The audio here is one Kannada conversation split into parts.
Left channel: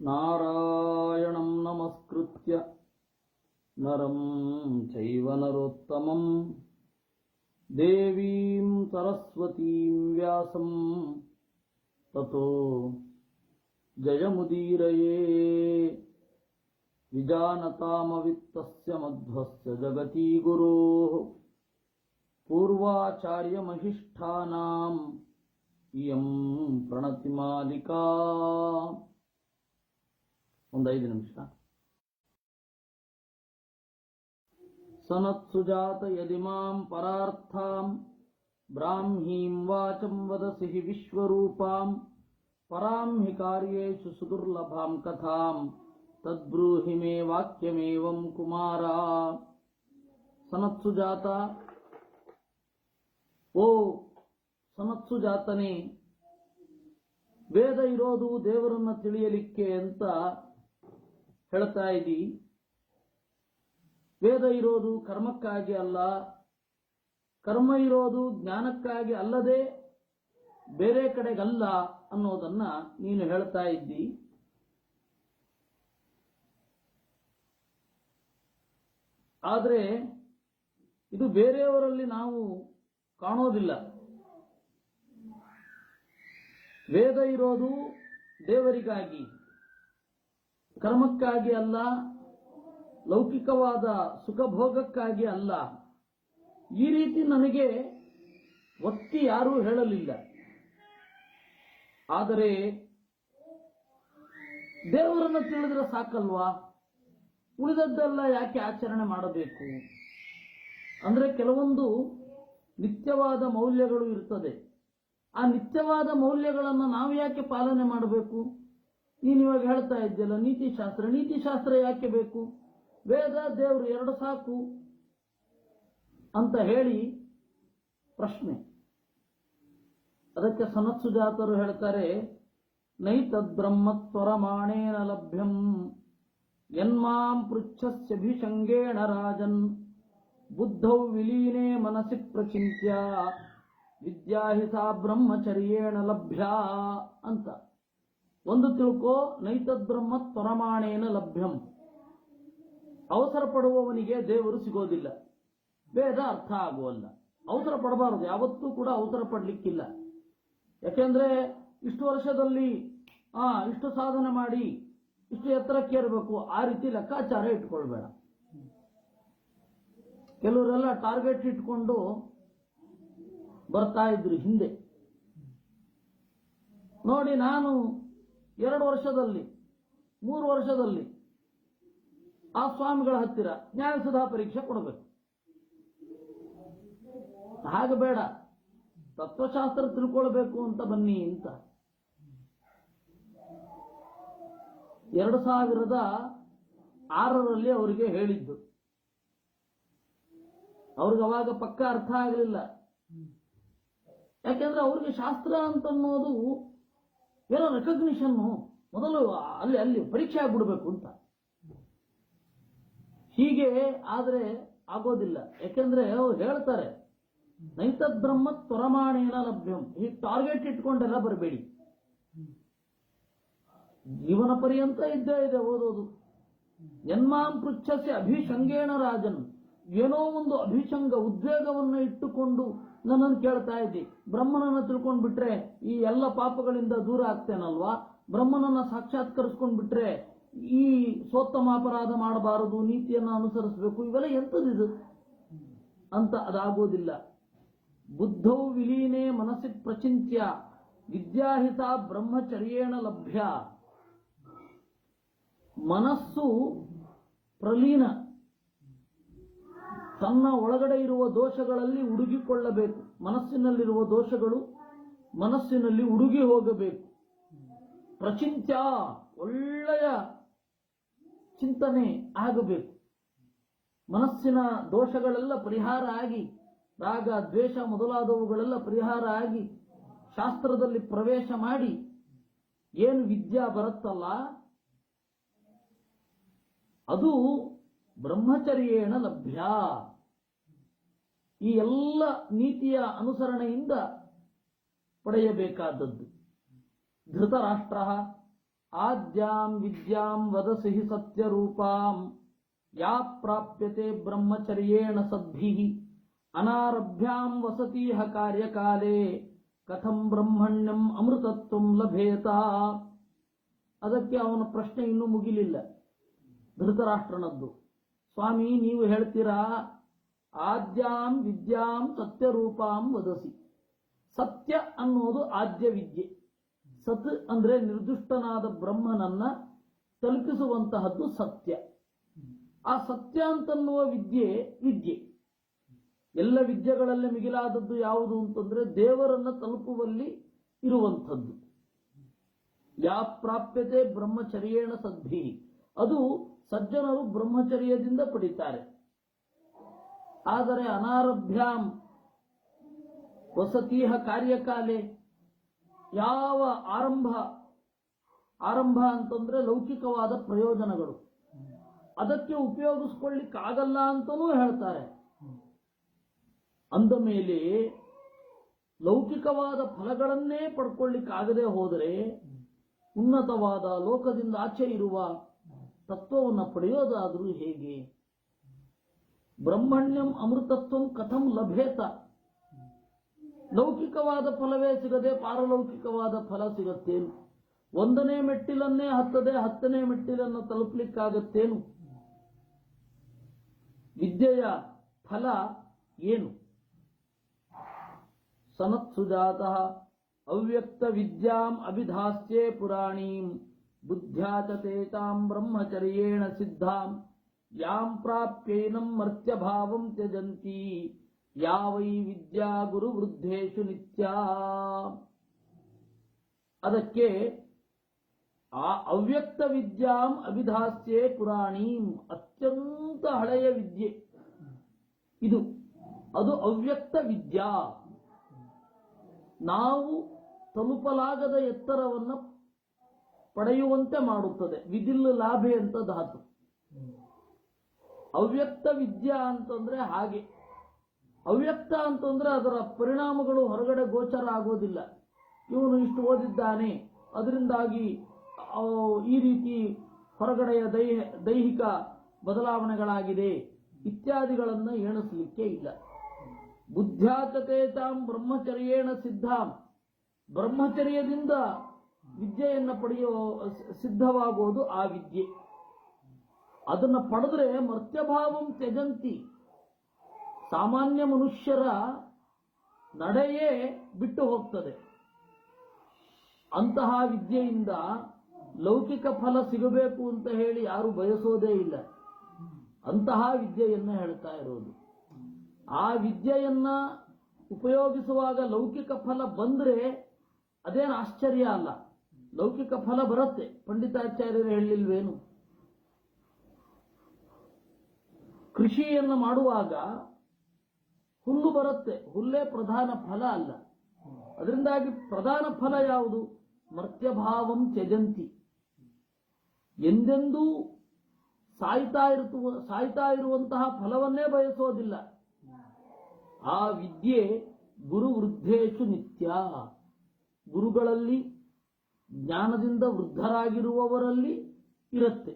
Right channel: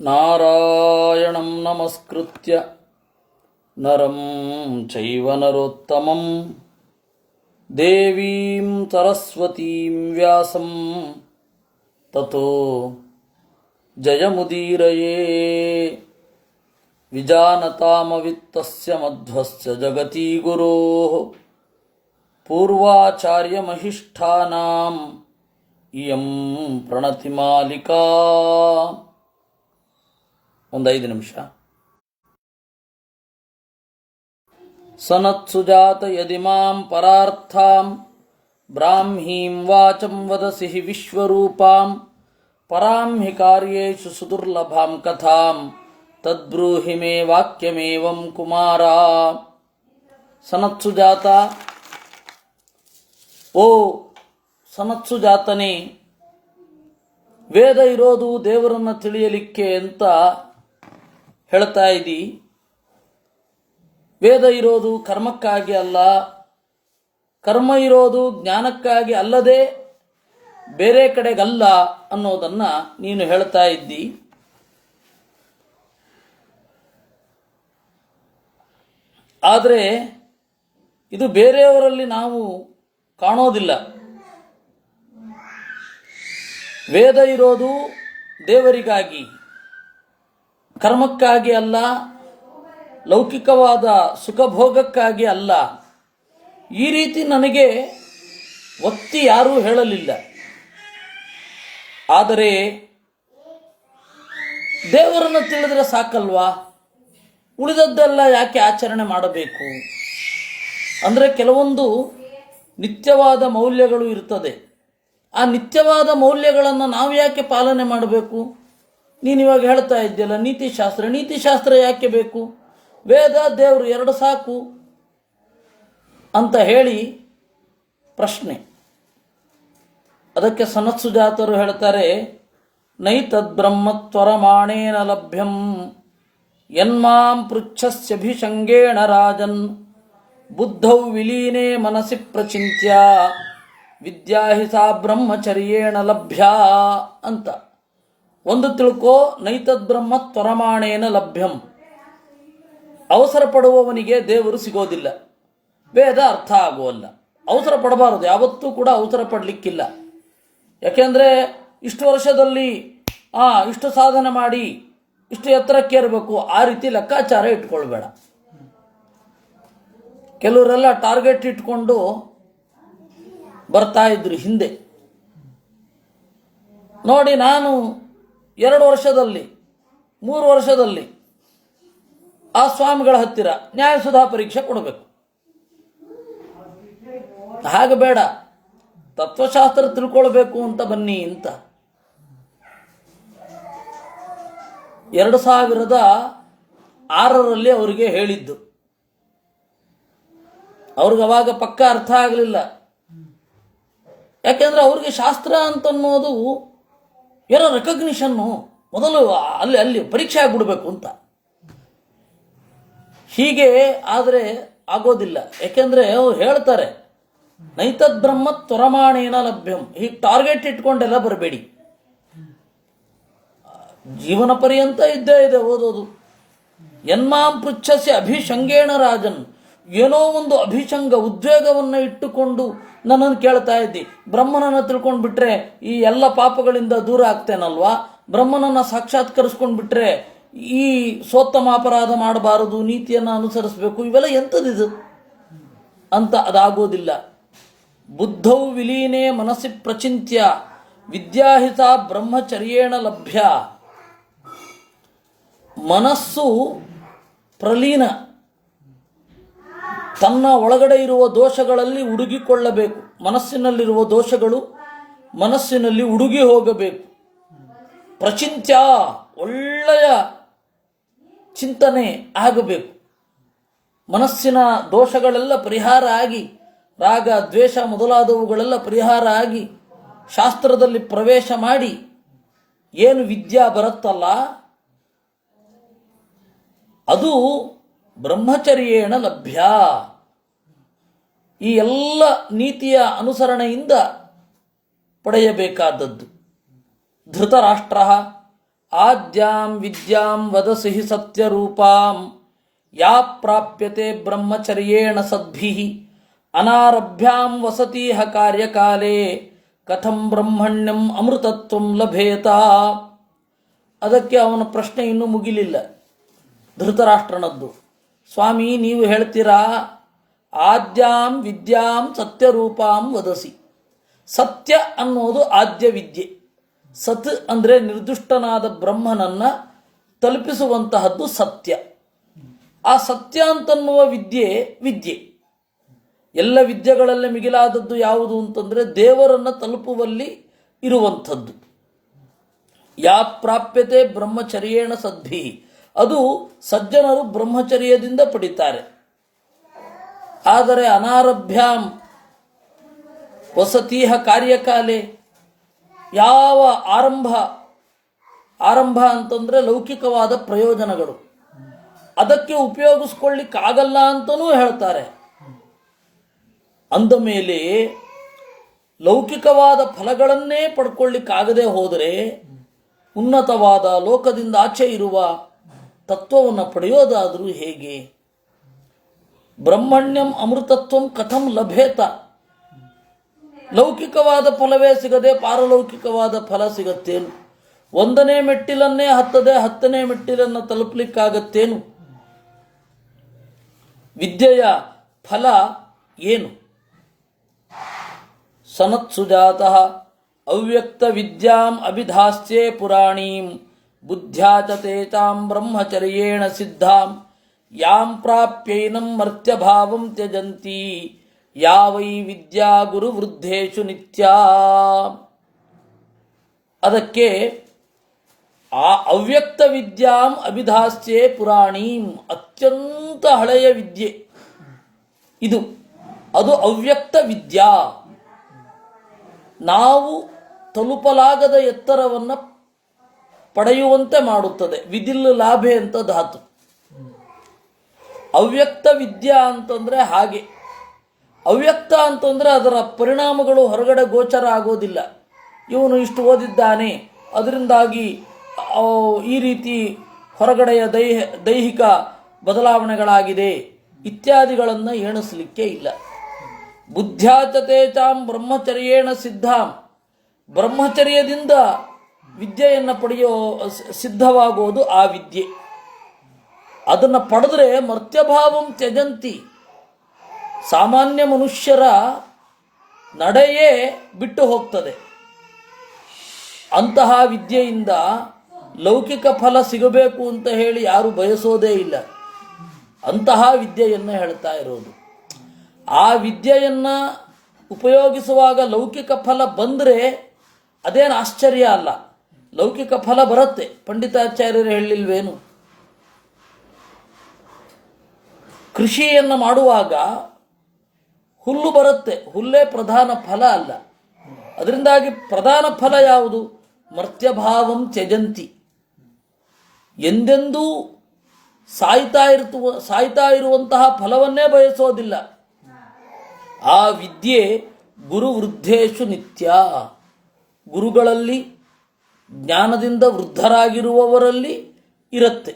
ನಾರಾಯಣಂ ನಮಸ್ಕೃತ್ಯ ನರಂ ಚೈವ ನರೋತ್ತಮಂ ದೇವೀಂ ಸರಸ್ವತೀಂ ವ್ಯಾಸಂ ತತೋ ಜಯಮುದೀರಯೇ. ವಿಜಾನತಾಮವಿತ್ತಸ್ಯ ಮಧ್ವಸ್ಯ ಜಗತಿ ಗುರೋಃ ಪೂರ್ವಾಚಾರ್ಯಮಹಿಷ್ಠಾನಾಂ ಇಯಂ ಪ್ರಣತಿಮಾಲಿಕಾ. ಒಂದು 5 ನಿಮಿಷ. ಸನತ್ಸುಜಾತ ಯದಿಮಾಂ ಪರಾರ್ಥಾಂ ಬ್ರಾಹ್ಮೀಂ ವಾಚಂ ವದಸಿ ವಿಶ್ವರೂಪಾಂ ಪರಾಂ ಹಿ ಕಾರ್ಯೇಷು ಸುದುರ್ಲಭಾಂ ಕಥಾಂ ತದ್ಬ್ರೂಹಿ ಮೇ ವಾಕ್ಯಮೇವಂ ಕುಮಾರ. ಸನತ್ಸುಜಾತ, ಓ ಸನತ್ಸುಜಾತನೇ, ವೇದ ಇರೋದು ದೇವರನ್ನು ತಿಳಿಯಲಿಕ್ಕೆ ಅಂತ ಹೇಳ್ತಾ ಇದ್ದೀ. ವೇದ ಇರೋದು ಕರ್ಮಕ್ಕಾಗಿ ಅಲ್ಲ, ಕರ್ಮ ಇರೋದು ಜ್ಞಾನಕ್ಕಾಗಿ ಅಲ್ಲದೆ ಬೇರೆ ಕಡೆಗಲ್ಲ ಅನ್ನೋದನ್ನು ನೀನು ಹೇಳ್ತಾ ಇದ್ದಿ. ಆದರೆ ಇದು ಬೇರೆಯವರಲ್ಲಿ ನಾವು ಕಾಣೋದಿಲ್ಲ. ವೇದ ಇರೋದು ದೇವರಿಗಾಗಿ, ಕರ್ಮಕ್ಕಾಗಿ ಅಲ್ಲ, ಲೌಕಿಕವಾದ ಸುಖಭೋಗಕ್ಕಾಗಿ ಅಲ್ಲ. ಈ ರೀತಿ ನನಗೆ ಒತ್ತಿ ಯಾರೂ ಹೇಳಲಿಲ್ಲ. ಆದರೆ ದೇವರನ್ನು ತಿಳಿದರೆ ಸಾಕಲ್ವಾ, ಉಳಿದದ್ದೆಲ್ಲ ಯಾಕೆ ಆಚರಣೆ ಮಾಡಬೇಕು? ಅಂದರೆ ಕೆಲವೊಂದು ನಿತ್ಯವಾದ ಮೌಲ್ಯಗಳು ಇರ್ತದೆ. ಆ ನಿತ್ಯವಾದ ಮೌಲ್ಯಗಳನ್ನು ನಾವು ಯಾಕೆ ಪಾಲನೆ ಮಾಡಬೇಕು? ನೀನಿವಾಗ ಹೇಳ್ತಾ ಇದ್ದೀಯಲ್ಲ ನೀತಿಶಾಸ್ತ್ರ ಯಾಕೆ ಬೇಕು? ವೇದ ದೇವರು 2 ಸಾಕು ಅಂತ ಹೇಳಿ ಪ್ರಶ್ನೆ. ಅದಕ್ಕೆ ಸನತ್ಸುಜಾತರು ಹೇಳ್ತಾರೆ, ನೈತದ್ಬ್ರಹ್ಮತ್ವರಮಾಣೇನ ಲಭ್ಯಂ ಯನ್ಮಾಂ ಪೃಚ್ಛಸ್ಯಭಿಷಂಗೇಣ ರಾಜನ್ ಬುದ್ಧೌ ವಿಲೀನೇ ಮನಸಿ ಪ್ರಚಿಂತ್ಯ ವಿದ್ಯಾ ಹಿ ಸಾ ಬ್ರಹ್ಮಚರ್ಯೇಣ ಲಭ್ಯ ಅಂತ. ಒಂದು ತಿಳ್ಕೋ, ನೈತದ್ಬ್ರಹ್ಮ ತ್ವರಮಾಣೇನ ಲಭ್ಯಂ. ಅವಸರ ಪಡುವವನಿಗೆ ದೇವರು ಸಿಗೋದಿಲ್ಲ, ವೇದ ಅರ್ಥ ಆಗುವಲ್ಲ. ಅವಸರ ಪಡಬಾರದು, ಯಾವತ್ತೂ ಕೂಡ ಅವಸರ ಪಡಲಿಕ್ಕಿಲ್ಲ. ಯಾಕೆಂದರೆ ಇಷ್ಟು ವರ್ಷದಲ್ಲಿ ಇಷ್ಟು ಸಾಧನೆ ಮಾಡಿ ಇಷ್ಟು ಎತ್ತರಕ್ಕೇರಬೇಕು, ಆ ರೀತಿ ಲೆಕ್ಕಾಚಾರ ಇಟ್ಕೊಳ್ಬೇಡ. ಕೆಲವರೆಲ್ಲ ಟಾರ್ಗೆಟ್ ಇಟ್ಕೊಂಡು ಬರ್ತಾ ಇದ್ರು ಹಿಂದೆ. ನೋಡಿ, ನಾನು 2 ವರ್ಷದಲ್ಲಿ 3 ವರ್ಷದಲ್ಲಿ ಆ ಸ್ವಾಮಿಗಳ ಹತ್ತಿರ ನ್ಯಾಯಸುಧಾ ಪರೀಕ್ಷೆ ಕೊಡಬೇಕು. ಹಾಗೆ ಬೇಡ, ತತ್ವಶಾಸ್ತ್ರ ತಿಳ್ಕೊಳ್ಬೇಕು ಅಂತ ಬನ್ನಿ ಅಂತ. 2006ರಲ್ಲಿ ಅವರಿಗೆ ಹೇಳಿದ್ದು. ಅವ್ರಿಗೆ ಅವಾಗ ಪಕ್ಕ ಅರ್ಥ ಆಗಲಿಲ್ಲ. ಯಾಕೆಂದರೆ ಅವ್ರಿಗೆ ಶಾಸ್ತ್ರ ಅಂತನ್ನೋದು ಏನೋ ರೆಕಗ್ನಿಷನ್ನು, ಮೊದಲು ಅಲ್ಲಿ ಪರೀಕ್ಷೆ ಆಗಿಬಿಡ್ಬೇಕು ಅಂತ. ಹೀಗೆ ಆದರೆ ಆಗೋದಿಲ್ಲ. ಯಾಕೆಂದರೆ ಅವ್ರು ಹೇಳ್ತಾರೆ, ನೈತದ್ ಬ್ರಹ್ಮ ತ್ವರಮಾಣೇನ ಲಭ್ಯಂ. ಹೀಗೆ ಟಾರ್ಗೆಟ್ ಇಟ್ಕೊಂಡೆಲ್ಲ ಬರಬೇಡಿ. ಜೀವನ ಪರ್ಯಂತ ಇದ್ದೇ ಇದೆ ಓದೋದು. ಯನ್ಮಾಂ ಪೃಚ್ಛಸ್ಯ ಅಭಿಷಂಗೇಣ ರಾಜನ್. ಏನೋ ಒಂದು ಅಭಿಷಂಗ, ಉದ್ವೇಗವನ್ನು ಇಟ್ಟುಕೊಂಡು ನನ್ನನ್ನು ಕೇಳ್ತಾ ಇದ್ದಿ. ಬ್ರಹ್ಮನನ್ನು ತಿಳ್ಕೊಂಡು ಬಿಟ್ರೆ ಈ ಎಲ್ಲ ಪಾಪಗಳಿಂದ ದೂರ ಆಗ್ತೇನಲ್ವಾ? ಬ್ರಹ್ಮನನ್ನು ಸಾಕ್ಷಾತ್ಕರಿಸ್ಕೊಂಡು ಬಿಟ್ರೆ ಈ ಸೋತ್ತಮ ಅಪರಾಧ ಮಾಡಬಾರದು, ನೀತಿಯನ್ನು ಅನುಸರಿಸಬೇಕು, ಇವೆಲ್ಲ ಎಂಥದಿದು ಅಂತ. ಅದಾಗೋದಿಲ್ಲ. ಬುದ್ಧೌ ವಿಲೀನೇ ಮನಸ್ಸಿ ಪ್ರಚಿಂತ್ಯ ವಿದ್ಯಾಹಿತ ಬ್ರಹ್ಮಚರ್ಯೇಣ ಲಭ್ಯ. ಮನಸ್ಸು ಪ್ರಲೀನ, ತನ್ನ ಒಳಗಡೆ ಇರುವ ದೋಷಗಳಲ್ಲಿ ಹುಡುಗಿಕೊಳ್ಳಬೇಕು. ಮನಸ್ಸಿನಲ್ಲಿರುವ ದೋಷಗಳು ಮನಸ್ಸಿನಲ್ಲಿ ಹುಡುಗಿ ಹೋಗಬೇಕು. ಪ್ರಚಿಂತ್ಯ, ಒಳ್ಳೆಯ ಚಿಂತನೆ ಆಗಬೇಕು. ಮನಸ್ಸಿನ ದೋಷಗಳೆಲ್ಲ ಪರಿಹಾರ ಆಗಿ, ರಾಗ ದ್ವೇಷ ಮೊದಲಾದವುಗಳೆಲ್ಲ ಪರಿಹಾರ ಆಗಿ, ಶಾಸ್ತ್ರದಲ್ಲಿ ಪ್ರವೇಶ ಮಾಡಿ ಏನು ವಿದ್ಯಾ ಬರುತ್ತಲ್ಲ ಅದು ಬ್ರಹ್ಮಚರ್ಯೇಣ ಲಭ್ಯ. ಈ ಎಲ್ಲ ನೀತಿಯ ಅನುಸರಣೆಯಿಂದ ಪಡೆಯಬೇಕಾದದ್ದು. ಧೃತರಾಷ್ಟ್ರ ಆದ್ಯಾಂ ವಿದ್ಯಾಂ ವದಸಿ ಹಿ ಸತ್ಯರೂಪಾಂ ಯಾ ಪ್ರಾಪ್ಯತೆ ಬ್ರಹ್ಮಚರ್ಯೇಣ ಸದ್ಭಿಃ ಅನಾರಭ್ಯಾಂ ವಸತೀಹ ಕಾರ್ಯಕಾಲೇ ಕಥಂ ಬ್ರಹ್ಮಣ್ಯಂ ಅಮೃತತ್ವಂ ಲಭೇತ. ಅದಕ್ಕೆ ಅವನ ಪ್ರಶ್ನೆ ಇನ್ನೂ ಮುಗಿಲಿಲ್ಲ ಧೃತರಾಷ್ಟ್ರನದ್ದು. ಸ್ವಾಮಿ, ನೀವು ಹೇಳ್ತೀರಾ ಆದ್ಯಾಂ ವಿದ್ಯಾಂ ಸತ್ಯರೂಪಾಂ ವದಸಿ. ಸತ್ಯ ಅನ್ನೋದು ಆದ್ಯ ವಿದ್ಯೆ. ಸತ್ ಅಂದರೆ ನಿರ್ದುಷ್ಟನಾದ ಬ್ರಹ್ಮನನ್ನು ತಲುಪಿಸುವಂತಹದ್ದು ಸತ್ಯ. ಆ ಸತ್ಯ ಅಂತನ್ನುವ ವಿದ್ಯೆ ಎಲ್ಲ ವಿದ್ಯೆಗಳಲ್ಲಿ ಮಿಗಿಲಾದದ್ದು ಯಾವುದು ಅಂತಂದರೆ ದೇವರನ್ನು ತಲುಪುವಲ್ಲಿ ಇರುವಂಥದ್ದು. ಯಾ ಪ್ರಾಪ್ಯತೆ ಬ್ರಹ್ಮಚರ್ಯೇಣ ಸದ್ಭಿ, ಅದು ಸಜ್ಜನರು ಬ್ರಹ್ಮಚರ್ಯದಿಂದ ಪಡಿತಾರೆ. ಆದರೆ ಅನಾರಭ್ಯಾಂ ವಸತೀಹ ಕಾರ್ಯಕಾಲೆ, ಯಾವ ಆರಂಭ ಅಂತಂದರೆ ಲೌಕಿಕವಾದ ಪ್ರಯೋಜನಗಳು, ಅದಕ್ಕೆ ಉಪಯೋಗಿಸ್ಕೊಳ್ಳಿಕ್ಕಾಗಲ್ಲ ಅಂತಲೂ ಹೇಳ್ತಾರೆ. ಅಂದ ಮೇಲೆ ಲೌಕಿಕವಾದ ಫಲಗಳನ್ನೇ ಪಡ್ಕೊಳ್ಳಿಕ್ಕಾಗದೆ ಹೋದರೆ ಉನ್ನತವಾದ ಲೋಕದಿಂದ ಆಚೆ ಇರುವ ತತ್ವವನ್ನು ಪಡೆಯೋದಾದರೂ ಹೇಗೆ? ಬ್ರಹ್ಮಣ್ಯಂ ಅಮೃತತ್ವಂ ಕಥಂ ಲಭೇತ. ಲೌಕಿಕವಾದ ಫಲವೇ ಸಿಗದೆ ಪಾರಲೌಕಿಕವಾದ ಫಲ ಸಿಗತ್ತೇನು? ಒಂದನೇ ಮೆಟ್ಟಿಲನ್ನೇ ಹತ್ತದೆ 10ನೇ ಮೆಟ್ಟಿಲನ್ನು ತಲುಪಲಿಕ್ಕಾಗತ್ತೇನು? ವಿದ್ಯೆಯ ಫಲ ಏನು? ಸನತ್ಸುಜಾತಃ ಅವ್ಯಕ್ತ ವಿದ್ಯಾಂ ಅಭಿಧಾಸ್ಯೆ ಪುರಾಣೀಂ ಬುದ್ಧ್ಯಾ ಚ ತೇಚಾಂ ಬ್ರಹ್ಮಚರ್ಯೇಣ ಸಿದ್ಧಾಂ ಯಾಂ ಪ್ರಾಪ್ಯೈನಂ ಮರ್ತ್ಯಭಾವಂ ತ್ಯಜಂತಿ ಯಾ ವೈ ವಿದ್ಯಾ ಗುರುವೃದ್ಧೇಷು ನಿತ್ಯಾ. ಅದಕ್ಕೆ ಆ ಅವ್ಯಕ್ತ ವಿದ್ಯಾಂ ಅಭಿಧಾಸ್ಯೆ ಪುರಾಣೀಂ, ಅತ್ಯಂತ ಹಳೆಯ ವಿದ್ಯೆ ಇದು. ಅದು ಅವ್ಯಕ್ತ ವಿದ್ಯಾ. ನಾವು ತಲುಪಲಾಗದ ಎತ್ತರವನ್ನು ಪಡೆಯುವಂತೆ ಮಾಡುತ್ತದೆ. ವಿದಿಲ್ ಲಾಭೆ ಅಂತ ಧಾತು. ಅವ್ಯಕ್ತ ವಿದ್ಯಾ ಅಂತಂದರೆ ಹಾಗೆ. ಅವ್ಯಕ್ತ ಅಂತಂದರೆ ಅದರ ಪರಿಣಾಮಗಳು ಹೊರಗಡೆ ಗೋಚರ ಆಗೋದಿಲ್ಲ. ಇವನು ಇಷ್ಟು ಓದಿದ್ದಾನೆ, ಅದರಿಂದಾಗಿ ಈ ರೀತಿ ಹೊರಗಡೆಯ ದೈಹಿಕ ಬದಲಾವಣೆಗಳಾಗಿದೆ ಇತ್ಯಾದಿಗಳನ್ನು ಎಣಿಸಲಿಕ್ಕೆ ಇಲ್ಲ. ಬುದ್ಧ್ಯಾಚತೇಚಾಂ ಬ್ರಹ್ಮಚರ್ಯೇಣ ಸಿದ್ಧಾಂ, ಬ್ರಹ್ಮಚರ್ಯದಿಂದ ವಿದ್ಯೆಯನ್ನು ಪಡೆಯೋ ಸಿದ್ಧವಾಗುವುದು ಆ ವಿದ್ಯೆ. ಅದನ್ನು ಪಡೆದ್ರೆ ಮರ್ತ್ಯಭಾವಂ ತ್ಯಜಂತಿ, ಸಾಮಾನ್ಯ ಮನುಷ್ಯರ ನಡೆಯೇ ಬಿಟ್ಟು ಹೋಗ್ತದೆ. ಅಂತಹ ವಿದ್ಯೆಯಿಂದ ಲೌಕಿಕ ಫಲ ಸಿಗಬೇಕು ಅಂತ ಹೇಳಿ ಯಾರು ಬಯಸೋದೇ ಇಲ್ಲ. ಅಂತಹ ವಿದ್ಯೆಯನ್ನು ಹೇಳ್ತಾ ಇರೋದು. ಆ ವಿದ್ಯೆಯನ್ನು ಉಪಯೋಗಿಸುವಾಗ ಲೌಕಿಕ ಫಲ ಬಂದರೆ ಅದೇನು ಆಶ್ಚರ್ಯ ಅಲ್ಲ. ಲೌಕಿಕ ಫಲ ಬರುತ್ತೆ. ಪಂಡಿತಾಚಾರ್ಯರು ಹೇಳಿಲ್ವೇನು? ಕೃಷಿಯನ್ನು ಮಾಡುವಾಗ ಹುಲ್ಲು ಬರುತ್ತೆ, ಹುಲ್ಲೇ ಪ್ರಧಾನ ಫಲ ಅಲ್ಲ. ಅದರಿಂದಾಗಿ ಪ್ರಧಾನ ಫಲ ಯಾವುದು? ಮರ್ತ್ಯಭಾವಂ ತ್ಯಜಂತಿ. ಎಂದೆಂದೂ ಸಾಯ್ತಾ ಇರುವಂತಹ ಫಲವನ್ನೇ ಬಯಸೋದಿಲ್ಲ. ಆ ವಿದ್ಯೆ ಗುರುವೃದ್ಧೇಷು ನಿತ್ಯ, ಗುರುಗಳಲ್ಲಿ ಜ್ಞಾನದಿಂದ ವೃದ್ಧರಾಗಿರುವವರಲ್ಲಿ ಇರುತ್ತೆ.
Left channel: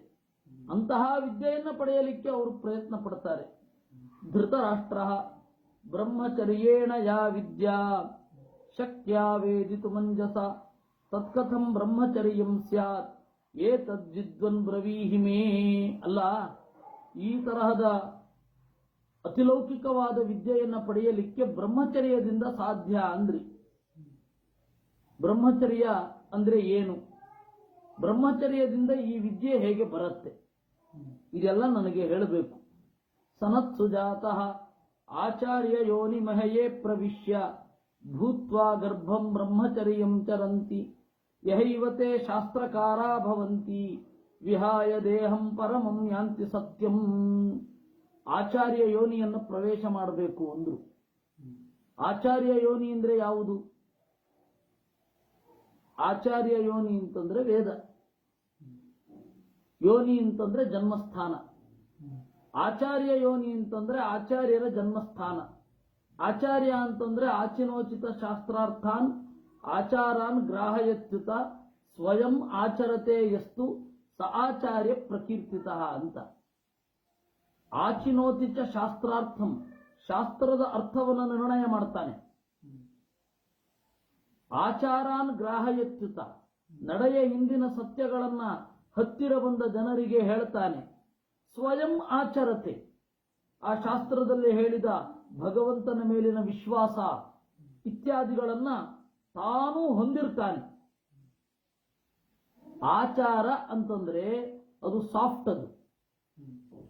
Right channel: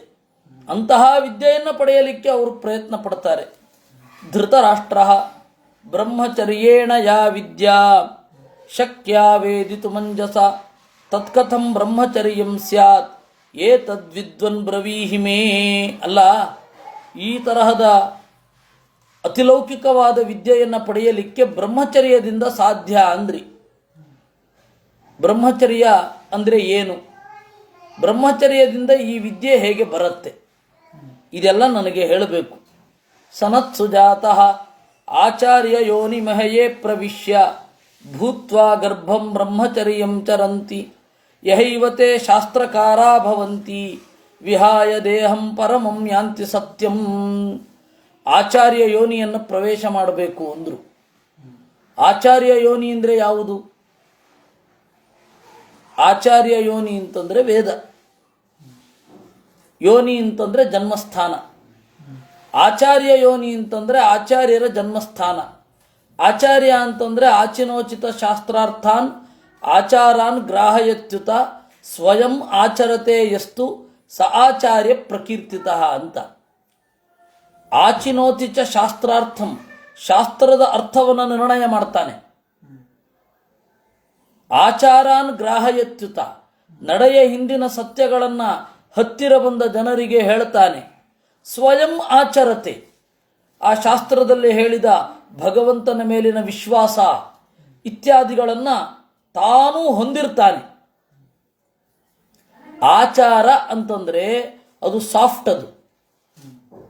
ಅಂತಹ ವಿದ್ಯೆಯನ್ನು ಪಡೆಯಲಿಕ್ಕೆ ಅವರು ಪ್ರಯತ್ನ ಪಡ್ತಾರೆ. ಧೃತರಾಷ್ಟ್ರ ಬ್ರಹ್ಮಚರ್ಯೇಣ ಯಾ ವಿದ್ಯಾ ಶಕ್ಯ ವೇದಿತು ಮಂಜಸ ತತ್ಕಥಂ ಬ್ರಹ್ಮಚರ್ಯಂ ಸ್ಯಾತ್ ಏತದ್ವಿದ್ವನ್ ಬ್ರವೀಹಿ ಮೇ. ಅಲ್ಲ, ಈ ತರಹದ ಅತಿಲೌಕಿಕವಾದ ವಿದ್ಯೆಯನ್ನು ಪಡೆಯಲಿಕ್ಕೆ ಬ್ರಹ್ಮಚರ್ಯದಿಂದ ಸಾಧ್ಯ ಅಂದ್ರಿ. ಬ್ರಹ್ಮಚರ್ಯ ಅಂದರೆ ಏನು? ಬ್ರಹ್ಮಚರ್ಯದಿಂದ ಈ ವಿದ್ಯೆ ಹೇಗೆ ಬರುತ್ತೆ? ಇದೆಲ್ಲ ನನಗೆ ಹೇಳಬೇಕು. ಸನತ್ ಸುಜಾತಃ ಆಚಾರ್ಯ ಯೋನಿ ಮಹಯೇ ಪ್ರವಿಶ್ಯ ಭೂತ್ವಾ ಗರ್ಭಂ ಬ್ರಹ್ಮಚರ್ಯಂ ಚರಂತಿ ಯಹೈವತೆ ಶಾಸ್ತ್ರಕಾರಾ ಭವಂತಿ ವಿಹಾಯ ದೇಹಂ ಪರಮಂ ಯಾಂತಿ ಸತ್ಯಂ. ಆಚಾರ್ಯ ಯೋನಿಯನ್ನು ಪ್ರವೇಶ ಮಾಡಬೇಕು ಅಂದರು. ಆಚಾರ್ಯ ಯೋನಿ ಅಂದರೆ ಯಾವುದು? ಆಚಾರ್ಯ ಯೋನಿ ಅಂತಂದರೆ ವೇದ. ಯೋನಿ ಅಂತಂದರೆ ಜನ್ಮಸ್ಥಾನ. ಆಚಾರ್ಯ ಯೋನಿ ಅಂತಂದರೆ ಆಚಾರ್ಯರ ಜನ್ಮಸ್ಥಾನ. ಆಚಾರ್ಯ ಅಂತಂದರೆ ಆಚಿನೋಚಿತ ಶಾಸ್ತ್ರಾರ್ಥಾನ್ ಆಚಾರಾನ್ ಗ್ರಾಹಯತ್ಯುತ ಸ್ವಯಂ ಆಚರತೆ ಎಷ್ಟು ಸ ಆಚಾರ್ಯ ಪ್ರಕೀರ್ತಿತ ಅಂತ. ಆಚಿನೋತಿ ಚ ಶಾಸ್ತ್ರಾರ್ಥಂ, ಶಾಸ್ತ್ರದ ಅರ್ಥವನ್ನು ನಿರ್ಣಯ ಮಾಡ್ತಾನೆ. ಆಚಾರಾನ್ ಗ್ರಾಹಯತ್ಯುತ, ನಡೆಯ ಹಿಂದಿನ ಸತ್ಯಗಳನ್ನು ಹತ್ತಿರ ಬಂದ ಜನರಿಗೆ ಹೇಳ್ತಾನೆ. ಸ್ವಯಂ ಆಚರತೆ, ಆ ಶಾಸ್ತ್ರದಲ್ಲಿ ಹೇಳಿದ ಭಗವಂತನ ಮೇಲಿನ ವಿಶ್ವಾಸ ಇತ್ಯಾದಿಗಳನ್ನು ತಾನೂ ಹೊಂದಿರ್ತಾನೆ. ಆಚಾರ ಅಂತಂದರೆ ಅದು ಸಾಫ್ಟ್, ಅದು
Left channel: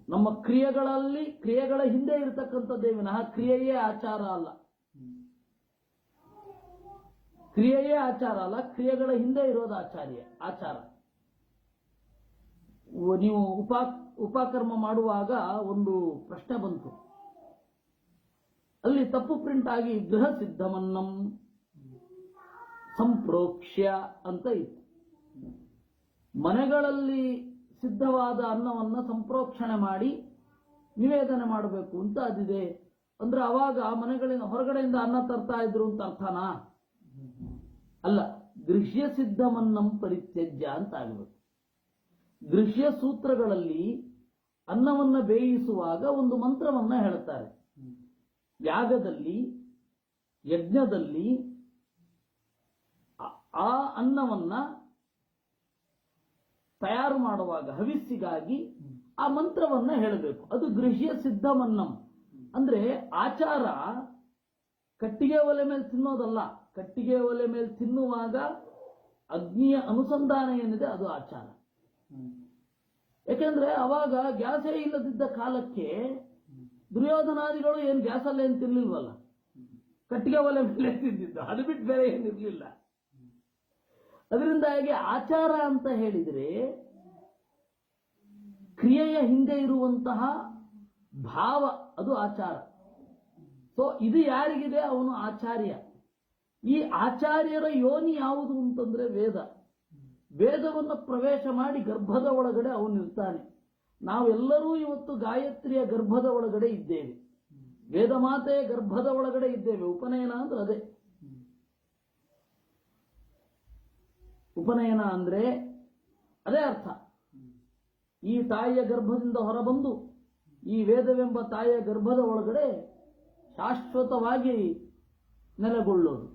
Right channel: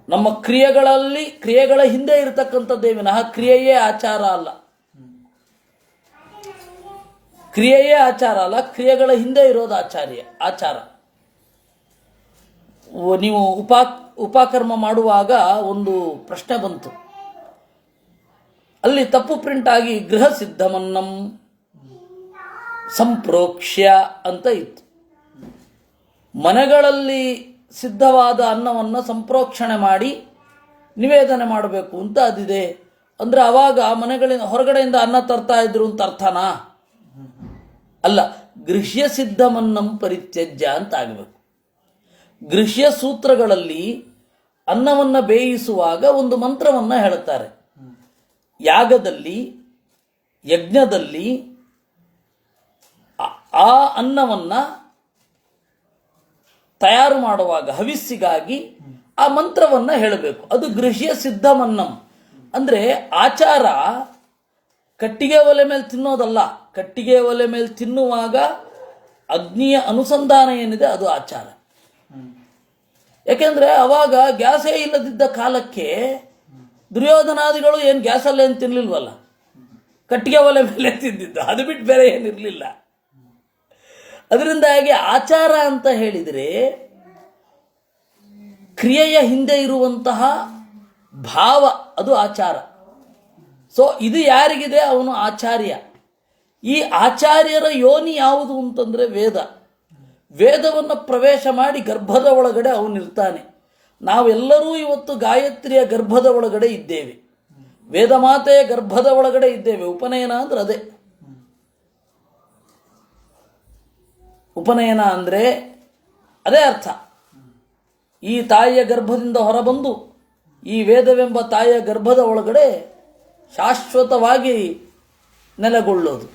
ನಮ್ಮ ಕ್ರಿಯೆಗಳ ಹಿಂದೆ ಇರತಕ್ಕಂಥದ್ದೇ ವಿನಃ ಕ್ರಿಯೆಯೇ ಆಚಾರ ಅಲ್ಲ. ಕ್ರಿಯೆಯೇ ಆಚಾರ ಅಲ್ಲ, ಕ್ರಿಯೆಗಳ ಹಿಂದೆ ಇರೋದು ಆಚಾರ. ನೀವು ಉಪಕರ್ಮ ಮಾಡುವಾಗ ಒಂದು ಪ್ರಶ್ನೆ ಬಂತು, ಅಲ್ಲಿ ತಪ್ಪು ಪ್ರಿಂಟ್ ಆಗಿ ಗೃಹ ಸಿದ್ಧಮನ್ನಂ ಸಂಪ್ರೋಕ್ಷ್ಯ ಅಂತ ಇತ್ತು. ಮನೆಗಳಲ್ಲಿ ಸಿದ್ಧವಾದ ಅನ್ನವನ್ನು ಸಂಪ್ರೋಕ್ಷಣೆ ಮಾಡಿ ನಿವೇದನೆ ಮಾಡಬೇಕು ಅಂತ ಅದಿದೆ. ಅಂದರೆ ಅವಾಗ ಮನೆಗಳಿಂದ ಹೊರಗಡೆಯಿಂದ ಅನ್ನ ತರ್ತಾ ಇದ್ರು ಅಂತ ಅರ್ಥನಾ? ಅಲ್ಲ, ಗೃಹ್ಯ ಸಿದ್ಧಮನ್ನಂ ಪರಿತ್ಯಜ್ಯ ಅಂತ ಆಗಬೇಕು. ಗೃಹ್ಯ ಸೂತ್ರಗಳಲ್ಲಿ ಅನ್ನವನ್ನು ಬೇಯಿಸುವಾಗ ಒಂದು ಮಂತ್ರವನ್ನು ಹೇಳುತ್ತಾರೆ. ಯಾಗದಲ್ಲಿ, ಯಜ್ಞದಲ್ಲಿ ಆ ಅನ್ನವನ್ನು ತಯಾರು ಮಾಡುವಾಗ ಹವಿಸ್ಸಿಗಾಗಿ ಆ ಮಂತ್ರವನ್ನು ಹೇಳಬೇಕು. ಅದು ಗೃಹ್ಯ ಸಿದ್ಧಮನ್ನಂ. ಅಂದರೆ ಆಚಾರ ಕಟ್ಟಿಗೆ ಒಲೆ ಮೇಲೆ ತಿನ್ನೋದಲ್ಲ. ಕಟ್ಟಿಗೆ ಒಲೆ ಮೇಲೆ ತಿನ್ನುವಾಗ ಅಗ್ನಿಯ ಅನುಸಂಧಾನ ಏನಿದೆ ಅದು ಆಚಾರ. ಯಾಕೆಂದರೆ ಅವಾಗ ಗ್ಯಾಸೇ ಇಲ್ಲದಿದ್ದ ಕಾಲಕ್ಕೆ ದುರ್ಯೋಧನಾದಿಗಳು ಏನು ಗ್ಯಾಸಲ್ಲೇನು ತಿನ್ನಲಿಲ್ವಲ್ಲ, ಕಟ್ಟಿಗೆ ಒಲೆ ಮೇಲೆ ತಿಂದಿದ್ದು, ಅದು ಬಿಟ್ಟು ಬೇರೆ ಏನಿರಲಿಲ್ಲ. ಅದರಿಂದಾಗಿ ಆಚಾರ ಅಂತ ಹೇಳಿದರೆ ಕ್ರಿಯೆಯ ಹಿಂದೆ ಇರುವಂತಹ ಭಾವ, ಅದು ಆಚಾರ. ಸೊ ಇದು ಯಾರಿಗಿದೆ ಅವನು ಆಚಾರ್ಯ. ಈ ಆಚಾರ್ಯರ ಯೋನಿ ಯಾವುದು ಅಂತಂದರೆ ವೇದವನ್ನು ಪ್ರವೇಶ ಮಾಡಿ ಗರ್ಭದ ಒಳಗಡೆ ಅವನಿರ್ತಾನೆ. ನಾವೆಲ್ಲರೂ ಇವತ್ತು ಗಾಯತ್ರಿಯ ಗರ್ಭದ ಒಳಗಡೆ ಇದ್ದೇವೆ, ವೇದಮಾತೆಯ ಗರ್ಭದ ಒಳಗಡೆ ಇದ್ದೇವೆ. ಉಪನಯನ ಅಂದ್ರೆ ಅದೇ. ಉಪನಯನ ಅಂದರೆ ಅದೇ ಅರ್ಥ. ಈ ತಾಯಿಯ ಗರ್ಭದಿಂದ ಹೊರಬಂದು ಈ ವೇದವೆಂಬ ತಾಯಿಯ ಗರ್ಭದ ಒಳಗಡೆ ಶಾಶ್ವತವಾಗಿ ನೆಲೆಗೊಳ್ಳೋದು.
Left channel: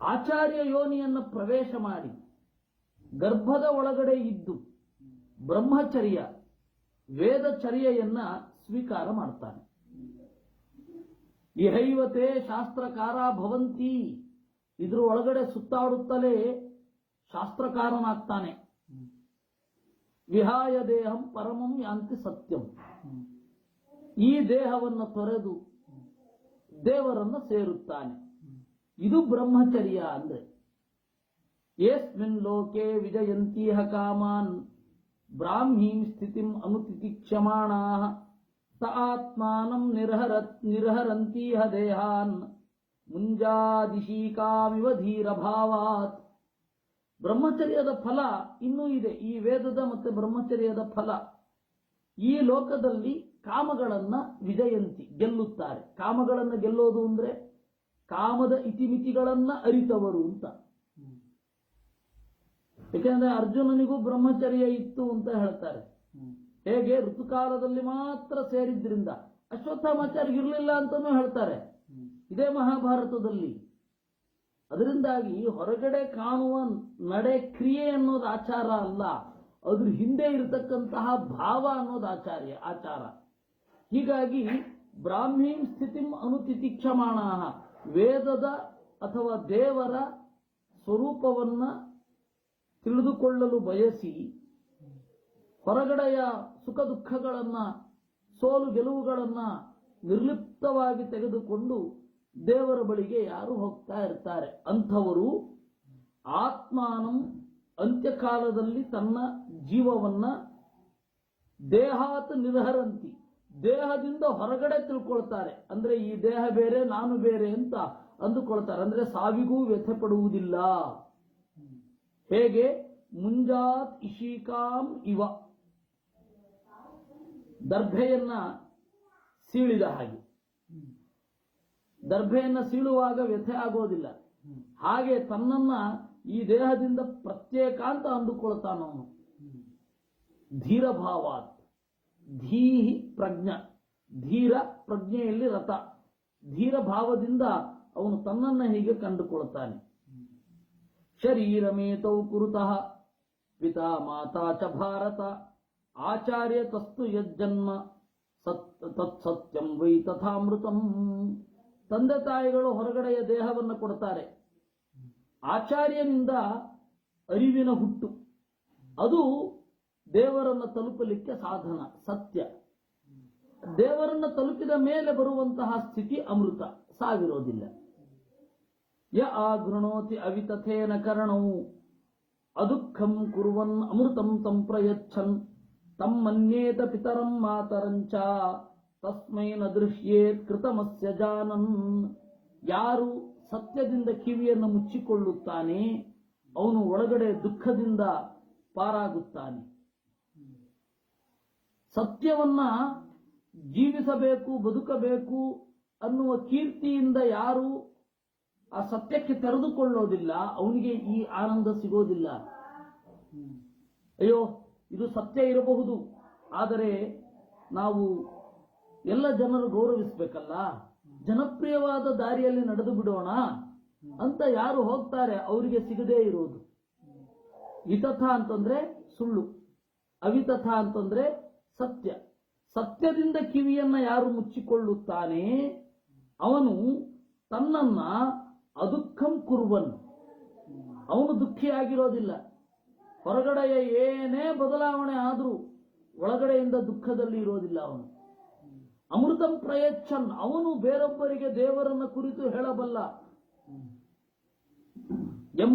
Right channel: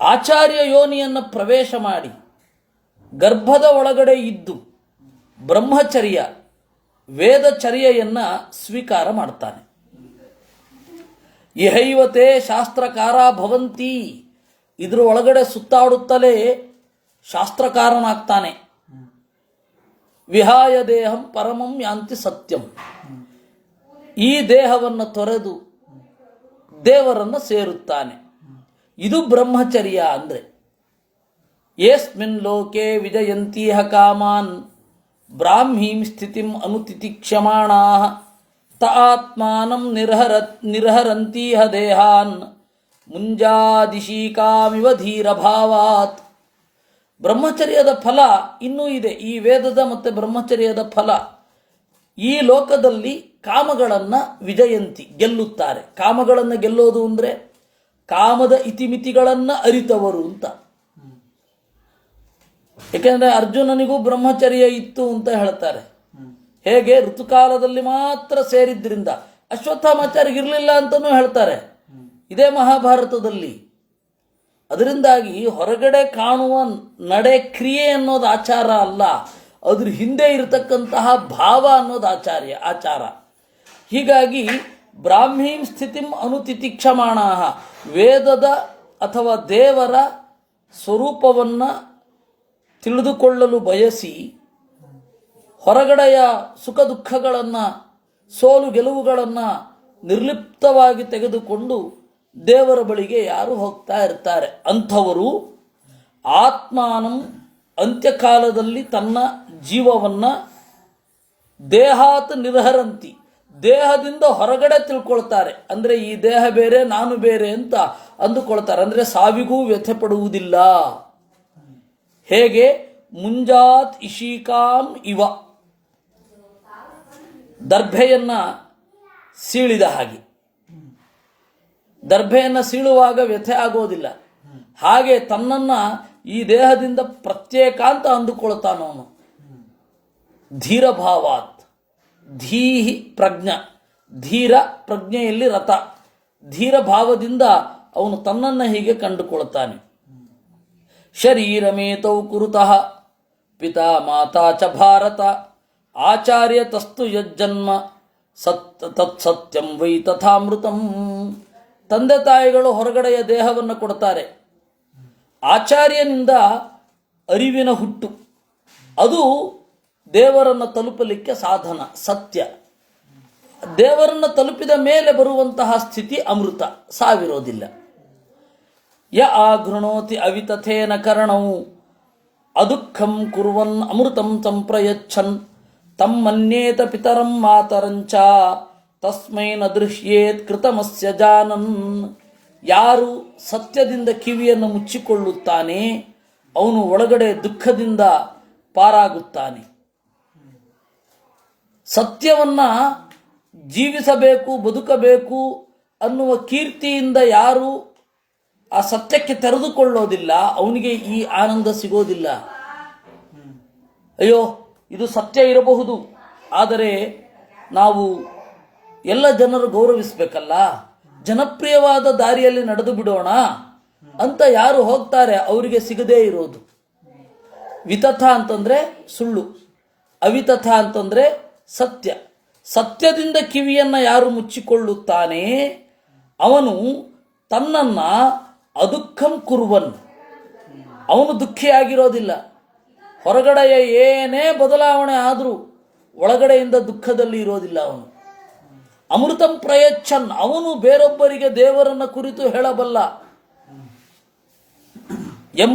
ಆಚಾರ್ಯ ಯೋನಿಯನ್ನು ಪ್ರವೇಶ ಮಾಡಿ ಗರ್ಭದ ಒಳಗಡೆ ಇದ್ದು ಬ್ರಹ್ಮಚರ್ಯ ವೇದಚರ್ಯೆಯನ್ನು ಸ್ವೀಕಾರ ಮಾಡ್ತಾನೆ. ಇಹೈವತೆ ಶಾಸ್ತ್ರಕಾರ ಭವಂತಿ, ಇದ್ರ ಒಳಗಡೆ ಸುತ್ತಾಡುತ್ತಲೇ ಶಾಸ್ತ್ರಕಾರನಾಗ್ತಾನೆ. ವಿಹಾಯ ದೇಹಂ ಪರಮಂ ಯಾಂತಿ ಸತ್ಯಂ, ಈ ದೇಹವನ್ನು ತೊರೆದು ದೇವರನ್ನು ಸೇರುತ್ತಾನೆ. ಇದು ಬ್ರಹ್ಮಚರ್ಯ ಅಂದರೆ. ಯಸ್ಮಿನ್ ಲೋಕೆ ವಿಜಯಂತೀಹ ಕಾಮಾನ್ ಬ್ರಾಹ್ಮೀಂ ಸ್ಥಿತಿಂ ಅನುತಿತಿಕ್ಷಮಾಣಾಃ ತ ಆತ್ಮಾನಂ ನಿರ್ಹರಂತೀಹ ದೇಹಾನ್ ಮುಂಜಾದಿಶೀಕಾಮಿವ ಧೀರಭಾವಾತ್. ಬ್ರಹ್ಮಚರ್ಯದ ಫಲ ಇನ್ನೂ ಇದೆ. ಈ ವೇದದ ಮತ್ತು ಬ್ರಹ್ಮಚರ್ಯದ ಫಲ ಈ ಲೋಕದಲ್ಲಿ ಕಾಮಗಳನ್ನು ವಿಜಯಂತಿ ಗೆಲ್ಲುತ್ತಾರೆ. ಕಾಮಗಳನ್ನು ಗೆಲ್ಲೋದು ಅಂದರೆ ಕಾಮದ ಇತಿಮಿತಿಗಳನ್ನು ಅರಿತವರು ಅಂತ. ಏಕೆಂದರೆ ಅರ್ಜುನನಿಗೂ ಬ್ರಹ್ಮಚರ್ಯ ಇತ್ತು ಅಂತ ಹೇಳ್ತಾರೆ. ಹೇಗೆ ಋತುಕಾಲದಲ್ಲಿ ಮಾತ್ರ ಸೇರಿದ್ರಿಂದ ಅಶ್ವತ್ಥಾಮಾಚಾರ್ಯಗಿರಲಿಲ್ಲ ಅಂತಲೂ ಹೇಳ್ತಾರೆ, ಇದೇ ಮಹಾಭಾರತದಲ್ಲಿ. ಅದರಿಂದಾಗಿ ಹೊರಗಡೆ ಕಾಣುವ ನಡೆ ಕ್ರಿಯೆ ಅನ್ನೋದು ಆಚಾರ ಅಲ್ಲ, ಅದ್ರ ಹಿಂದೆ ಇರತಕ್ಕಂತಹ ಭಾವ ಅನ್ನೋದು ಆಚಾರ. ಹೀಗಾಗಿ ಬ್ರಾಹ್ಮೀಂ ಸ್ಥಿತಿಂ ಅನುತಿತಿಕ್ಷಮಾಣಾಃ, ವೇದದ ಅಥವಾ ದೇವರ ಸ್ವರೂಪವನ್ನು ತಿಳಿದುಕೊಳ್ಳಲು ಬಯಸಿ ಹೊರಗಡೆಯ ಸುಖ ದುಃಖಗಳನ್ನು, ಸೋಲು ಗೆಲುವುಗಳನ್ನು ನಿರ್ಲಿಪ್ತವಾಗಿ ತೆಗೆದುಕೊಂಡು ದೇವರ ಬಳಿಗೆ ಯಾರು ಹೋಗ್ತಾ ಇರ್ತಾರೆ ಅಂಥವರು ಆತ್ಮಾನಂ ಅಂತ್ಯಕಾಲದಲ್ಲಿ ತನ್ನ ಜೀವವನ್ನು ದೇಹಾತ್ ನಿರ್ಹರಂತಿ, ದೇಹದಿಂದ ಹೊರಗಡೆ ತಿಳ್ಕೊಳ್ತಾರೆ. ಅಂದರೆ ಈ ದೇಹ ಬೇರೆ ನಾನು ಬೇರೆ ಅಂತ ಅಂದುಕೊಳ್ತಾರೆ. ಅಂದರೆ ಸಾವಿಗೂ ವ್ಯಥೆ ಪಡುವುದಿಲ್ಲ. ಹೇಗೆ ಮುಂಜಾತ್ ಇಶೀಕಾಂ ಇವ, ದರ್ಭೆಯನ್ನು ಸೀಳಿದ ಹಾಗೆ. ದರ್ಭೆಯನ್ನು ಸೀಳುವಾಗ ವ್ಯಥೆ ಆಗೋದಿಲ್ಲ. ಹಾಗೆ ತನ್ನನ್ನು ಈ ದೇಹದಿಂದ ಪ್ರತ್ಯೇಕ ಅಂತ ಅಂದುಕೊಳ್ತಾನವನು. ಧೀರಭಾವಾತ್, ಧೀಹಿ ಪ್ರಜ್ಞ, ಧೀರ ಪ್ರಜ್ಞೆಯಲ್ಲಿ ರಥ, ಧೀರ ಭಾವದಿಂದ ಅವನು ತನ್ನನ್ನು ಹೀಗೆ ಕಂಡುಕೊಳ್ತಾನೆ. ಶರೀರಮೇತೌ ಕುರುತಃ ಪಿತಾ ಮಾತಾ ಚ ಭಾರತ ಆಚಾರ್ಯ ತಸ್ತು ಯಜ್ಜನ್ಮ ತತ್ಸತ್ಯಂ ವೈ ತಥಾಮೃತಂ. ತಂದೆ ತಾಯಿಗಳು ಹೊರಗಡೆಯ ದೇಹವನ್ನು ಕೊಡ್ತಾರೆ. ಆಚಾರ್ಯನಿಂದ ಅರಿವಿನ ಹುಟ್ಟು, ಅದು ದೇವರನ್ನು ತಲುಪಲಿಕ್ಕೆ ಸಾಧನ, ಸತ್ಯ. ದೇವರನ್ನು ತಲುಪಿದ ಮೇಲೆ ಬರುವಂತಹ ಸ್ಥಿತಿ ಅಮೃತ, ಸಾವಿರೋದಿಲ್ಲ. ಯ ಆಗೃಣೋತಿ ಅವಿತಥೇನ ಕರಣವು ಅದುಃಖಂ ಕುರ್ವನ್ ಅಮೃತಂ ಸಂಪ್ರಯಚ್ಛನ್ ತಮ್ಮನ್ಯೇತ ಪಿತರಂ ಮಾತರಂಚ ತಸ್ಮೈ ನ ದೃಶ್ಯೇತ್ ಕೃತಮಸ್ಯ ಜಾನನ್. ಯಾರು ಸತ್ಯದಿಂದ ಕಿವಿಯನ್ನು ಮುಚ್ಚಿಕೊಳ್ಳುತ್ತಾನೆ ಅವನು ಒಳಗಡೆ ದುಃಖದಿಂದ ಪಾರಾಗುತ್ತಾನೆ. ಸತ್ಯವನ್ನ ಜೀವಿಸಬೇಕು, ಬದುಕಬೇಕು ಅನ್ನುವ ಕೀರ್ತಿಯಿಂದ ಯಾರು ಆ ಸತ್ಯಕ್ಕೆ ತೆರೆದುಕೊಳ್ಳೋದಿಲ್ಲ ಅವನಿಗೆ ಈ ಆನಂದ ಸಿಗೋದಿಲ್ಲ. ಅಯ್ಯೋ ಇದು ಸತ್ಯ ಇರಬಹುದು, ಆದರೆ ನಾವು ಎಲ್ಲ ಜನರು ಗೌರವಿಸಬೇಕಲ್ಲ, ಜನಪ್ರಿಯವಾದ ದಾರಿಯಲ್ಲಿ ನಡೆದು ಬಿಡೋಣ ಅಂತ ಯಾರು ಹೋಗ್ತಾರೆ ಅವರಿಗೆ ಸಿಗದೇ ಇರೋದು. ವಿತಥ ಅಂತಂದ್ರೆ ಸುಳ್ಳು, ಅವಿತಥ ಅಂತಂದ್ರೆ ಸತ್ಯ. ಸತ್ಯದಿಂದ ಕಿವಿಯನ್ನ ಯಾರು ಮುಚ್ಚಿಕೊಳ್ಳುತ್ತಾನೆ ಅವನು ತನ್ನನ್ನ ಅದುಃಖಂ ಕುರ್ವನ್, ಅವನು ದುಃಖಿಯಾಗಿರೋದಿಲ್ಲ. ಹೊರಗಡೆಯ ಏನೇ ಬದಲಾವಣೆ ಆದರೂ ಒಳಗಡೆಯಿಂದ ದುಃಖದಲ್ಲಿ ಇರೋದಿಲ್ಲ ಅವನು. ಅಮೃತಂ ಪ್ರಯಚ್ಛನ್, ಅವನು ಬೇರೊಬ್ಬರಿಗೆ ದೇವರನ್ನ ಕುರಿತು ಹೇಳಬಲ್ಲ.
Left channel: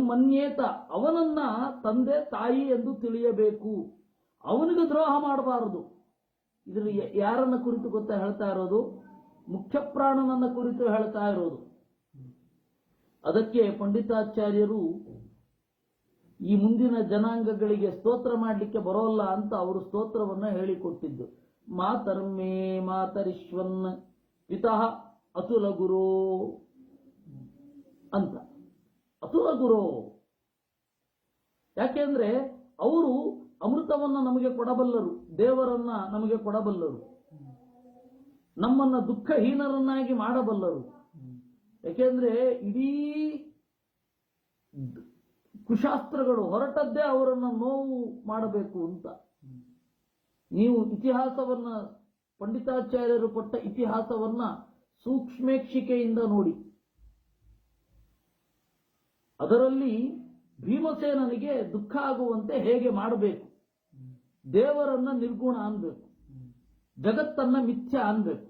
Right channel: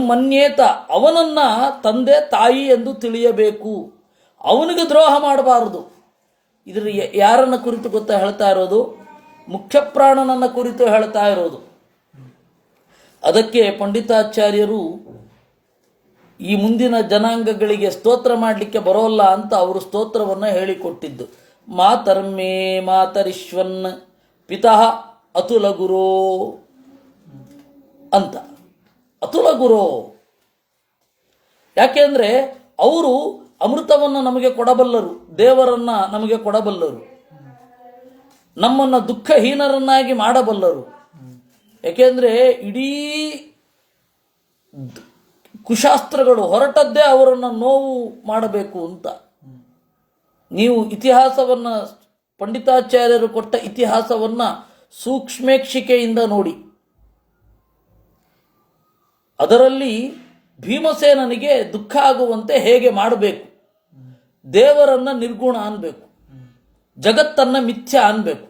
ಮನ್ಯೇತ, ಅವನನ್ನ ತಂದೆ ತಾಯಿ ಎಂದು ತಿಳಿಯಬೇಕು, ಅವನಿಗೆ ದ್ರೋಹ ಮಾಡಬಾರದು. ಇದ್ರ ಯಾರನ್ನ ಕುರಿತು ಗೊತ್ತಾ ಹೇಳ್ತಾ ಇರೋದು? ಮುಖ್ಯ ಪ್ರಾಣನನ್ನ ಕುರಿತು ಹೇಳ್ತಾ ಇರೋದು. ಅದಕ್ಕೆ ಪಂಡಿತಾಚಾರ್ಯರು ಈ ಮುಂದಿನ ಜನಾಂಗಗಳಿಗೆ ಸ್ತೋತ್ರ ಮಾಡಲಿಕ್ಕೆ ಬರೋಲ್ಲ ಅಂತ ಅವರು ಸ್ತೋತ್ರವನ್ನು ಹೇಳಿಕೊಟ್ಟಿದ್ದು. ಮಾತರ್ಮೇ ಮಾತರಿಶ್ವನ್ ಪಿತಃ ಅತುಲ ಗುರೋ ಅಂತ. ಅತುಲ ಗುರೋ ಯಾಕೆಂದ್ರೆ ಅವರು ಅಮೃತವನ್ನು ನಮಗೆ ಕೊಡಬಲ್ಲರು, ದೇವರನ್ನ ನಮಗೆ ಕೊಡಬಲ್ಲರು, ನಮ್ಮನ್ನು ದುಃಖಹೀನರನ್ನಾಗಿ ಮಾಡಬಲ್ಲರು. ಯಾಕೆಂದ್ರೆ ಇಡೀ ಕುಶಾಸ್ತ್ರಗಳು ಹೊರಟದ್ದೇ ಅವರನ್ನು ನೋವು ಮಾಡಬೇಕು ಅಂತ. ನೀವು ಇತಿಹಾಸವನ್ನ, ಪಂಡಿತಾಚಾರ್ಯರು ಕೊಟ್ಟ ಇತಿಹಾಸವನ್ನ ಸೂಕ್ಷ್ಮೇಕ್ಷಿಕೆಯಿಂದ ನೋಡಿ. ಅದರಲ್ಲಿ ಭೀಮಸೇನನಿಗೆ ದುಃಖ ಆಗುವಂತೆ ಹೇಗೆ ಮಾಡಬೇಕು, ದೇವರನ್ನ ನಿರ್ಗುಣ ಅನ್ಬೇಕು, ಜಗತ್ತನ್ನ ಮಿಥ್ಯ ಅನ್ಬೇಕು,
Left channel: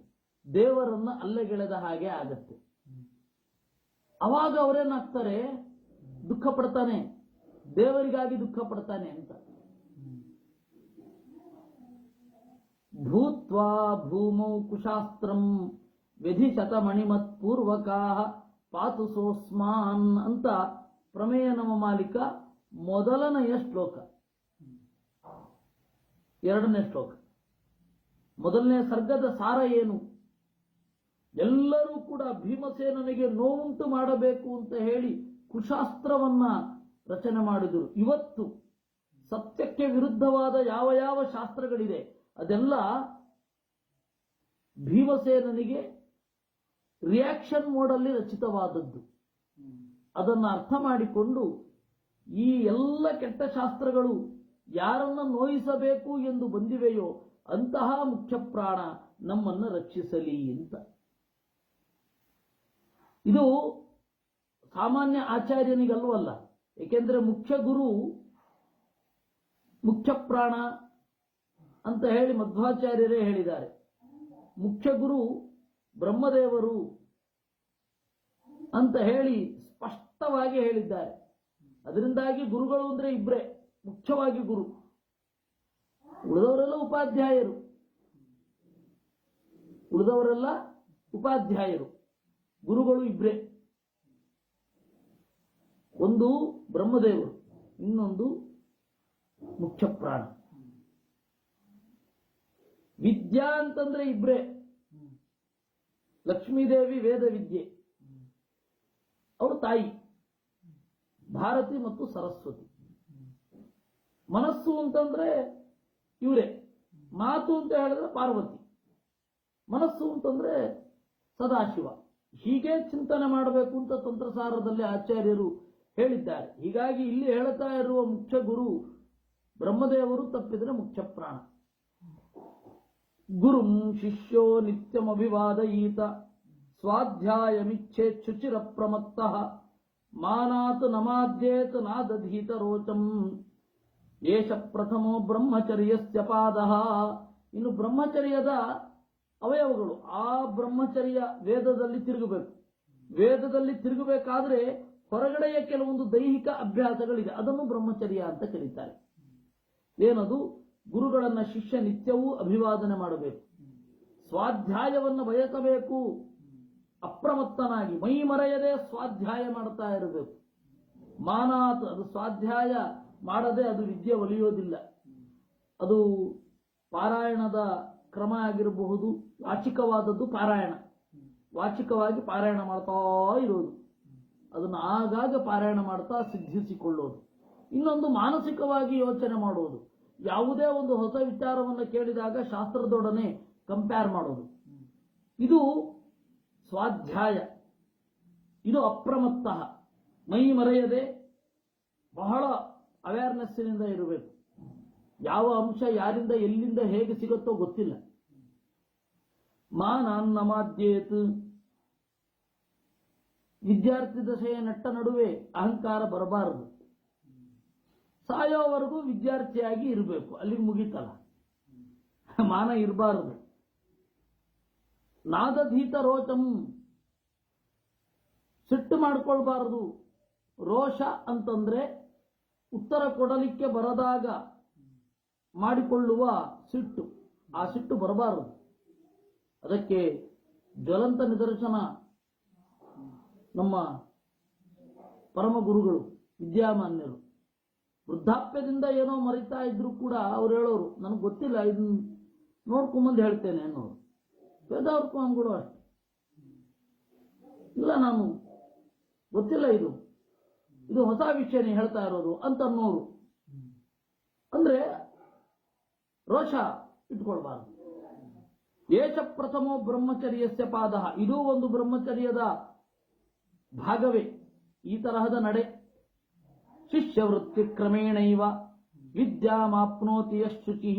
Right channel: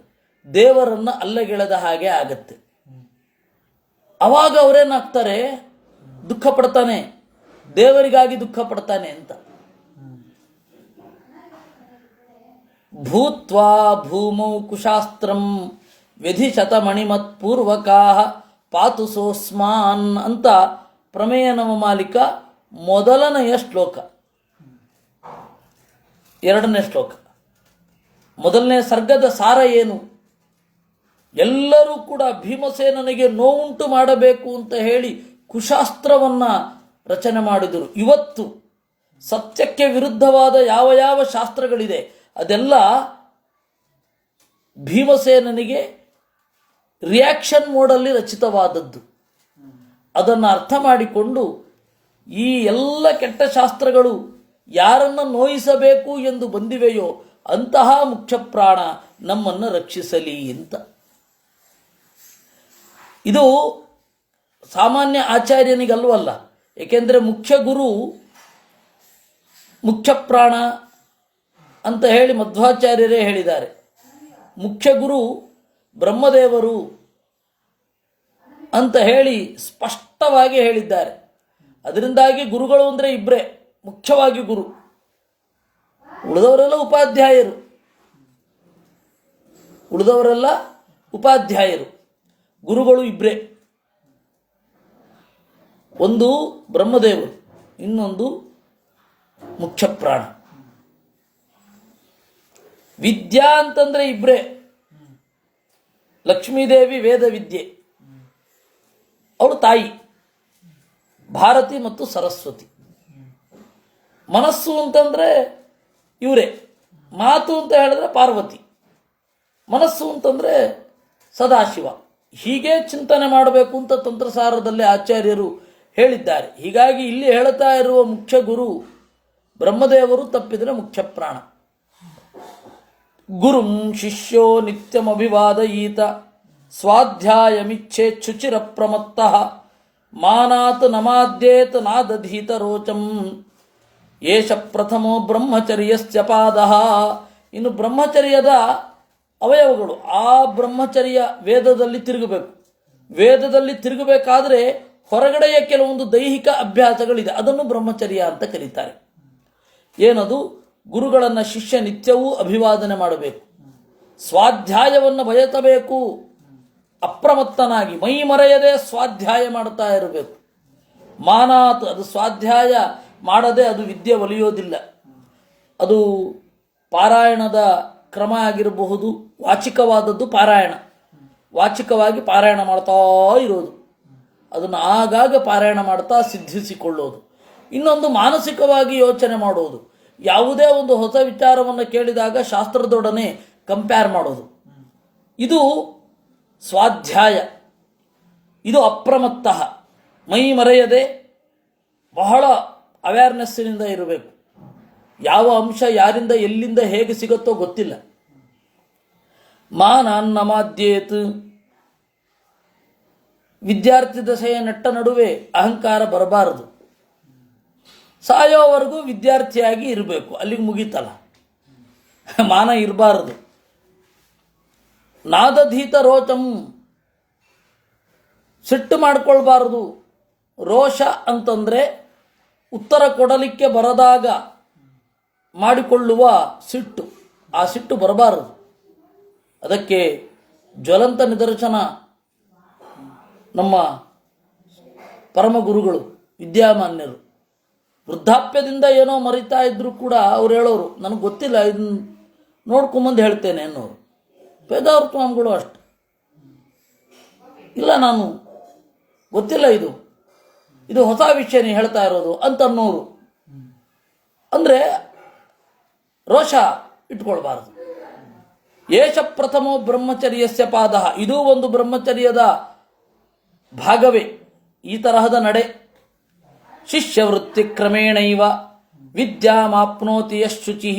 ದೇವರನ್ನ ಅಲ್ಲಗೆಳೆದ ಹಾಗೆ ಆಗತ್ತೆ. ಅವಾಗ ಅವರೇನಾಗ್ತಾರೆ, ದುಃಖ ಪಡ್ತಾನೆ, ದೇವರಿಗಾಗಿ ದುಃಖ ಪಡ್ತಾನೆ ಅಂತ. ಭೂತ್ವಾ ಭೂಮೌ ಕುಶಾಸ್ತ್ರಂ ವ್ಯಧಿಶತ ಮಣಿಮತ್ ಪೂರ್ವಕಾ ಪಾತು ಸೋಸ್ಮಾನ್ ಅಂತ ಪ್ರಮೇಯ ನವಮಾಲಿಕ ಮೊದಲನೆಯ ಶ್ಲೋಕ. ಎರಡನೇ ಶ್ಲೋಕ. ಮೊದಲನೇ ಸರ್ಗದ ಸಾರ ಏನು? ಎಲ್ಲರೂ ಕೂಡ ಭೀಮಸೇನನಿಗೆ ನೋವುಂಟು ಮಾಡಬೇಕು ಅಂತ ಹೇಳಿ ಕುಶಾಸ್ತ್ರವನ್ನ ರಚನೆ ಮಾಡಿದರು. ಇವತ್ತು ಸತ್ಯಕ್ಕೆ ವಿರುದ್ಧವಾದ ಯಾವ ಯಾವ ಶಾಸ್ತ್ರಗಳಿದೆ ಅದೆಲ್ಲ ಭೀಮಸೇನನಿಗೆ ರಿಯಾಕ್ಷನ್ ಮೋಡಲ್ಲಿ ರಚಿತವಾದದ್ದು. ಅದನ್ನು ಅರ್ಥ ಮಾಡಿಕೊಂಡು ಈ ಎಲ್ಲ ಕೆಟ್ಟ ಶಾಸ್ತ್ರಗಳು ಯಾರನ್ನು ನೋಯಿಸಬೇಕು ಎಂದು ಬಂದಿವೆಯೋ ಅಂತಹ ಮುಖ್ಯ ಪ್ರಾಣ ನಮ್ಮನ್ನು ರಕ್ಷಿಸಲಿ ಅಂತ. ಇದು ಸಾಮಾನ್ಯ ಆಚಾರ್ಯನಿಗಲ್ವಲ್ಲ. ಏಕೆಂದರೆ ಮುಖ್ಯ ಗುರು ಮುಖ್ಯ ಪ್ರಾಣ ಅಂತ ಹೇಳಿ ಮಧ್ವಾಚಾರ್ಯರೇ ಹೇಳಿದ್ದಾರೆ. ಮುಖ್ಯ ಗುರು ಬ್ರಹ್ಮದೇವರು ಅಂತ ಹೇಳಿ ಸ್ಪಷ್ಟವಾಗಿ ಹೇಳಿದ್ದಾರೆ. ಅದರಿಂದಾಗಿ ಗುರುಗಳು ಅಂದರೆ ಇಬ್ಬರೇ, ಮುಖ್ಯವಾಗಿ ಗುರು, ಉಳಿದವರೆಲ್ಲ ಉಪಾಧ್ಯಾಯರು. ಗುರುಗಳು ಇಬ್ಬರೇ, ಒಂದು ಬ್ರಹ್ಮದೇವರು, ಇನ್ನೊಂದು ಮುಖ್ಯ ಪ್ರಾಣ. ವಿದ್ಯಾ ಅಂತಂದ್ರೆ ಇಬ್ಬರೇ, ಲಕ್ಷ್ಮೀದೇವಿ ವೇದ ವಿದ್ಯೆ, ಅವಳು ತಾಯಿ. ಭಾರತಿ ಮತ್ತು ಸರಸ್ವತಿ. ಮನಸ್ಸು ಅಂತಂದರೆ ಇವರೇ, ಮಾತು ಅಂತ ಹೇಳಿದ್ರೆ ಪಾರ್ವತಿ, ಮನಸ್ಸು ಅಂತಂದರೆ ಸದಾಶಿವ. ಹೀಗೆ ಚಿಂತನೆ ಮಾಡಬೇಕು ಅಂತ ತಂತ್ರಸಾರದಲ್ಲಿ ಆಚಾರ್ಯರು ಹೇಳಿದ್ದಾರೆ. ಹೀಗಾಗಿ ಇಲ್ಲಿ ಹೇಳ್ತಾ ಇರುವ ಮುಖ್ಯ ಗುರು ಬ್ರಹ್ಮದೇವರು, ತಪ್ಪಿದರೆ ಮುಖ್ಯ ಪ್ರಾಣ. ಗುರುಂ ಶಿಷ್ಯೋ ನಿತ್ಯಮಭಿವಾದಯೀತ ಸ್ವಾಧ್ಯಾಯಮಿಚ್ಛೇಚ್ಛುಚಿರ ಪ್ರಮತ್ತಃ ಮಾನಾತ್ ನಮಾದ್ಯೇತ್ ನಾದಧೀತ ರೋಚಂ ಏಷ ಪ್ರಥಮೋ ಬ್ರಹ್ಮಚರ್ಯಸ್ಯ ಪಾದಃ. ಇನ್ನು ಬ್ರಹ್ಮಚರ್ಯದ ಅವಯವಗಳು, ಆ ಬ್ರಹ್ಮಚರ್ಯ ವೇದದಲ್ಲಿ ತಿರುಗಬೇಕು. ವೇದದಲ್ಲಿ ತಿರುಗಬೇಕಾದ್ರೆ ಹೊರಗಡೆಯ ಕೆಲವೊಂದು ದೈಹಿಕ ಅಭ್ಯಾಸಗಳಿದೆ, ಅದನ್ನು ಬ್ರಹ್ಮಚರ್ಯ ಅಂತ ಕರೀತಾರೆ. ಏನದು? ಗುರುಗಳನ್ನು ಶಿಷ್ಯ ನಿತ್ಯವೂ ಅಭಿವಾದನೆ ಮಾಡಬೇಕು, ಸ್ವಾಧ್ಯಾಯವನ್ನು ಬಯಸಬೇಕು, ಅಪ್ರಮತ್ತನಾಗಿ ಮೈ ಮರೆಯದೆ ಸ್ವಾಧ್ಯಾಯ ಮಾಡ್ತಾ ಇರಬೇಕು. ಮಾನಾತ್, ಅದು ಸ್ವಾಧ್ಯಾಯ ಮಾಡದೆ ಅದು ವಿದ್ಯೆ ಒಲಿಯೋದಿಲ್ಲ. ಅದು ಪಾರಾಯಣದ ಕ್ರಮ ಆಗಿರಬಹುದು, ವಾಚಿಕವಾದದ್ದು ಪಾರಾಯಣ, ವಾಚಿಕವಾಗಿ ಪಾರಾಯಣ ಮಾಡ್ತಾ ಇರೋದು, ಅದನ್ನು ಆಗಾಗ ಪಾರಾಯಣ ಮಾಡ್ತಾ ಸಿದ್ಧಿಸಿಕೊಳ್ಳೋದು. ಇನ್ನೊಂದು ಮಾನಸಿಕವಾಗಿ ಯೋಚನೆ ಮಾಡೋದು, ಯಾವುದೇ ಒಂದು ಹೊಸ ವಿಚಾರವನ್ನು ಕೇಳಿದಾಗ ಶಾಸ್ತ್ರದೊಡನೆ ಕಂಪೇರ್ ಮಾಡೋದು, ಇದು ಸ್ವಾಧ್ಯಾಯ. ಇದು ಅಪ್ರಮತ್ತ, ಮೈ ಮರೆಯದೆ ಬಹಳ ಅವೇರ್ನೆಸ್ಸಿನಿಂದ ಇರಬೇಕು. ಯಾವ ಅಂಶ ಯಾರಿಂದ ಎಲ್ಲಿಂದ ಹೇಗೆ ಸಿಗುತ್ತೋ ಗೊತ್ತಿಲ್ಲ. ಮಾನನ್ನಮಾದ್ಯೇತ್, ವಿದ್ಯಾರ್ಥಿ ದಶೆಯ ನೆಟ್ಟ ನಡುವೆ ಅಹಂಕಾರ ಬರಬಾರದು. ಸಾಯೋವರೆಗೂ ವಿದ್ಯಾರ್ಥಿಯಾಗಿ ಇರಬೇಕು, ಅಲ್ಲಿಗೆ ಮುಗೀತಲ್ಲ, ಮಾನ ಇರಬಾರದು. ನಾದಧೀತ ರೋಚಂ, ಸಿಟ್ಟು ಮಾಡಿಕೊಳ್ಬಾರದು. ರೋಷ ಅಂತಂದರೆ ಉತ್ತರ ಕೊಡಲಿಕ್ಕೆ ಬರದಾಗ ಮಾಡಿಕೊಳ್ಳುವ ಸಿಟ್ಟು, ಆ ಸಿಟ್ಟು ಬರಬಾರದು. ಅದಕ್ಕೆ ಜ್ವಲಂತ ನಿದರ್ಶನ ನಮ್ಮ ಪರಮಗುರುಗಳು ವಿದ್ಯಾಮಾನ್ಯರು. ವೃದ್ಧಾಪ್ಯದಿಂದ ಏನೋ ಮರಿತಾ ಇದ್ದರೂ ಕೂಡ ಅವ್ರು ಹೇಳೋರು, ನನಗೆ ಗೊತ್ತಿಲ್ಲ, ಇದನ್ನು ನೋಡ್ಕೊಂಬಂದು ಹೇಳ್ತೇನೆ ಅನ್ನೋರು. ಪೇದಾವ್ರ ಸ್ವಾಮಿಗಳು ಅಷ್ಟು, ಇಲ್ಲ ನಾನು ಗೊತ್ತಿಲ್ಲ, ಇದು ಹೊಸ ವಿಷಯ ನೀ ಹೇಳ್ತಾ ಇರೋದು ಅಂತ ಅನ್ನೋರು. ಅಂದರೆ ರೋಷ ಇಟ್ಕೊಳ್ಬಾರದು. ಏಷ ಪ್ರಥಮೋ ಬ್ರಹ್ಮಚರ್ಯಸ್ಯ ಪಾದ, ಇದೂ ಒಂದು ಬ್ರಹ್ಮಚರ್ಯದ ಭಾಗವೇ, ಈ ತರಹದ ನಡೆ. ಶಿಷ್ಯವೃತ್ತಿ ಕ್ರಮೇಣೈವ ವಿದ್ಯಾಮಾಪ್ನೋತಿ ಯಶುಚಿ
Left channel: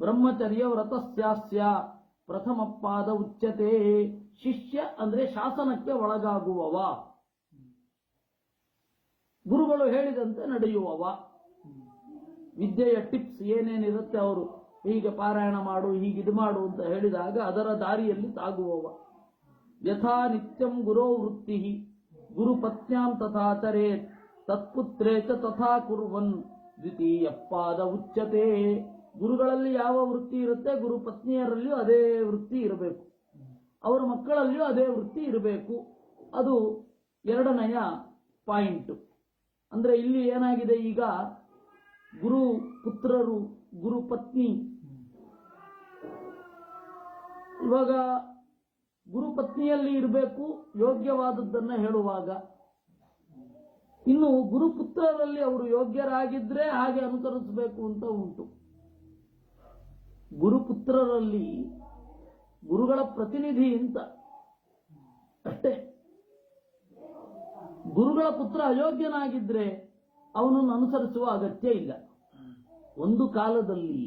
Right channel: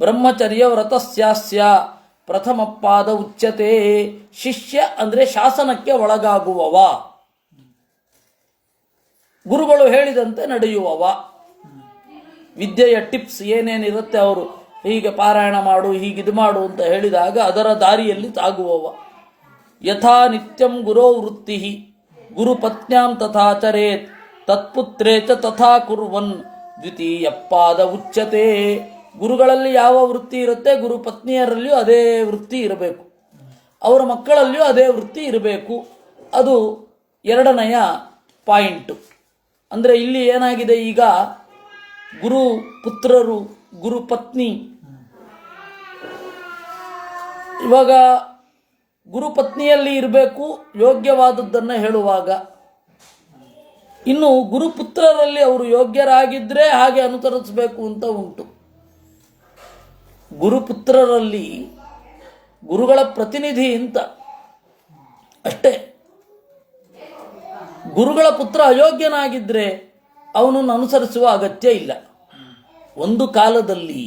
ಬ್ರಹ್ಮಚರ್ಯ ವ್ರತಸ್ಯಾಸ್ಯ ಪ್ರಥಮ ಪಾದ ಉಚ್ಯತೆ. ಶಿಷ್ಯ ಅಂದರೆ ಶಾಸನಕ್ಕೆ ಒಳಗಾಗುವವ, ಗುರುಗಳು ಹೇಳಿದಂತೆ ನಡೆಯುವವ. ವಿದ್ಯೆಯ ಟಿಪ್ಸ್ ಏನೇನಿರುತ್ತೆ, ಅವರು ಹೀಗೆ ಪಾರಾಯಣ ಮಾಡು, ಹೀಗಿದು ಮಾಡು ಅಂತ ಹೇಳಿದಾಗ ಅದರ ದಾರಿಯಲ್ಲಿ ಸಾಗುವವ. ಯಥಾ ನಿತ್ಯಂ ಗುರೋ ವೃತ್ತಿ ಗುರುಪತ್ನ್ಯಾಂ ತಥಾಚರೇತ್ ತತ್ಪುತ್ರೇ ಚ ತಥಾ ಕುರ್ವನ್ ದ್ವಿತೀಯ ಪಾದ ಉಚ್ಯತೆ. ಗುರುಗಳಲ್ಲಿ ಯಾವ ವೃತ್ತಿ ಇರುತ್ತೆ, ಗುರು ಪತ್ನಿಯರಲ್ಲಿಯೂ ಅದೇ ವೃತ್ತಿ ಇರಬೇಕು, ಅವರ ಮಕ್ಕಳಲ್ಲಿಯೂ ಅದೇ ವೃತ್ತಿ ಇರಬೇಕು. ಅದು ಎರಡನೆಯ ಪಾಯಿಂಟು. ಅಂದರೆ ಇಲ್ಲಿ ಏನಾಗಿದೆ, ಈಗ ಗುರು ಪುತ್ರರು, ಗುರು ಪತ್ನಿ, ಇವಾಗ ಗುರುಪತ್ನಿಯಲ್ಲಿ ಇರಬೇಕು ಯೋಗ್ಯವಾದದ್ದನ್ನು ಹೇಳುವಾಗ, ಇನ್ನು ಗುರುಪುತ್ರರಲ್ಲಿ ಅವರು ಯೋಗ್ಯರಾಗಿದ್ದರೆ ಹಾಗೆ ಅನುಸರಿಸಬೇಕು ಅಂತ ಉಂಟು. ಗುರುಪುತ್ರರಲ್ಲಿ ಗುರುಗಳ ಪ್ರತಿನಿಧಿ ಅಂತ ಅಷ್ಟೇ. ಗುರುಗಳ ಪುತ್ರ ಅಯೋಗ್ಯನಾಗಿದ್ದರೆ ಅವನನ್ನು ಅನುಸರಿಸುವ ಅಗತ್ಯ ಇಲ್ಲ. ಒಂದು ಕಾಲದಲ್ಲಿ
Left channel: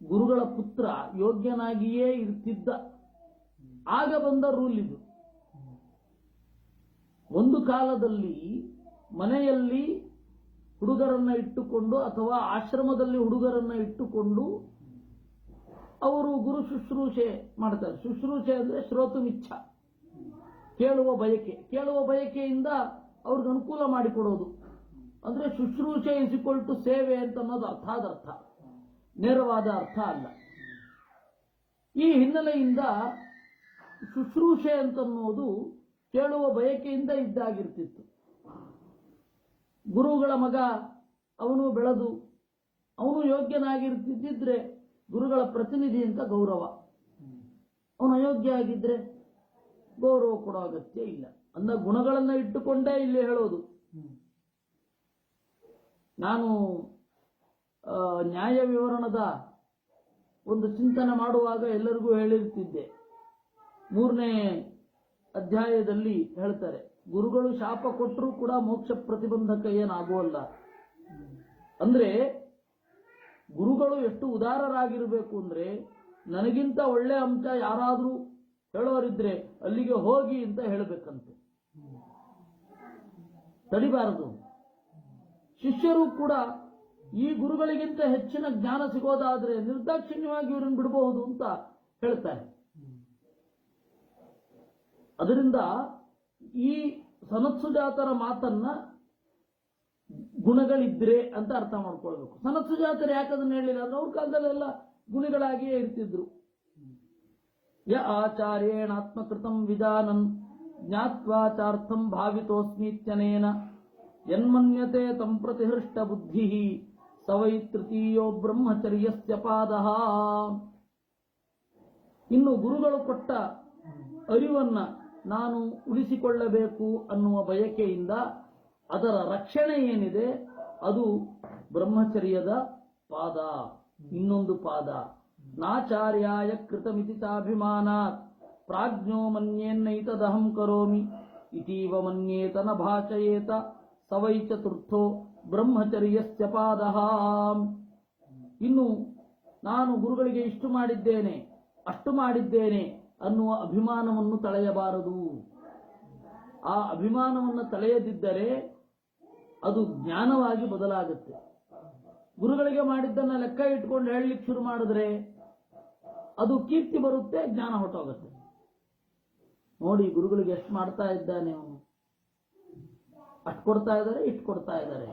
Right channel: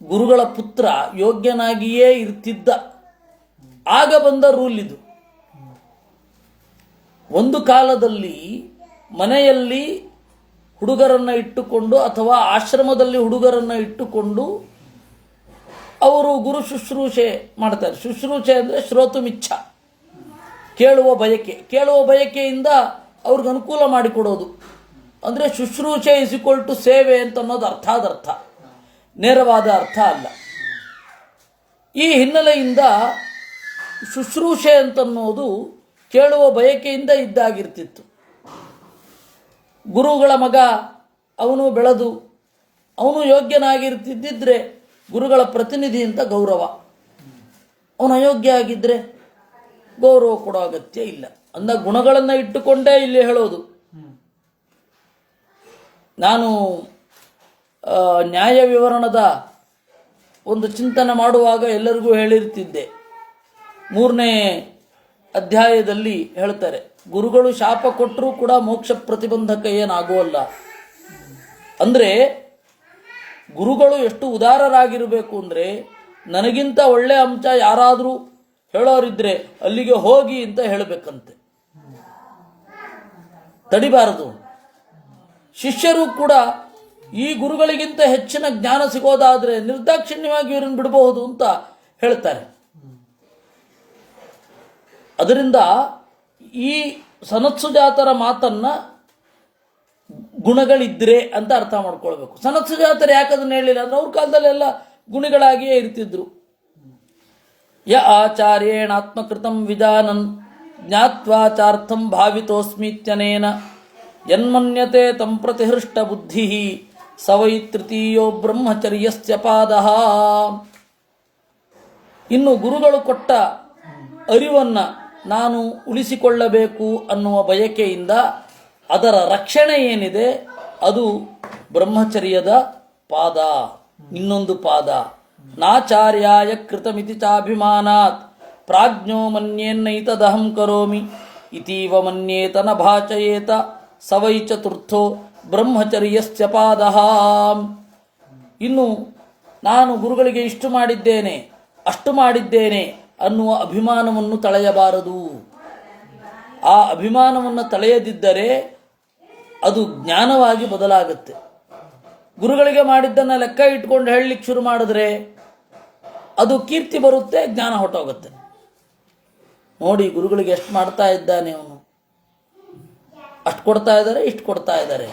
ಗುರುಗಳ ಪುತ್ರ ಯೋಗ್ಯನಾಗಿಯೇ ಇರ್ತಿದ್ದ, ಆಗ ಬಂದ ರೂಲ್ ಇದು. ಒಂದು ಕಾಲದಲ್ಲಿ ಮನೆಯಲ್ಲಿ ಹುಡುಗರನ್ನು ಇಟ್ಟುಕೊಂಡು ಅಥವಾ ಆಶ್ರಮದಲ್ಲಿ ಹುಡುಗರನ್ನು ಇಟ್ಟುಕೊಂಡು ಅವರು ಗುರು ಶುಶ್ರೂಷೆ ಮಾಡ್ತಾರೆ. ಶುಶ್ರೂಷೆ ಅಂದರೆ ಶ್ರೋತುಮಿಚ್ಛ, ಕೇಳುವ ಬಯಕೆ. ಕೇಳುವ ಬಯಕೆಯಿಂದ ಅವ್ರಿಗೆ ಅನುಕೂಲ ಮಾಡಿಕೊಡೋದು. ಅಂದರೆ ಶುಶ್ರೂಷೆ ಇಸ್ ಈಕ್ವಲ್ ಟು ಸೇವೆ ಅಂತ ಅನ್ನೋದು ಅರ್ಥ, ನೇರವಾದ ಅರ್ಥ ಅಲ್ಲ. ಈ ಹಿನ್ನೆಲೆಯಿಂದ ಶುಶ್ರೂಷೆ ಅಂತನ್ನೋದು ಕೇಳುವ ಬಯಕೆಯಿಂದ ಇದ್ದಾಗಿರ್ತಿತ್ತು. ಗುರುಗಳ ಮಗ ಅವನು ಬೆಳೆದು ಅವನು ಯೋಗ್ಯನಾಗಿರ್ತಿದ್ದಿದ್ರೆ ಗುರುಗಳ ಪ್ರತಿನಿಧಿ ಅಂತ ಗೌರವ. ಅವನು ಅಯೋಗ್ಯ ಆಗಿದ್ದರೆ ಗೌರವ ಕೊಡೋ ಅಗತ್ಯ ಇಲ್ಲ. ಅಂದ ಗುಣಗಳನ್ನು ಇಟ್ಟುಕೊಂಡೇ ಇಲ್ಲಿ ಹೇಳೋದು. ನಾನು ನ್ಯಾಯ ವಿವರಣದ ಒಂದು ಚಿಂತನೆ ಮಾಡುವಾಗ ಎಲ್ಲರಿಗೂ ಹೇಳಿರ್ತಿದ್ದೆ. 3ನೇ ಅಧ್ಯಾಯದಲ್ಲಿ ಹೇಳ್ತಾರೆ, ಗುರುಗಳು ಶಾಪ ಕೊಟ್ಟರೂ ಕೂಡ ಮೋಕ್ಷ ಪ್ರತಿಬಂಧಕ ಏನಾಗುವಲ್ಲ. ಅಂದರೆ ಗುರುಗಳು ಎಷ್ಟು ಉದಾರರಾಗಿರಬೇಕು ಅಂದರೆ, ನನಗಿಂತ ಒಳ್ಳೆಯ ಅಂಶ ಯಾರಾದರೂ ಹೇಳೋರಿದ್ರೆ ಅಲ್ಲಿಗೆ ಹೋಗಿ ಅಂತ ಹೇಳಬೇಕಂತೆ, ತಡಿಬಾರದು. ಶಿಷ್ಯರು ಕೂಡ ಈ ಗುರುಗಳಿಗಿಂತ ಹೆಚ್ಚಿನ ಜ್ಞಾನ ಸಿಗೋದಾದರೆ ನಿರ್ದಾಕ್ಷಿಣ್ಯವಾಗಿ ಇವರನ್ನು ಬಿಡಬಹುದು ಅಂತ ಹೇಳ್ತಾರೆ. ಅದರಿಂದ ಈ ಸನತ್ಸುಜಾತರ ಮಾತನ್ನ ಗುಣಗಳಿದ್ರೆ ಅಂತ ಅರ್ಥ ಮಾಡ್ಕೊಳ್ಬೇಕು. ಸನತ್ಸುಜಾತರು ಯಾಕದನ್ನು ಹೇಳಿಲ್ಲ ಅಂದ್ರೆ ಅವ್ರ ಕಾಲದಲ್ಲೆಲ್ಲ ಗುಣಿಗಳಾಗಿಯೇ ಇರ್ತಿದ್ರು. ಯ ಆಚಾರ್ಯೇಣ ಆತ್ಮಕೃತಂ ವಿಜಾನನ್ ಜ್ಞಾತ್ವಾಚಾರ್ಥಂ ಭಾವಿತೋಸ್ಮಿತ್ಯನೇನ ಯನ್ಮನ್ಯತೆ ತಂ ಪ್ರತಿಹೃಷ್ಟ ಬುದ್ಧಿ ಸವೈ ತೃತೀಯೋ ಬ್ರಹ್ಮಚರ್ಯಸ್ಯ ಪಾದಃ. ಇನ್ನು ಗುರುಗಳು ಕೊಟ್ಟ ಅರಿವನ್ನು ನಾನು ಉಳಿಸಿಕೊಳ್ಳಬೇಕು ಅನ್ನುವ ಬಯಕೆಯಿಂದ ಅದರ ರಕ್ಷಣೆ ಏನಿದೆ ಅದು ಬ್ರಹ್ಮಚರ್ಯದ ಪಾದ, ಇನ್ನೊಂದು ಪಾದ. ನಾಚಾರ್ಯಾಯ ಕೃತಮಿತಿ ಚಾಭಿಮಾನಾತ್ ಪ್ರಾಜ್ಞೋ ಮನ್ಯೇನ್ನೈತದಹಂ ಕರೋಮಿ ಇತೀವ ಮನ್ಯೇತ ನ ಭಾಚಯೇತ ಸವೈ ಚತುರ್ಥೋ ಬ್ರಹ್ಮಚರ್ಯಸ್ಯ ಪಾದಃ. ಇನ್ನು ನಾನು ಗುರುಗಳಿಗೆ ಇಷ್ಟು ಮಾಡಿದ್ದೇನೆ ಅಷ್ಟು ಮಾಡಿದ್ದೇನೆ ಅನ್ನುವ ಅಭಿಮಾನವನ್ನು ತಳೆಯಬಾರದು. ಆ ಅಭಿಮಾನವನ್ನು ತಳೆಯದಿದ್ದರೆ ಅದು ಜ್ಞಾನವಾಗಿ ಬದಲಾಗುತ್ತೆ. ಗುರುಗಳಿಗೆ ಮಾಡಿದ್ದನ್ನು ಲೆಕ್ಕ ಇಟ್ಕೊಂಡು ಹೇಳಲಿಕ್ಕೆ ಶುರು ಮಾಡಿದ್ರೆ ಅದು ಕೀರ್ತಿ ಬರುತ್ತೆ, ಜ್ಞಾನ ಹೊಟ್ಟೋಗುತ್ತೆ. ನೋಡಿ ಗುರುಗಳಿಗೆ ಎಷ್ಟು ಮಾಡ್ತಾ ಇದ್ದಾನೆ ಅವನು, ಅಷ್ಟು ಕೊಡ್ತಾ ಇದ್ದಾರೆ, ಇಷ್ಟು ಕೊಡ್ತಾ ಇದ್ದಾರೆ,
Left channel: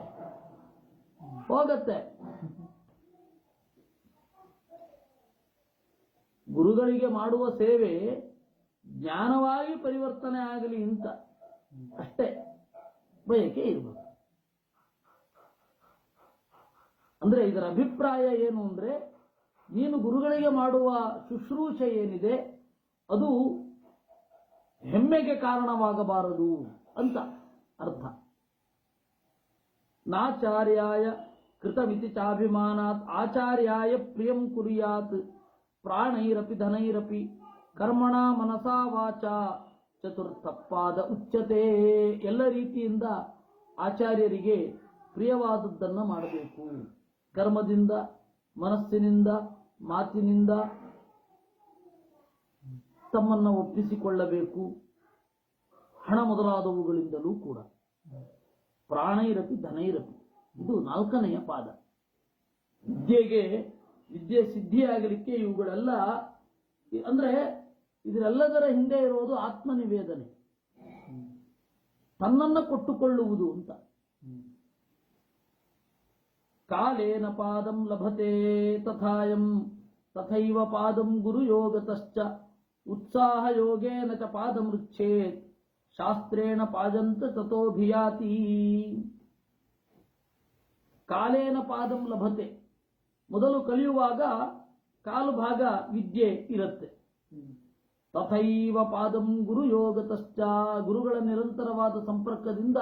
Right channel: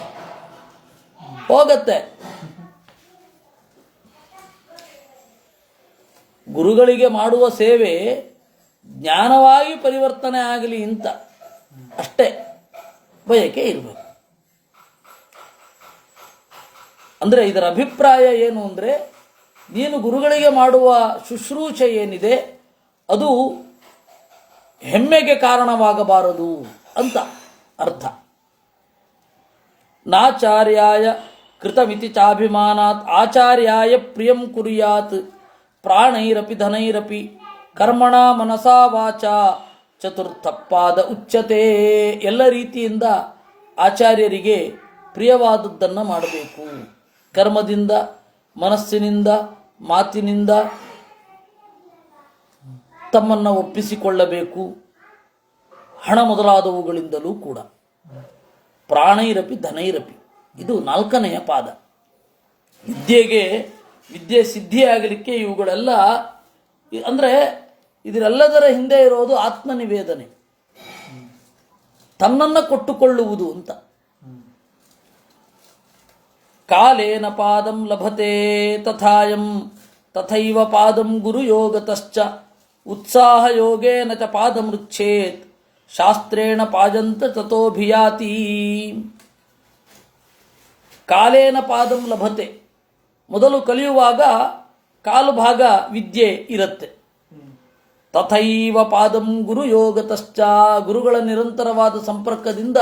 ಹೋಗತ್ತೆ. ಗುರುಗಳಿಗೆ ಮಾಡುವ ಸೇವೆ ಜ್ಞಾನವಾಗಿ ಪರಿವರ್ತನೆ ಆಗಲಿ ಅಂತ ಅಷ್ಟೇ ಬಯಕೆ ಇರಬೇಕು. ಅಂದರೆ ಇದರ ಅಭಿಪ್ರಾಯ ಏನು ಅಂದರೆ, ನೀನು ಗುರುಗಳಿಗೆ ಮಾಡುವ ಶುಶ್ರೂಷೆ ಏನಿದೆ ಅದು ಹೆಮ್ಮೆಗೆ ಕಾರಣವಾಗಬಾರದು ಅಂತ ಅರ್ಥ. ನಾಚಾರ್ಯಾಯ ಕೃತಮಿತಿ ಚಾಭಿಮಾನಾತ್ ಆಚಾರ್ಯಾಯ ಪ್ರಿಯಂ ಕುರ್ಯಾತ್ ಪ್ರಾಣೈರಪಿ ಧನೈರಪಿ ಕರ್ಮಣ ಮನಸಾ ವಾಚ ಚತುರ್ಥ ಪಾದ ಉಚ್ಯತೆ. ಎಲ್ಲ ರೀತಿಯಿಂದ ಆಚಾರ್ಯರಿಗೆ ಪ್ರಿಯವಾದದ್ದನ್ನು ಮಾಡಬೇಕು. ಕರ್ಮದಿಂದ, ಮನಸ್ಸಿನಿಂದ, ಮಾತಿನಿಂದ ತಮ್ಮನ್ನು ಒಪ್ಪಿಸಿಕೊಳ್ಳಬೇಕು, ಹಣ ಮೊದಲಾದವುಗಳಿಂದಲೂ ಕೂಡ. ಪ್ರಾಣೈರಪಿ ಧನೈರಪಿ, ಇದು 4ನೆಯ ಪಾದ. ವಿದ್ಯೆ ಸಿದ್ಧಿಯಾಗಲಿಕ್ಕೆ ಇವುಗಳೆಲ್ಲ, ಅಂದರೆ ಇದರೆಲ್ಲದರ ಹಿಂದೆ ಇರೋದು ಆತ್ಮನಿವೇದನೆ, ತನ್ನನ್ನು ಕೊಟ್ಟುಕೊಳ್ಳುವುದು ಅಂತ. ಕಾಲೇನ ಪಾದಂ ಲಭತೆ ತಥಾಯಂ ತಥೈವ ಪಾದಂ ಗುರುಯೋಗತಶ್ಚ ಉತ್ಸಾಹ ಯೋಗೇನ ಚ ಪಾದಮೃಚ್ಛೇತ್ ಶಾಸ್ತ್ರೇಣ ಪಾಜಂತ ತತೋಭಿಯಾತಿ. ಕಾಲೇನ ಪಾದಂ ಲಭತೆ, ಮೊದಲು ಕಲಿಯುವಾಗ ಕಾಲು ಭಾಗ ವಿದ್ಯೆ ಇರುತ್ತೆ. ತಥೈವ ಪಾದಂ ಗುರುಯೋಗತಶ್ಚ, ಗುರುಗಳ ನಿರಂತರವಾದ ಸಂಪರ್ಕದಿಂದ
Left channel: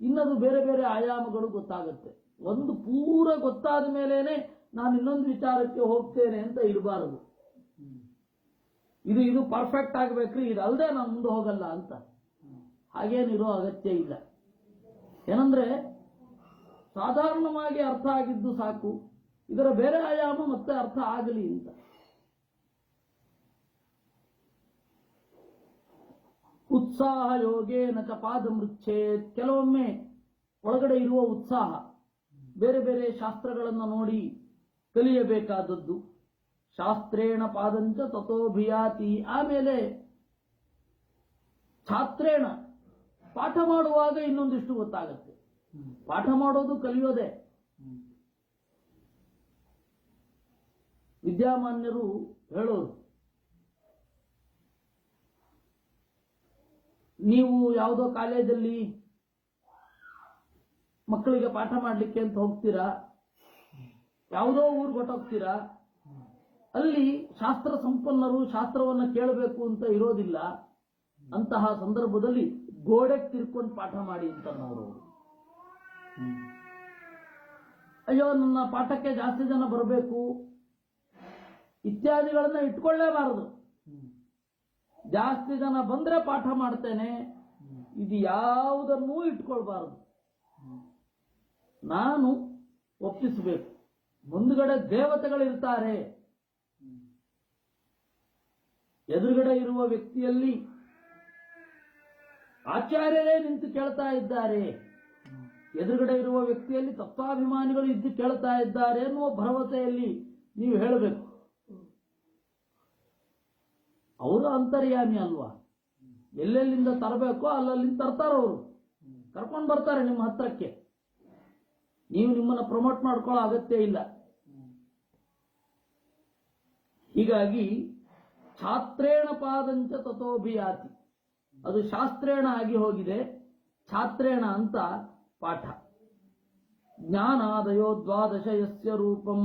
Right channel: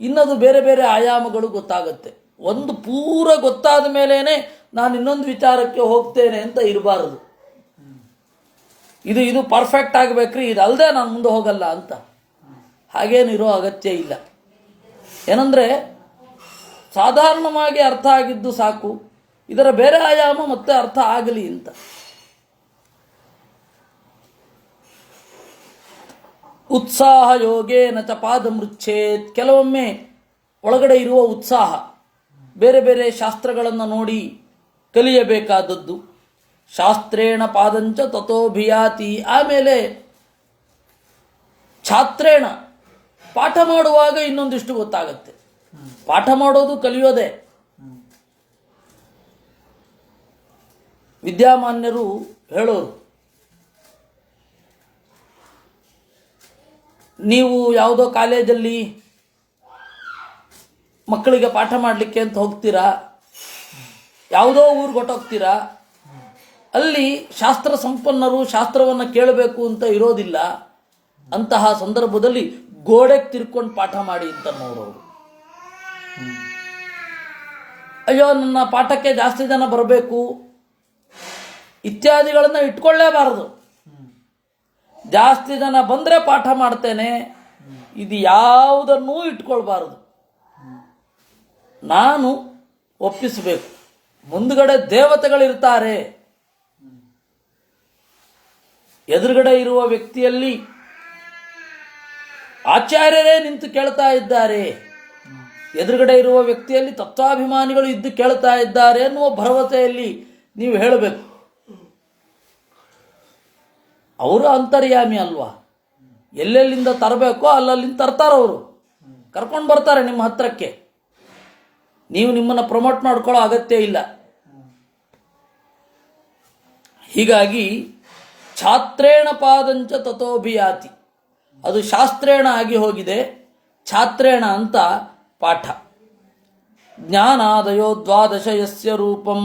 ಇನ್ನದು ಬೇರೆ ಬೇರೆ ಆಯಾಮಗಳು ಗೊತ್ತಾಗುತ್ತೆ. ಒಂದು ಪೂರ ಗೊತ್ತಾದ ಮೇಲೇನೆ ನಾನು ಇನ್ನೊಂದು ವಿಚಾರಕ್ಕೆ ಹೋಗ್ತೇನೆ ಅಂತ ಇರಬಾರದು. ಇದು ಪರ್ಫೆಕ್ಟ್ ಆಗಬೇಕ್ರಿ, ಇದು ಅಲ್ಲದೆ ನಾನು ಮುಂದೆ ಹೋಗಲ್ಲ ಅಂತ ಹಾಗೇನಿರೋ ಅಗತ್ಯ ಇಲ್ಲ. ಏನಂದರೆ ಸಾಧಾರಣವಾಗಿ ಅರ್ಥ ಆಗಿದ್ದು ಸಾಕು, ಇದರ ಬೇರೆ ಆಯಾಮ ಮತ್ತೆ ಅರ್ಥ ಆಗಲಿ ಅಂತ. ಉತ್ಸಾಹ ಯೋಗೇನ ಚ ಪಾದಮೃಚ್ಛೇತ್, ಕೆಲವೊಮ್ಮೆ ಒಳಗಡೆ ಇರುವ ಉತ್ಸಾಹ ಬೇರೆ ಬೇರೆ ಶಾಸ್ತ್ರಗಳನ್ನು ನೋಡಿ ಕಲಿಯಬೇಕಾದದ್ದು. ಶಾಸ್ತ್ರೇಣ ಪಾದಂಚ ತಥೋಭಿಯಾತಿ, ಆಮೇಲೆ ಛಾತ್ರೇಣ, ಪಾಠ ಮಾಡುವಾಗ ಇನ್ನೊಂದಿಷ್ಟು ಗೊತ್ತಾಗತ್ತೆ. ಪಾಠ ಮಾಡೋದು ಕಲಿಯೋದೇ. ವಿದ್ಯಾಮಾನ್ಯರು ಹೇಳೋರು, ನೀವು ಯಾವುದೋ ಕಾಲೇಜಲ್ಲಿ ಮಕ್ಕಳಿಗೆ ಪಾಠ ಮಾಡಲಿಕ್ಕೆ ಅಂತ ಹೋಗ್ತೀರಾ, ಯಾವುದೋ ಊರಿಗೆ ಹೊಟ್ಟೋಗ್ತೀರಾ, ಅಲ್ಲಿ ಶಾಸ್ತ್ರ ಸಂಪನ್ನರು ಶಾಸ್ತ್ರವನ್ನು ಕೇಳಬೇಕು ಅಂತ ಇರೋದಿಲ್ಲ. ಅಂತಹ ಸಂದರ್ಭದಲ್ಲಿ ಗೋಡೆಗೆ ತಿರ್ಕೊಂಡು ಪಾಠ ಮಾಡಿ ಅಂತ ನೋಡೋರು. ಅಯ್ಯೋ ನನ್ನ ಪಾಠಕ್ಕೆ ಜಾಸ್ತಿ ಜನ ಬರಬೇಕು ಇತ್ಯಾದಿಗಳನ್ನು ಇಟ್ಕೊಳ್ಳೇಬಾರದು. ಜಾಸ್ತಿ ಜನ ಬಂದರೆ ಪಾಠ ಮಾಡ್ತೇನೆ ಇದು ಯಾವುದನ್ನೂ ಇಟ್ಕೊಳ್ಬಾರದು. ನಾನು ಒಪ್ಪಿಸಬೇಕು. ಮುಂದುಗಡೆ ದೇವತೆಗಳಿರ್ತಾರೆ, ಎದುರುಗಡೆ ಇರುವ ವ್ಯಕ್ತಿಯಲ್ಲಿ ಆಚಾರ್ಯರೇ ನಿಂತು ಕೇಳ್ತಾ ಇದ್ದಾರೆ, ಎದುರುಗಡೆ ಇರುವ ವ್ಯಕ್ತಿಯಲ್ಲಿ ತತ್ವಾಭಿಮಾನಿಗಳು ಇದ್ದು ಕೇಳ್ತಾ ಇದ್ದಾರೆ ಅನ್ನುವ ಭರವಸೆಯಲ್ಲಿ ನೀವು ಹೇಳಬೇಕು. ಅವರು ಅಂತರ್ಯಾಮಿ ಅಲ್ವಾ, ಎಲ್ಲೆಲ್ಲಿಂದ ತರಬೇಕೋ ಅಲ್ಲಲ್ಲಿಂದ ತರ್ತಾರವರು, ಕರ್ಕೊಂಡು ಬರ್ತಾರೆ ನಿಮ್ಮ ಹತ್ರಕ್ಕೆ. ನೀವು ನಿಮ್ಮನ್ನು ಪ್ರಮೋಟ್ ಮಾಡ್ಕೊಳ್ಳೋ ಅಗತ್ಯ ಇಲ್ಲ. ಹೀಗಾಗಿ ಛಾತ್ರೇಣ ಪಾದಂಚ ತಥೋಭಿಯಾತಿ, ಅದು ಶಾಸ್ತ್ರೇಣ ಆಗಿ ಹೋಗಿದೆ, ಛಾತ್ರೇಣ ಅಂತ ಪಾಠ. ಜ್ಞಾನಾದಯೋ ದ್ವಾದಶ ಯಸ್ಯ ರೂಪಂ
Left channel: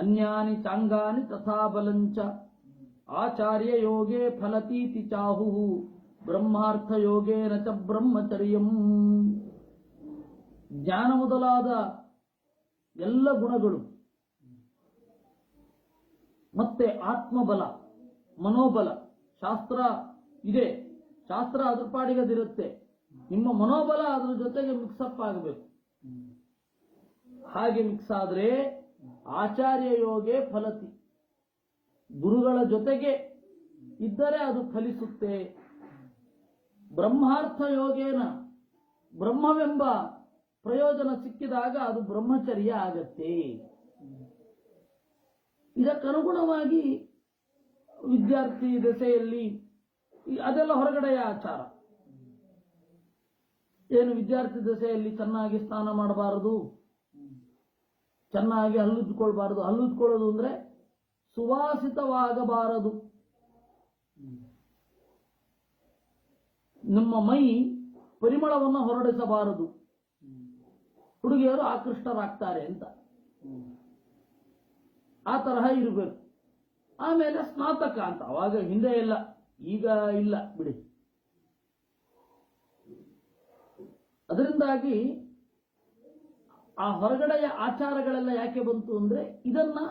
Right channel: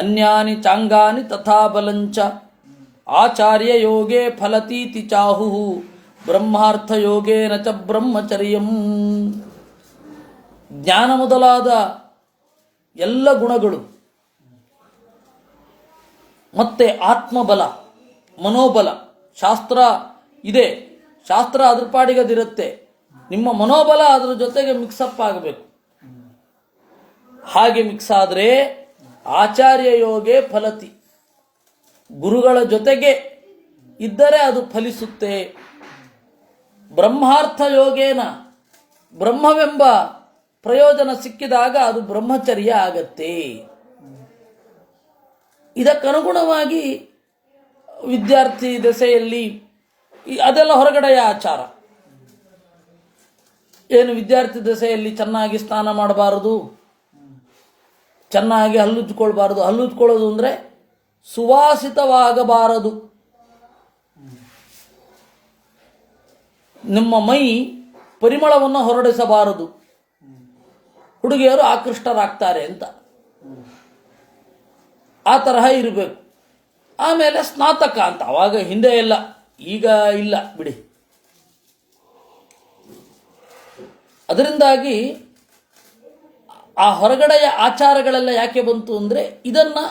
ಅನ್ಯಾನಿ ಚಾಂಗಾನಿ ತಥಾ ಬಲಂಚ ಆಚಾರ್ಯ ಯೋಗೇ ಫಲತೀತಿ ಚಾಹು ಬ್ರಹ್ಮಾರ್ಥ ಯೋಗೇನ ಚ ಬ್ರಹ್ಮಚರ್ಯಂ. ಜ್ಞಾನ ಮೊದಲಾದ ಎಲ್ಲ ಗುಣಗಳು ಮತ್ತೆ ಆತ್ಮಬಲ, ಮನೋಬಲ, ಶಾಸ್ತ್ರ ಇದೆ, ಶಾಸ್ತ್ರ ಅದ್ರ ಪಾಡಿಗದಿರುತ್ತೆ, ನಿಮ್ಮ ಮನೋಬಲ ಅದರ ಜೊತೆಗೆ ಮಿಕ್ಸಪ್ ಆಗಬೇಕು. ಹಾಗೆ ಮಿಕ್ಸ್ ಆದರೆ ಆಚಾರ್ಯ ಯೋಗೇ ಫಲತಿ, ಗುರುಗಳ ಜೊತೆಗೆ ಇದ್ದರೆ ಅದು ಫಲಿಸುತ್ತೆ. ಬ್ರಹ್ಮಾರ್ಥ ಯೋಗೇನ, ಬ್ರಹ್ಮವೆಂಬ ಪ್ರಯೋಜನ ಸಿಕ್ಕಿದಾಗ ಅದು ಬ್ರಹ್ಮಚರ್ಯ ಆಗತ್ತೆ. ಇದಕ್ಕನುಗುಣವಾಗಿ ವಿದ್ಯಾರ್ಥಿ ದೆಸೆಯಲ್ಲಿ ಅದೆಲ್ಲ ಹೊರಗಡೆಯ ಆಚಾರ. ಏನು ವಿದ್ಯಾರ್ಥಿ ದೆಸೆಯಲ್ಲಿ ಚೆನ್ನಾಗಿ ಸ್ನಾನ ಮಾಡಬಾರದು, ಚೆನ್ನಾಗಿ ಹಲ್ಲುಜ್ಕೊಳ್ಬಾರದು. ಹಲ್ಲುಜ್ಕೊಳ್ಳೋದು ಅಂದರೆ ಸುವಾಸಿತವಾಗಬಾರದು. ನಿಮ್ಮ ಮೈ ಪರಿಮಳವನ್ನು ಹೊರಡಿಸಬಾರದು, ಹುಡುಗಿಯರು ಆಕೃಷ್ಟರಾಗ್ತಾರೆ ಅಂತ. ಆ ತರಹ ಇರಬೇಕು. ಆಮೇಲೆ ಸ್ನಾತಕ ಅಂತ, ಅವಾಗ ಹಿಂದೆ ಎಲ್ಲ, ಈಗ ಇಲ್ಲ ಬಿಡಿ. ಅದರಿಂದಾಗಿ ಆ ಹೊರಗಡೆಯ ಆಚಾರಗಳೆಲ್ಲ ಯಾಕೆ ಬಂತು ಅಂದರೆ ಇದನ್ನು,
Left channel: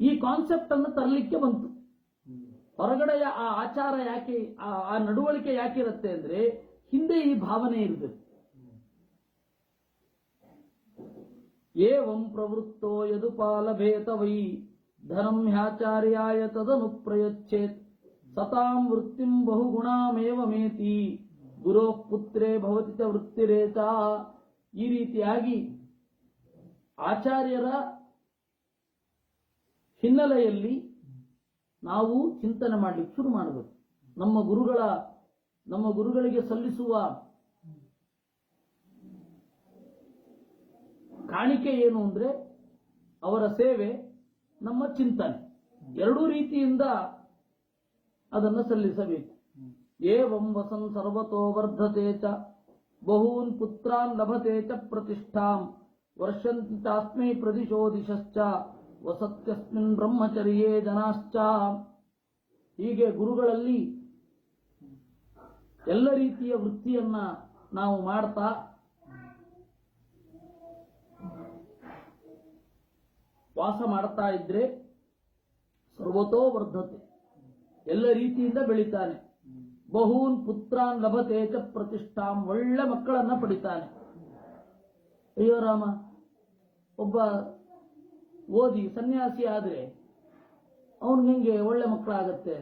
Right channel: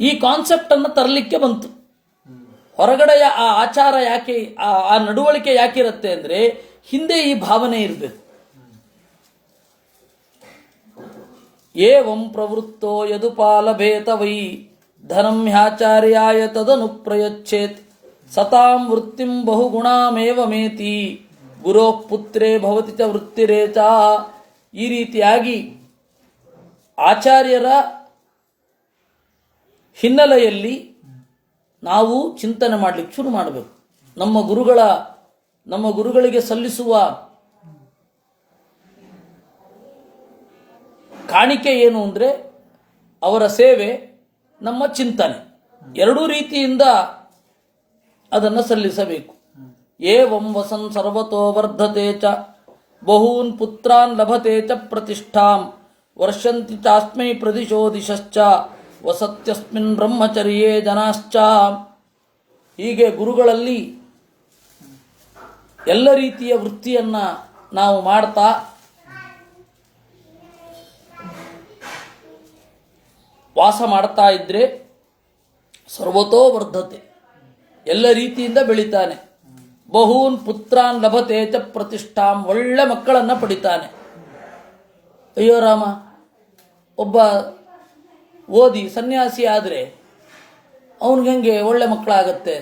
ಈ ಕಾನ್ಸೆಪ್ಟನ್ನು ತರಲಿಕ್ಕೆ ಬಂತು. ಹೊರಗಡೆಯ ಆ ಆಚಾರ ಯಾಕೆ, ಆ ನಡವಳಿಕೆ ಯಾಕಿರುತ್ತೆ ಅಂದರೆ ಹಿಂದೆ ಈ ಭಾವನೆ ಇರಬೇಕು. ಏವಂ ಪ್ರವೃತ್ತೋ ಯದುಪಾಲಭೇತ ವೈ ಧನಂ ಹ್ಯಾಚಾರ್ಯಾಯ ತದನು ಪ್ರಯಚ್ಛೇತ್ ಸತಾಂ ವೃತ್ತಿಂ ಬಹುಗುಣಾಮೇವ ಮೇತಿ ಗುರೋ ಪುತ್ರೇ ಭವತಿ ಚ ವೃತ್ತಿರೇಚ. ಈ ರೀತಿಯಾಗಿ ಆಚಾರ್ಯರ ಹಿನ್ನೆಲೆಯಲ್ಲಿ ನಾವು ಚಿಂತನೆ ಮಾಡಲಿಕ್ಕೆ ಶುರು ಮಾಡಬೇಕು. ನಮ್ಮ ಗುರುಗಳಿಗೆ ಸಲ್ಲಿಸುವ ಕಾಣಿಕೆ ಏನು ಅಂದರೆ ಅವರ ಸೇವೆ, ನಮ್ಮ ಚಿಂತನೆ, ಎರಡೂ ರೀತಿಯಿಂದ ಅದನ್ನು ಸಲ್ಲಿಸಬೇಕು. ಏವಂ ವಸನ್ ಸರ್ವತೋ ವರ್ಧತೆ ಚ ಬಹೂನ್ ಪುತ್ರಾನ್ ಲಭತೆ ಚ ಪ್ರತಿಷ್ಠಾಂ ವರ್ಷಂತಿ ಚಾಸ್ಮೈ ಪ್ರದಿಶೋ ದಿಶಶ್ಚ ವಸತ್ಯಸ್ಮಿನ್ ಬ್ರಹ್ಮಚರ್ಯೇ ಜನಾಶ್ಚ. ಹೀಗೆ ಗುರುಗಳಲ್ಲಿ ಎಲ್ಲ ರೀತಿಯ ವೃತ್ತಿಯನ್ನು ನಾವು ಮಾಡ್ತಾ ವಾಸ ಮಾಡ್ತಾ ಇದ್ರೆ ಸರ್ವತೋ ವರ್ಧತೆ, ಎಲ್ಲ ರೀತಿಯಿಂದ ಬೆಳಿತಾನೆ. ಬಹೂನ್ ಪುತ್ರಾನ್ ಲಭತೆ ಚ ಪ್ರತಿಷ್ಠಾಂ, ಒಳ್ಳೆ ಮಕ್ಕಳನ್ನು ಪಡಿತಾನೆ. ಅಯ್ಯೋ ರಾಮ, ಒಬ್ಬ ಓದಿ ಸನ್ಯಾಸಿ ಆದರೆ ಅವನಿಗೆ ಹೆಂಗೆ ಒಳ್ಳೆ ಮಕ್ಕಳಾಗತ್ತೆ?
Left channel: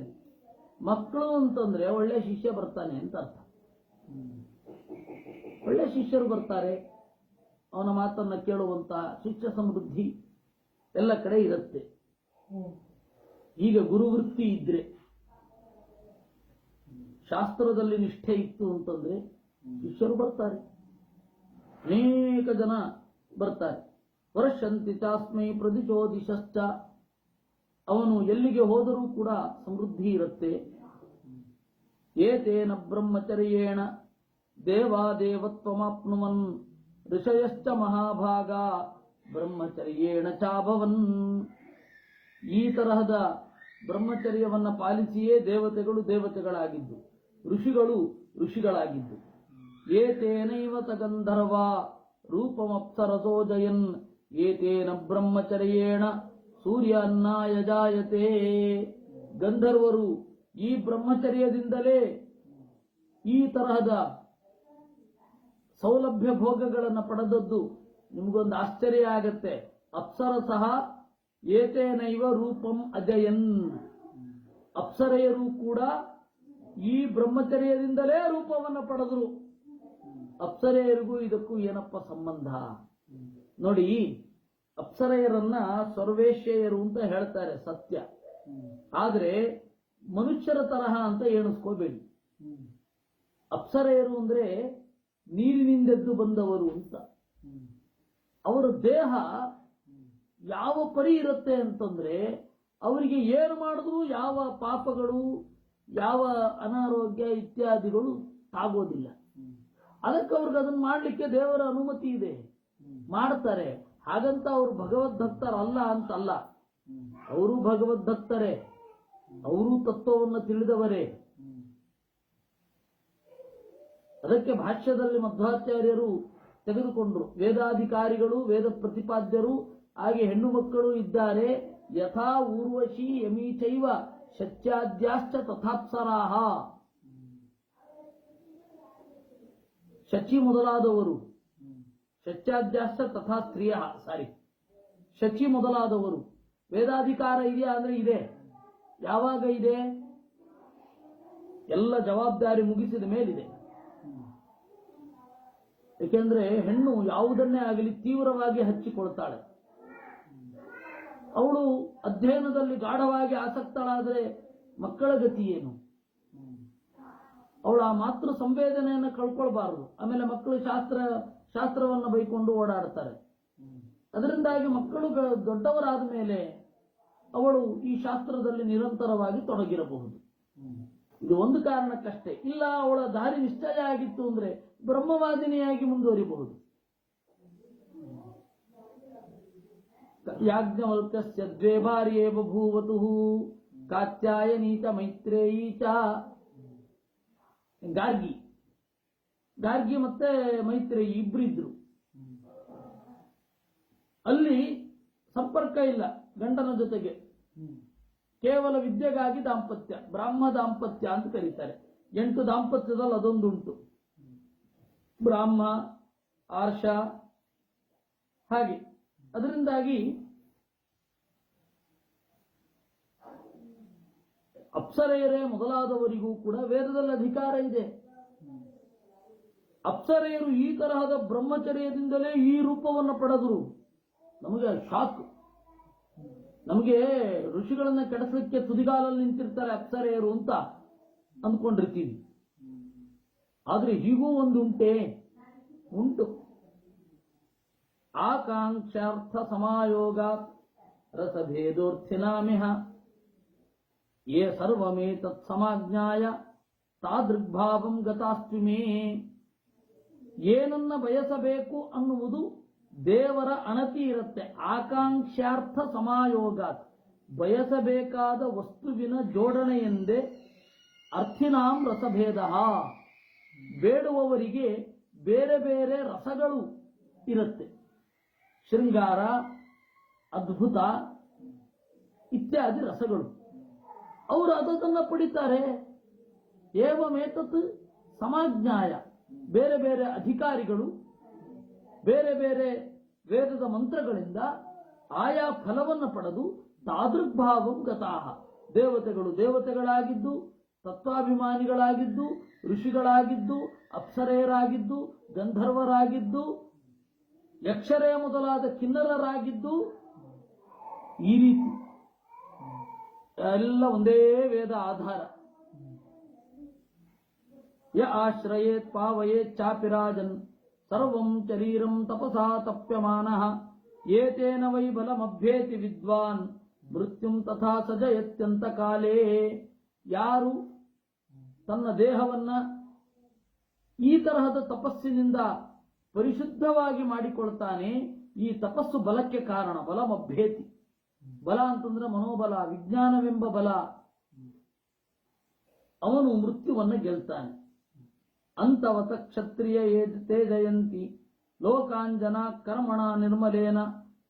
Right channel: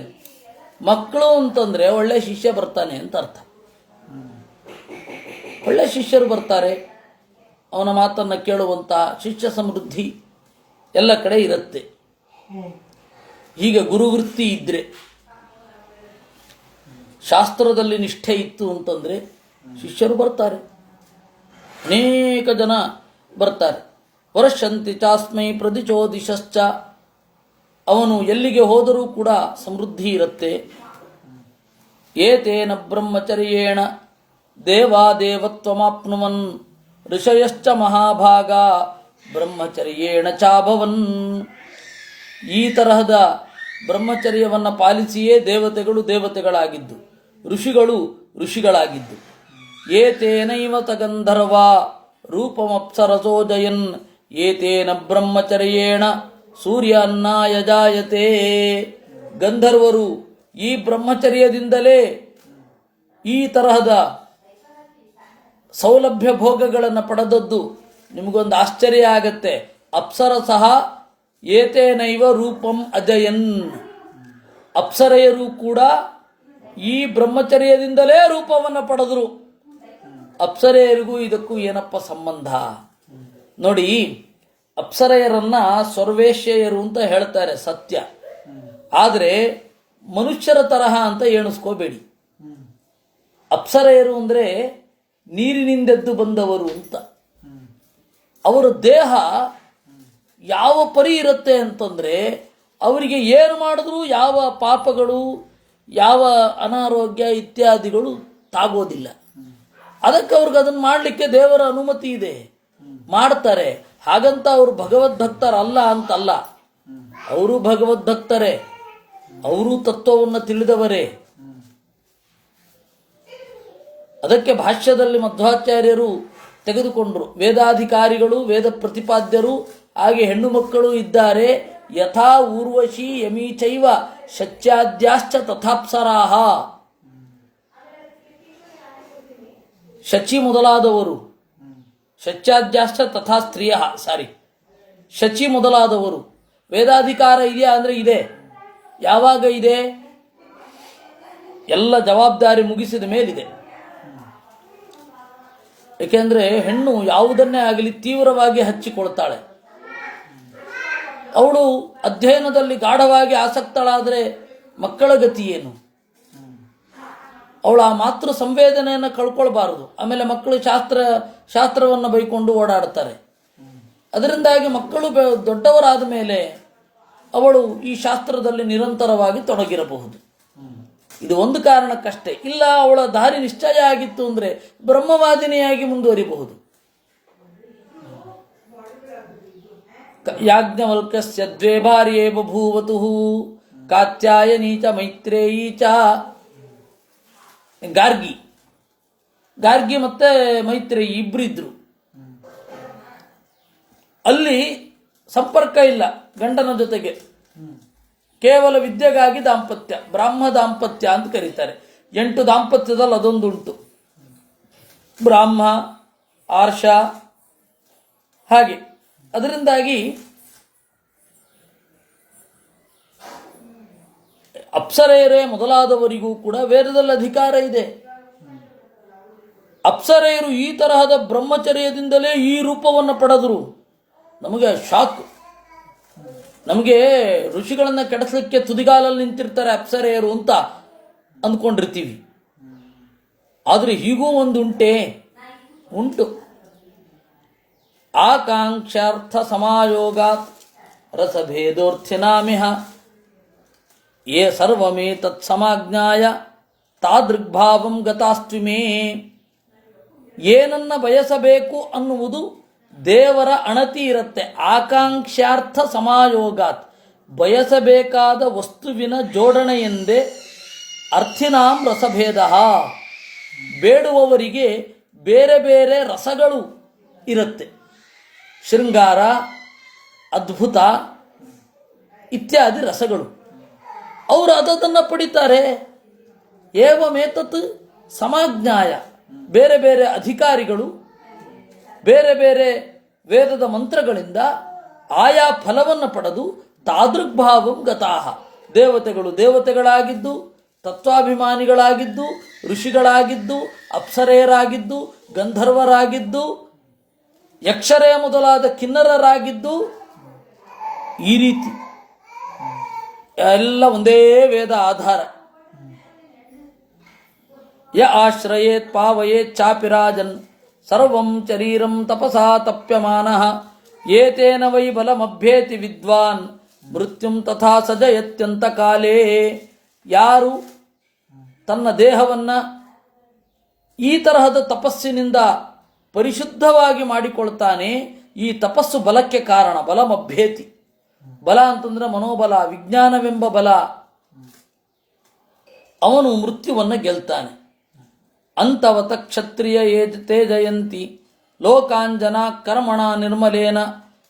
ಮಕ್ಕಳು ಅಂತಂದರೆ ಒಳ್ಳೆ ಶಿಷ್ಯ ಬರ್ತಾನೆ ಅಂತ ಅರ್ಥ. ಒಳ್ಳೆ ಶಿಷ್ಯರು ಬರ್ತಾರೆ, ಅವನ ಮಾತನ್ನು ಕೇಳುವಂಥ ಶಿಷ್ಯ ಸಮೃದ್ಧಿ ಎಲ್ಲ ಕಡೆ ಇರುತ್ತೆ. ಹೀಗೆ ಗುರುವೃತ್ತಿ ಇದ್ದರೆ, ಶಾಸ್ತ್ರದಲ್ಲಿ ನಿಷ್ಠೆ ಇತ್ತು ಅಂತಂದರೆ ಶಿಷ್ಯರು ಬರ್ತಾರೆ, ಅನೇಕ ಜನ ಬರ್ತಾರೆ. ವರ್ಷಂತಿ ಚಾಸ್ಮೈ ಪ್ರದಿಚೋದಿಶಶ್ಚ, ಅವನು ಎಲ್ಲಿಗೆ ಹೋದರೂ ಕೂಡ ಸಮೃದ್ಧಿ ಇರುತ್ತೆ. ಏತೇನ ಬ್ರಹ್ಮಚರ್ಯೇಣ ದೇವಾದೇವತ್ವಮಾಪ್ನುವನ್ ಋಷಯಶ್ಚ ಮಹಾಭಾಗ ಬ್ರಹ್ಮಚರ್ಯೇಣ ಚಾಭವನ್. ಈ ತರಹದ ಬ್ರಹ್ಮಚರ್ಯವನ್ನು ಪಾಲಿಸಿಯೇ ದೇವತೆಗಳು ದೇವತೆಗಳಾಗಿದ್ದು, ಋಷಿಗಳು ಋಷಿಗಳಾಗಿದ್ದು. ಏತೇನೈವ ತಗಂಧರ್ವ ರೂಪಮಪ್ಸರಸೋ ಜಯನ್ ಏತೇನ ಬ್ರಹ್ಮಚರ್ಯೇಣ ಸೂರ್ಯ ಅನ್ನಾಯ ಜಾಯತೆ. ಗಂಧರ್ವರು ಈ ಬ್ರಹ್ಮಚರ್ಯದಿಂದಲೇ ಈ ತರಹದ ಸೌಲಭ್ಯ ಭೋಗಗಳನ್ನು ಪಡೆದದ್ದು. ನಿಮಗೊಂದು ಆಶ್ಚರ್ಯ ಆಗತ್ತೆ. ಅಪ್ಸರಸಃ ಏತೇನೈವ ರೂಪಂ ಅಜಯನ್. ಅಪ್ಸರೆಯರು ಕೂಡ ಈ ಬ್ರಹ್ಮಚರ್ಯದಿಂದಲೇ ರೂಪವನ್ನು ಪಡೆದರು. ಅಪ್ಸರೆಯರಿಗೂ ಇದಕ್ಕೂ ಏನಪ್ಪ ಸಂಬಂಧ ನೋಡಿ. ಅಪ್ಸರೆಯರನ್ನ ಸರ್ವೇಶ್ಯರು ಅಂತ ಹೇಳ್ತಾರೆ, ಸತ್ಯ. ಆದರೆ ಮನುಷ್ಯರ ತರಹ ಅಂತ ಎಣಿಸ್ಕೋಬೇಡಿ. ಅಪ್ಸರೆಯರು ಅಂದರೆ ನೀರಿನಿಂದೆದ್ದು ಬಂದವರು ಅಂತ. ಅವರ ದೇಹ ಯಾವ ಪರಿ ಇರುತ್ತೆ ಅಂತಂದರೆ ಅವರಿಗೆ ಏನು ಮಾಡಿದ್ರೂ ಯಾವ ಪಾಪಗಳು, ಯಾವ ಅನಾರೋಗ್ಯ ಇತ್ಯಾದಿಗಳು ತಾಗೋದಿಲ್ಲ. ಅದಕ್ಕೆ ಅವ್ರಿಗೆ ಅದನ್ನು ಮಾಡಲಿಕ್ಕೆ ದೇವರ ಅನುಮತಿ ಇದೆ, ಮಾಡ್ತಾರೆ. ಹಾಗಂತ ಅವರು ಭಗವದ್ಭಕ್ತರಲ್ಲ ಅಂತಲ್ಲ, ಅವರು ಭಗವದ್ಭಕ್ತರೇ, ಅವರು ತತ್ವವನ್ನು ತಿಳಿದವರೇ. ಅದಕ್ಕೆ ಭಾಷ್ಯದಲ್ಲಿ ಮಧ್ವಾಚಾರ್ಯರು ತೆಗೆದುಕೊಂಡರು. ವೇದಾಧಿಕಾರಿಗಳು, ವೇದ ಪ್ರತಿಪಾದ್ಯರು, ಹಾಗೆ ಹೆಣ್ಣು ಮಕ್ಕಳು ಇದ್ದಾರೆ. ಯಥಾ ಊರ್ವಶಿ ಯಮೀಚೈವ ಶಚ್ಯಾದ್ಯಾಶ್ಚ ತಥಾಪ್ಸರಾಹ. ಶಚಿ ಮೊದಲಾದವರು, ಶಚ್ಯಾದ್ಯಾಶ್ಚ ತಥಾ ಸ್ತ್ರೀಯ, ಶಚಿ ಮೊದಲಾದವರು. ವೇದಾಧಿಕಾರ ಇದೆಯಾ ಅಂದರೆ ಇದೆ. ಯಾವಾಗ ಇದೆ? ಎಲ್ಲ ಜವಾಬ್ದಾರಿ ಮುಗಿಸಿದ ಮೇಲಿದೆ. ಏಕೆಂದರೆ ಹೆಣ್ಣು ಯಾವುದನ್ನೇ ಆಗಲಿ ತೀವ್ರವಾಗಿ ಹಚ್ಚಿಕೊಳ್ತಾಳೆ. ಅವಳು ಅಧ್ಯಯನದಲ್ಲಿ ಗಾಢವಾಗಿ ಆಸಕ್ತಳಾದರೆ ಮಕ್ಕಳ ಗತಿ ಏನು? ಅವಳು ಆ ಮಾತೃ ಸಂವೇದನೆಯನ್ನು ಕಳ್ಕೊಳ್ಬಾರದು. ಆಮೇಲೆ ಮಕ್ಕಳು ಶಾಸ್ತ್ರವನ್ನು ಬೈಕೊಂಡು ಓಡಾಡ್ತಾರೆ. ಅದರಿಂದಾಗಿ ಮಕ್ಕಳು ದೊಡ್ಡವರಾದ ಮೇಲೆ ಅವಳು ಈ ಶಾಸ್ತ್ರದಲ್ಲಿ ನಿರಂತರವಾಗಿ ತೊಡಗಿರಬಹುದು. ಇದು ಒಂದು ಕಾರಣಕ್ಕಷ್ಟೇ. ಇಲ್ಲ ಅವಳ ದಾರಿ ನಿಶ್ಚಯ ಆಗಿತ್ತು ಅಂದರೆ ಬ್ರಹ್ಮವಾದಿನಿಯಾಗಿ ಮುಂದುವರಿಬಹುದು. ಯಾಜ್ಞವಲ್ಕ್ಯಸ್ಯ ದ್ವೇ ಭಾರ್ಯೇ ಬಭೂವತು ಕಾತ್ಯಾಯನೀ ಚ ಮೈತ್ರೇಯೀ ಚ. ಗಾರ್ಗಿ ಮತ್ತೆ ಮೈತ್ರೇಯಿ ಇಬ್ಬರಿದ್ರು. ಅಲ್ಲಿ ಸಂಪರ್ಕ ಇಲ್ಲ ಗಂಡನ ಜೊತೆಗೆ, ಕೇವಲ ವಿದ್ಯೆಗಾಗಿ ದಾಂಪತ್ಯ, ಬ್ರಾಹ್ಮ ದಾಂಪತ್ಯ ಅಂತ ಕರೀತಾರೆ. 8 ದಾಂಪತ್ಯದಲ್ಲಿ ಅದೊಂದುಂಟು. ಬ್ರಾಹ್ಮ, ಆರ್ಷ, ಹಾಗೆ. ಅದರಿಂದಾಗಿ ಅಪ್ಸರೆಯರೇ ಮೊದಲಾದವರಿಗೂ ಕೂಡ ವೇದದಲ್ಲಿ ಅಧಿಕಾರ ಇದೆ. ಅಪ್ಸರೆಯರು ಈ ತರಹದ ಬ್ರಹ್ಮಚರ್ಯದಿಂದಲೇ ಈ ರೂಪವನ್ನು ಪಡೆದರು. ನಮಗೆ ಶಾಕ್. ನಮಗೆ ಋಷಿಗಳನ್ನು ಕೆಡಿಸಲಿಕ್ಕೆ ತುದಿಗಾಲಲ್ಲಿ ನಿಂತಿರ್ತಾರೆ ಅಪ್ಸರೆಯರು ಅಂತ ಅಂದ್ಕೊಂಡಿರ್ತೀವಿ. ಆದರೆ ಹೀಗೂ ಒಂದು ಉಂಟು. ಆಕಾಂಕ್ಷಾರ್ಥ ಸಮಾಯೋಗಾತ್ ರಸಭೇದೋರ್ಥಿನಾಮಿಹ ಯೇ ಸರ್ವಮೇ ತತ್ಸಮಾಜ್ಞಾಯ ತಾದೃಗ್ಭಾವಂ ಗತಾಸ್ತ್ವಿಮೇ. ಏನನ್ನ ಬಯಸಬೇಕು ಅನ್ನುವುದು ದೇವರ ಅಣತಿ ಇರುತ್ತೆ. ಆಕಾಂಕ್ಷಾರ್ಥ ಸಮಾಯೋಗಾತ್, ಬಯಸಬೇಕಾದ ವಸ್ತುವಿನ ಜೋಡಣೆಯೆಂದೇ ಅರ್ಥಿನಾಂ ರಸಭೇದ. ಬೇಡುವವರಿಗೆ ಬೇರೆ ಬೇರೆ ರಸಗಳು ಇರುತ್ತೆ. ಶೃಂಗಾರ, ಅದ್ಭುತ ಇತ್ಯಾದಿ ರಸಗಳು. ಅವರು ಅದನ್ನು ಪಡಿತಾರೆ. ಏವಮೇತತ್ ಸಮಾಜ್ಞಾಯ, ಬೇರೆ ಬೇರೆ ಅಧಿಕಾರಿಗಳು ಬೇರೆ ಬೇರೆ ವೇದದ ಮಂತ್ರಗಳಿಂದ ಆಯಾ ಫಲವನ್ನು ಪಡೆದು ತಾದೃಗ್ಭಾವಂ ಗತಾಹ. ದೇವತೆಗಳು ದೇವತೆಗಳಾಗಿದ್ದು, ತತ್ವಾಭಿಮಾನಿಗಳಾಗಿದ್ದು, ಋಷಿಗಳಾಗಿದ್ದು, ಅಪ್ಸರೆಯರಾಗಿದ್ದು, ಗಂಧರ್ವರಾಗಿದ್ದು, ಯಕ್ಷರೆಯ ಮೊದಲಾದ ಕಿನ್ನರರಾಗಿದ್ದು, ಈ ರೀತಿ ಎಲ್ಲ ಒಂದೇ ವೇದ ಆಧಾರ. ಯ ಆಶ್ರಯೇತ್ ಪಾವಯೇತ್ ಚಾಪಿರಾಜನ್ ಸರ್ವಂ ಶರೀರಂ ತಪಸಾ ತಪ್ಯಮಾನಃ ಏತೇನ ವೈ ಬಲಮಭ್ಯೇತಿ ವಿದ್ವಾನ್ ಮೃತ್ಯುಂ ತಥಾ ಸಜಯತ್ಯಂತ ಕಾಲೇ. ಯಾರು ತನ್ನ ದೇಹವನ್ನು ಈ ತರಹದ ತಪಸ್ಸಿನಿಂದ ಪರಿಶುದ್ಧವಾಗಿ ಮಾಡಿಕೊಳ್ತಾನೆ, ಈ ತಪಸ್ಸು ಬಲಕ್ಕೆ ಕಾರಣ. ಬಲಮಭ್ಯೇತಿ, ಬಲ ಅಂತಂದ್ರೆ ಮನೋಬಲ, ವಿಜ್ಞಾನವೆಂಬ ಬಲ. ಅವನು ಮೃತ್ಯುವನ್ನು ಗೆಲ್ತಾನೆ. ಅಂತವತ ಕ್ಷತ್ರಿಯ ತೇ ಜಯಂತಿ ಲೋಕಾಂಜನ ಕರ್ಮಣ ನಿರ್ಮಲೇನ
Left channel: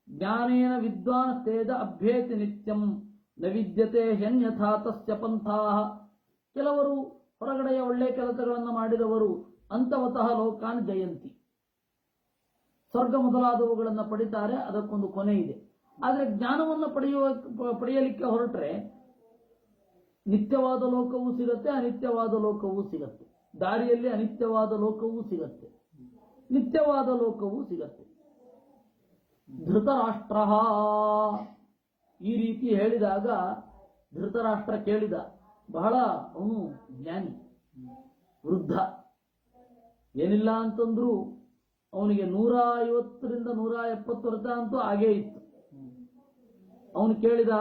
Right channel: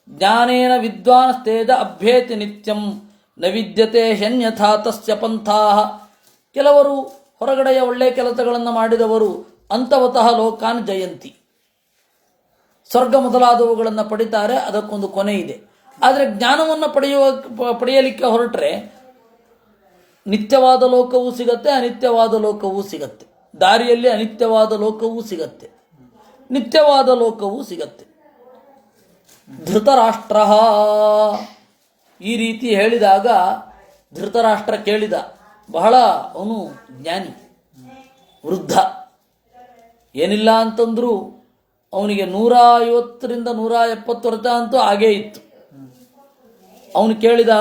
ಜ್ಞಾನೇನ ವಿದ್ವಾಂಸ್ತೇಜ ಅಭ್ಯೇತಿ ನಿತ್ಯಂ ನ ವಿದ್ಯತೆ ಶನ್ಯಥಾ ತಸ್ಯ ಪಂಥಾಃ. ಕೆಲವರು ಹೊರಗಡೆಯ ಒಳ್ಳೆಯ ಕೆಲಸಗಳನ್ನು ಮಾಡಿದವರು ಅಂತವತಃ ಲೋಕಾನ್ ಜಯಂತಿ, ಸ್ವರ್ಗ ಮೊದಲಾದವುಗಳನ್ನು ಪಡಿತಾರೆ, ಅದಕ್ಕೊಂದು ಕೊನೆ ಇದೆ. ಆದರೆ ಜ್ಞಾನವನ್ನು ಪಡೆಯಲಿಕ್ಕೆ ಹೊರಟ್ರೆ ನಿತ್ಯವಾದ ಲೋಕವೂ ಸಿಗತ್ತೆ, ಅನಿತ್ಯವಾದ ಲೋಕವೂ ಸಿಗತ್ತೆ. ದಾರಿಯಲ್ಲಿ ಅನಿತ್ಯವಾದ ಲೋಕವೂ ಸಿಗತ್ತೆ, ನಿತ್ಯವಾದ ಲೋಕವೂ ಸಿಗತ್ತೆ. ಧೃತರಾಷ್ಟ್ರ ಈ ರೀತಿ ಹೇಳಿದಾಗ ಧೃತರಾಷ್ಟ್ರ ಕೇಳಿದ. ಬಹಳ ಅವನು ಜ್ಞಾನಿ, ವೃದ್ಧ, ಏನಿಲ್ಲ ಅಂತಂದ್ರೂ ಅವನಿಗೆ 150ರಿಂದ 170 ವರ್ಷ ಅಂತೂ ಆಗೇ ಇತ್ತು. ಅವನು ಕೇಳಿದ,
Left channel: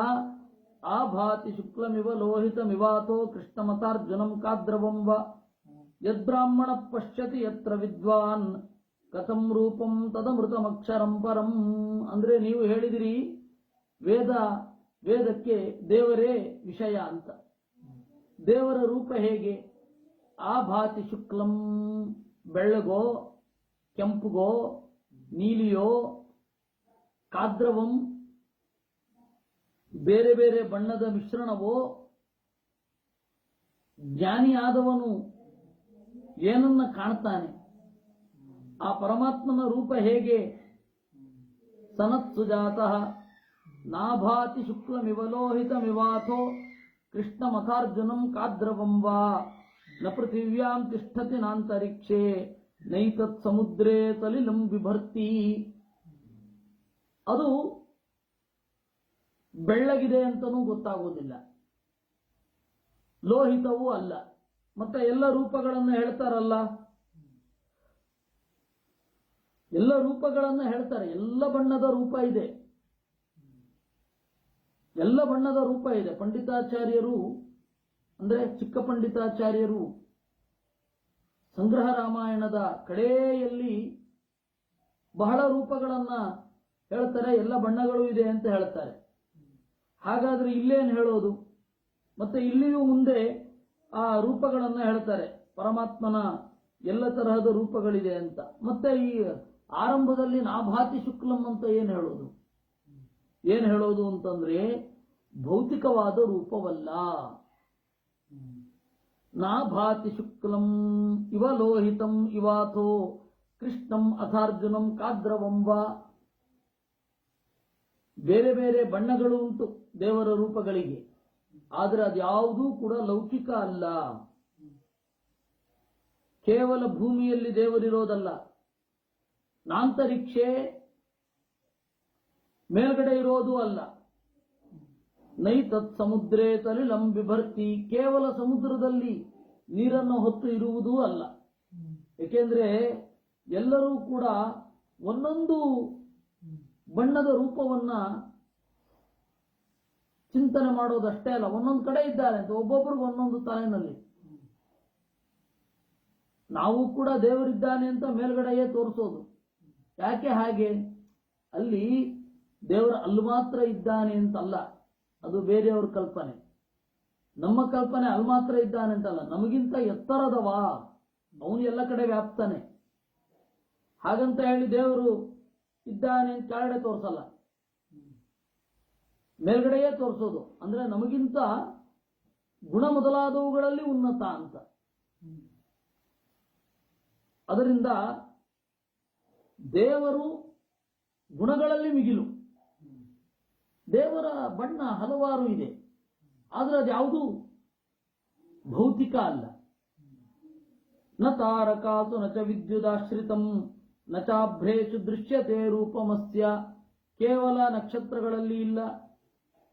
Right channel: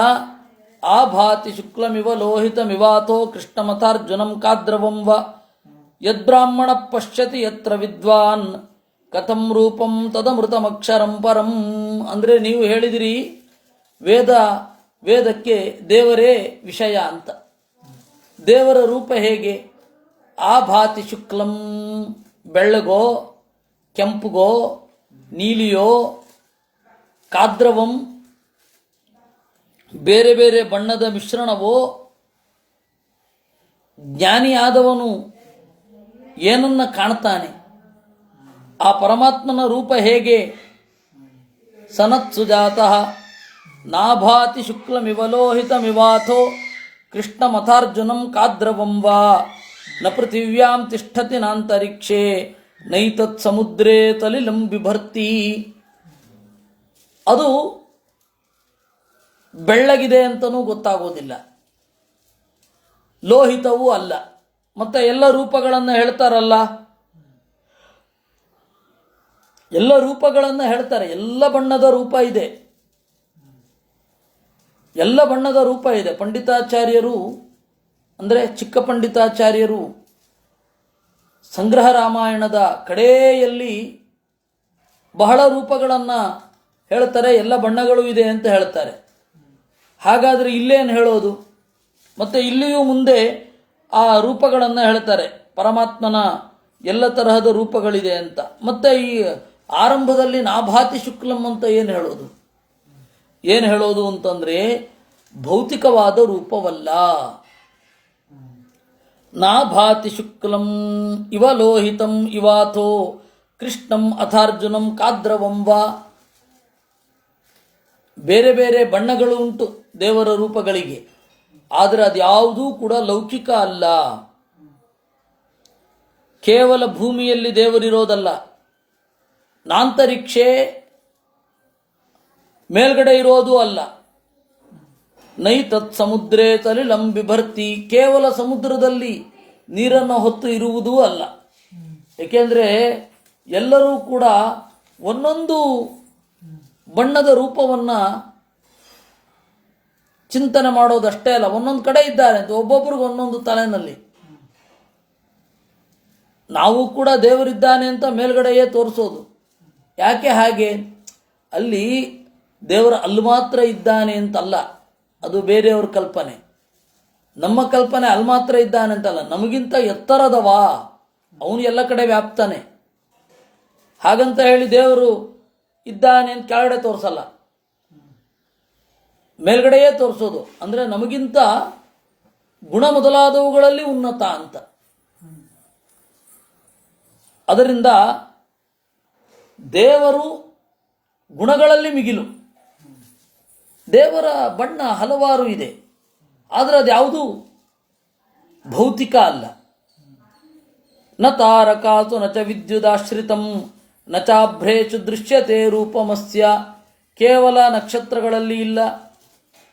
ಆ ಭಾತಿ ಶುಕ್ಲಮಿವ ಲೋಹಿತಮಿವಾಥೋ ಕೃಷ್ಣಮಥಾರ್ಜುನಂ ಕಾದ್ರವಂ ವ ಯದ್ಬ್ರಾಹ್ಮಣ ಪಶ್ಯತಿ ಯತ್ರ ವಿದ್ವಾನ್ ಕಥಂ ರೂಪಂ ತದಮೃತಮಕ್ಷರಂ ಪರಂ. ಅಂದರೆ ನೀವು ಹೇಳಿದಿರಿ ವೇದಕ್ಕೆ ದೇವರೇ ವಿಷಯ ಅಂತ. ದೇವರ ರೂಪ ಹೇಗೆ? ಆ ಭಾತಿ ಶುಕ್ಲಂ, ಬೆಳ್ಳಗೋ ಕೆಂಪುಗೋ ನೀಲಿಯೋ, ಕಾದ್ರವಂ ಬೇರೆ ಬೇರೆ ಬಣ್ಣದ ಮಿಶ್ರಣವೋ. ಜ್ಞಾನಿಯಾದವನು ಏನನ್ನ ಕಾಣ್ತಾನೆ? ಆ ಪರಮಾತ್ಮನ ರೂಪ ಹೇಗೆ? ಸನತ್ಸುಜಾತಃ ನಾಭಾತಿ ಶುಕ್ಲಮಿವಲೋಹಿತಮಿವಾಥೋ ಕೃಷ್ಣಮಥಾರ್ಜುನಂ ಕಾದ್ರವಂ ವಾ ನ ಪೃಥಿವ್ಯಾಂ ತಿಷ್ಠತಿ ನಾಂತರಿಕ್ಷೇ ನೈತತ್ ಸಮುದ್ರೇ ತಲಿಲಂ ಬಿಭರ್ತಿ. ಅದು ಬೆಳ್ಳಗಿದೆ ಅಂತನೂ ಗೊತ್ತಾಗೋದಿಲ್ಲ, ಲೋಹಿತವೂ ಅಲ್ಲ. ಮತ್ತೆ ಎಲ್ಲ ರೂಪಗಳನ್ನು ಹೇಳ್ತಾರಲ್ಲ, ಎಲ್ಲ ರೂಪಗಳನ್ನು ಹೇಳ್ತಾರೆ. ಎಲ್ಲ ಬಣ್ಣದ ರೂಪ ಇದೆ, ಎಲ್ಲ ಬಣ್ಣದ ರೂಪ ಇದೆ. ಪಂಡಿತಾಚಾರ್ಯರು ಅಂದರೆ ಚಿಕ್ಕ ಪಂಡಿತಾಚಾರ್ಯರು ಸಂಗ್ರಹ ರಾಮಾಯಣದ ಕಡೆಯಲ್ಲಿ ಬಹಳ ರೂಪಗಳನ್ನು ಹೇಳ್ತಾರೆ, ಎಲ್ಲ ಬಣ್ಣಗಳು ಇದೆ ಅಂತ ಹೇಳ್ತಾರೆ. ಹಾಗಾದರೆ ಇಲ್ಲೇನು ಹೇಳೋದು? ಮತ್ತು ಇಲ್ಲಿಯೂ ಮುಂದೆ ಆ ರೂಪಗಳನ್ನು ಹೇಳ್ತಾರೆ, ಪರಮಾತ್ಮನ ಎಲ್ಲ ತರಹದ ರೂಪಗಳಿದೆ ಅಂತ. ಮತ್ತು ಈ ಆರಂಭದಲ್ಲಿ ನಾಭಾತಿ ಶುಕ್ಲಂ ಅಂತ ಏನು ಹೇಳೋದು? ಏನು ಹೇಳೋದು ಅಂತಂದರೆ ಭೌತಿಕವಾದ ರೂಪವಲ್ಲ. ನಾಭಾತಿ ಶುಕ್ಲಂ ಇವ ಲೋಹಿತಂ ಇವಾಥೋ ಕೃಷ್ಣಂ ಅಥಾರ್ಜುನಂ ಕಾದ್ರವಂ ವಾ. ಬೇರೆ ಬೇರೆ ಬಣ್ಣಗಳು ಉಂಟು ದೇವರ ರೂಪಗಳಿಗೆ, ಆದರೆ ಅದ್ಯಾವುದೂ ಕೂಡ ಲೌಕಿಕ ಅಲ್ಲ. ಕೇವಲ ಭೂಮಿಯಲ್ಲಿ ದೇವರಿರೋದಲ್ಲ, ನಾಂತರಿಕ್ಷೆ ಮೇಲ್ಗಡೆ ಇರೋದು ಅಲ್ಲ. ನೈತತ್ ಸಮುದ್ರೇ ತಲಿಲಂ ಬಿಭರ್ತಿ, ಕೇವಲ ಸಮುದ್ರದಲ್ಲಿ ನೀರನ್ನು ಹೊತ್ತು ಇರುವುದೂ ಅಲ್ಲ. ಏಕೆಂದರೆ ಎಲ್ಲರೂ ಕೂಡ ಒಂದೊಂದು ಬಣ್ಣದ ರೂಪವನ್ನು ಚಿಂತನೆ ಮಾಡೋದಷ್ಟೇ ಅಲ್ಲ, ಒಂದೊಂದು ಕಡೆ ಇದ್ದಾರೆ ಅಂತ, ಒಬ್ಬೊಬ್ಬರಿಗೆ ಒಂದೊಂದು ತಲೆನಲ್ಲಿ. ನಾವು ಕೂಡ ದೇವರಿದ್ದಾನೆ ಅಂತ ಮೇಲ್ಗಡೆಯೇ ತೋರಿಸೋದು. ಯಾಕೆ ಹಾಗೆ? ಅಲ್ಲಿ ದೇವರ ಅಲ್ಲಿ ಮಾತ್ರ ಇದ್ದಾನೆ ಅಂತಲ್ಲ, ಅದು ಬೇರೆಯವ್ರ ಕಲ್ಪನೆ. ನಮ್ಮ ಕಲ್ಪನೆ ಅಲ್ಲಿ ಮಾತ್ರ ಇದ್ದಾನೆ ಅಂತಲ್ಲ, ನಮಗಿಂತ ಎತ್ತರದವಾ ಅವನು ಎಲ್ಲ ಕಡೆ ವ್ಯಾಪ್ತಾನೆ. ಹಾಗಂತ ಹೇಳಿ ದೇವರು ಇದ್ದಾನೆ ಅಂತ ಕೆಳಗಡೆ ತೋರಿಸಲ್ಲ, ಮೇಲ್ಗಡೆಯೇ ತೋರಿಸೋದು. ಅಂದರೆ ನಮಗಿಂತ ಗುಣ ಮೊದಲಾದವುಗಳಲ್ಲಿ ಉನ್ನತ ಅಂತ. ಅದರಿಂದ ದೇವರು ಗುಣಗಳಲ್ಲಿ ಮಿಗಿಲು. ದೇವರ ಬಣ್ಣ ಹಲವಾರು ಇದೆ, ಆದರೆ ಅದ್ಯಾವುದು ಭೌತಿಕ ಅಲ್ಲ. ನ ತಾರಕಾಸು ನ ಚ ವಿದ್ಯುದಾಶ್ರಿತಂ ನ ಚಾಭ್ರೇಷು ದೃಶ್ಯತೆ ರೂಪಮಸ್ಯ. ಕೇವಲ ನಕ್ಷತ್ರಗಳಲ್ಲಿ ಇಲ್ಲ,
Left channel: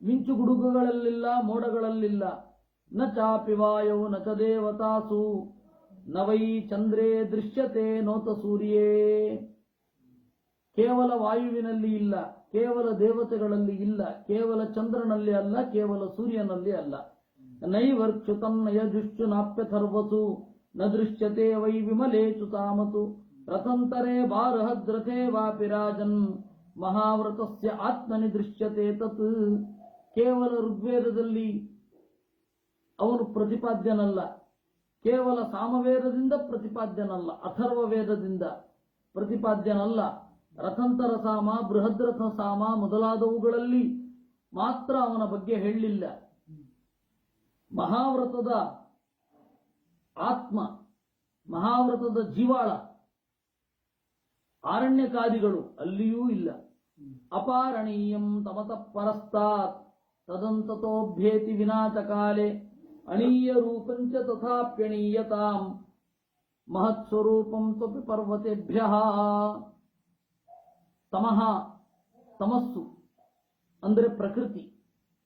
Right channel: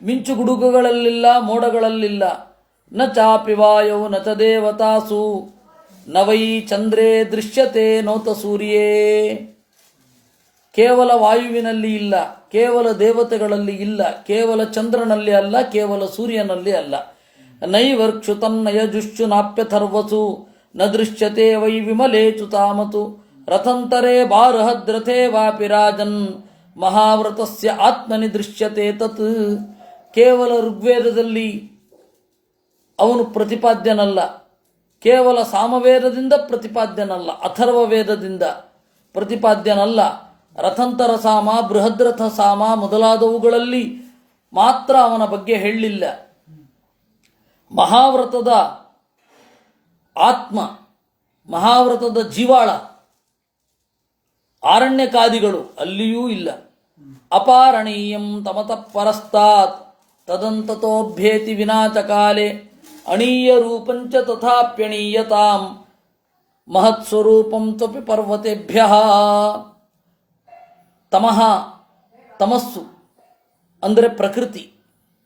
ಮಿಂಚುಗುಡುಗುಗಳಲ್ಲಿಲ್ಲ, ಮೋಡಗಳಲ್ಲಿಲ್ಲ. ನ ಚಾಪಿ ವಾಯೌ ನ ಚ ದೇವತಾಸು ನ ವೈ ಚಂದ್ರೇ ದೃಶ್ಯತೆ ನೋತ ಸೂರ್ಯೇ. ಕೇವಲ ವಾಯುವಿನಲ್ಲಿ ಇಲ್ಲ, ಕೇವಲ ದೇವತೆಗಳಲ್ಲಿ ಇಲ್ಲ, ಕೇವಲ ಚಂದ್ರನಲ್ಲಿ ಅಲ್ಲ, ಕೇವಲ ಸೂರ್ಯನಲ್ಲಿ ಅಲ್ಲ. ನೈವರ್ಕ್ಷುತನ್ನಯಜುಶ್ಚು ನಾಪ್ಯಥರ್ವಸು ನ ದೃಶ್ಯತೆ ವೈ ವಿಮಲೇಚು ತಾಮತು ರಥಂತರೇ ಬಾರಹದ್ರಥೇ ವಾಪಿ ರಾಜನ್ ಮಹಾವ್ರತಸ್ಯ ಆತ್ಮನಿ ದೃಶ್ಯತೆ ತತ್. ಕೇವಲ ಋಗ್ವೇದದಲ್ಲಿ ಅವನು ಪ್ರತಿಪಾದ್ಯನಲ್ಲ, ಕೇವಲ ಸಾಮವೇದದಿಂದ ಪ್ರತಿಪಾದ್ಯನಲ್ಲ, ಅಥರ್ವ ವೇದದಿಂದ ಪ್ರತಿಪಾದ್ಯನಲ್ಲ. ರಥಂತರ ಸಾಮ, ಬೃಹದ್ರಥ ಸಾಮ ಮೊದಲಾದವುಗಳಲ್ಲಿ ಮಾತ್ರ ಅವನ ಬಗ್ಗೆ ಹೇಳಲಿಲ್ಲ. ಮಹಾವ್ರತದ ಆತ್ಮ, ಮಹಾವ್ರತದ ಜೀವಾಳ, ಆರಣ್ಯಕಾದಿಗಳು ಅಲ್ಲಿಯೂ ಇಲ್ಲ. ಅಪಾರಣೀಯಂ ತಮತಃ ಪರಸ್ತಾತ್ ತದಂತತೋಭ್ಯೇತಿ ವಿನಾಚಕಾಲೆ ಅಣೀಯ ರೂಪಂಚ ತಥಾಪ್ಯಣೀಯತಾಂ ಮಹತ್ಸ್ವರೂಪಂ ತ್ವಪಿ ಪರ್ವತೆಭ್ಯ. ತಮಃ, ತಮಸ್ಸು ಅಂದರೆ ಪ್ರಕೃತಿ,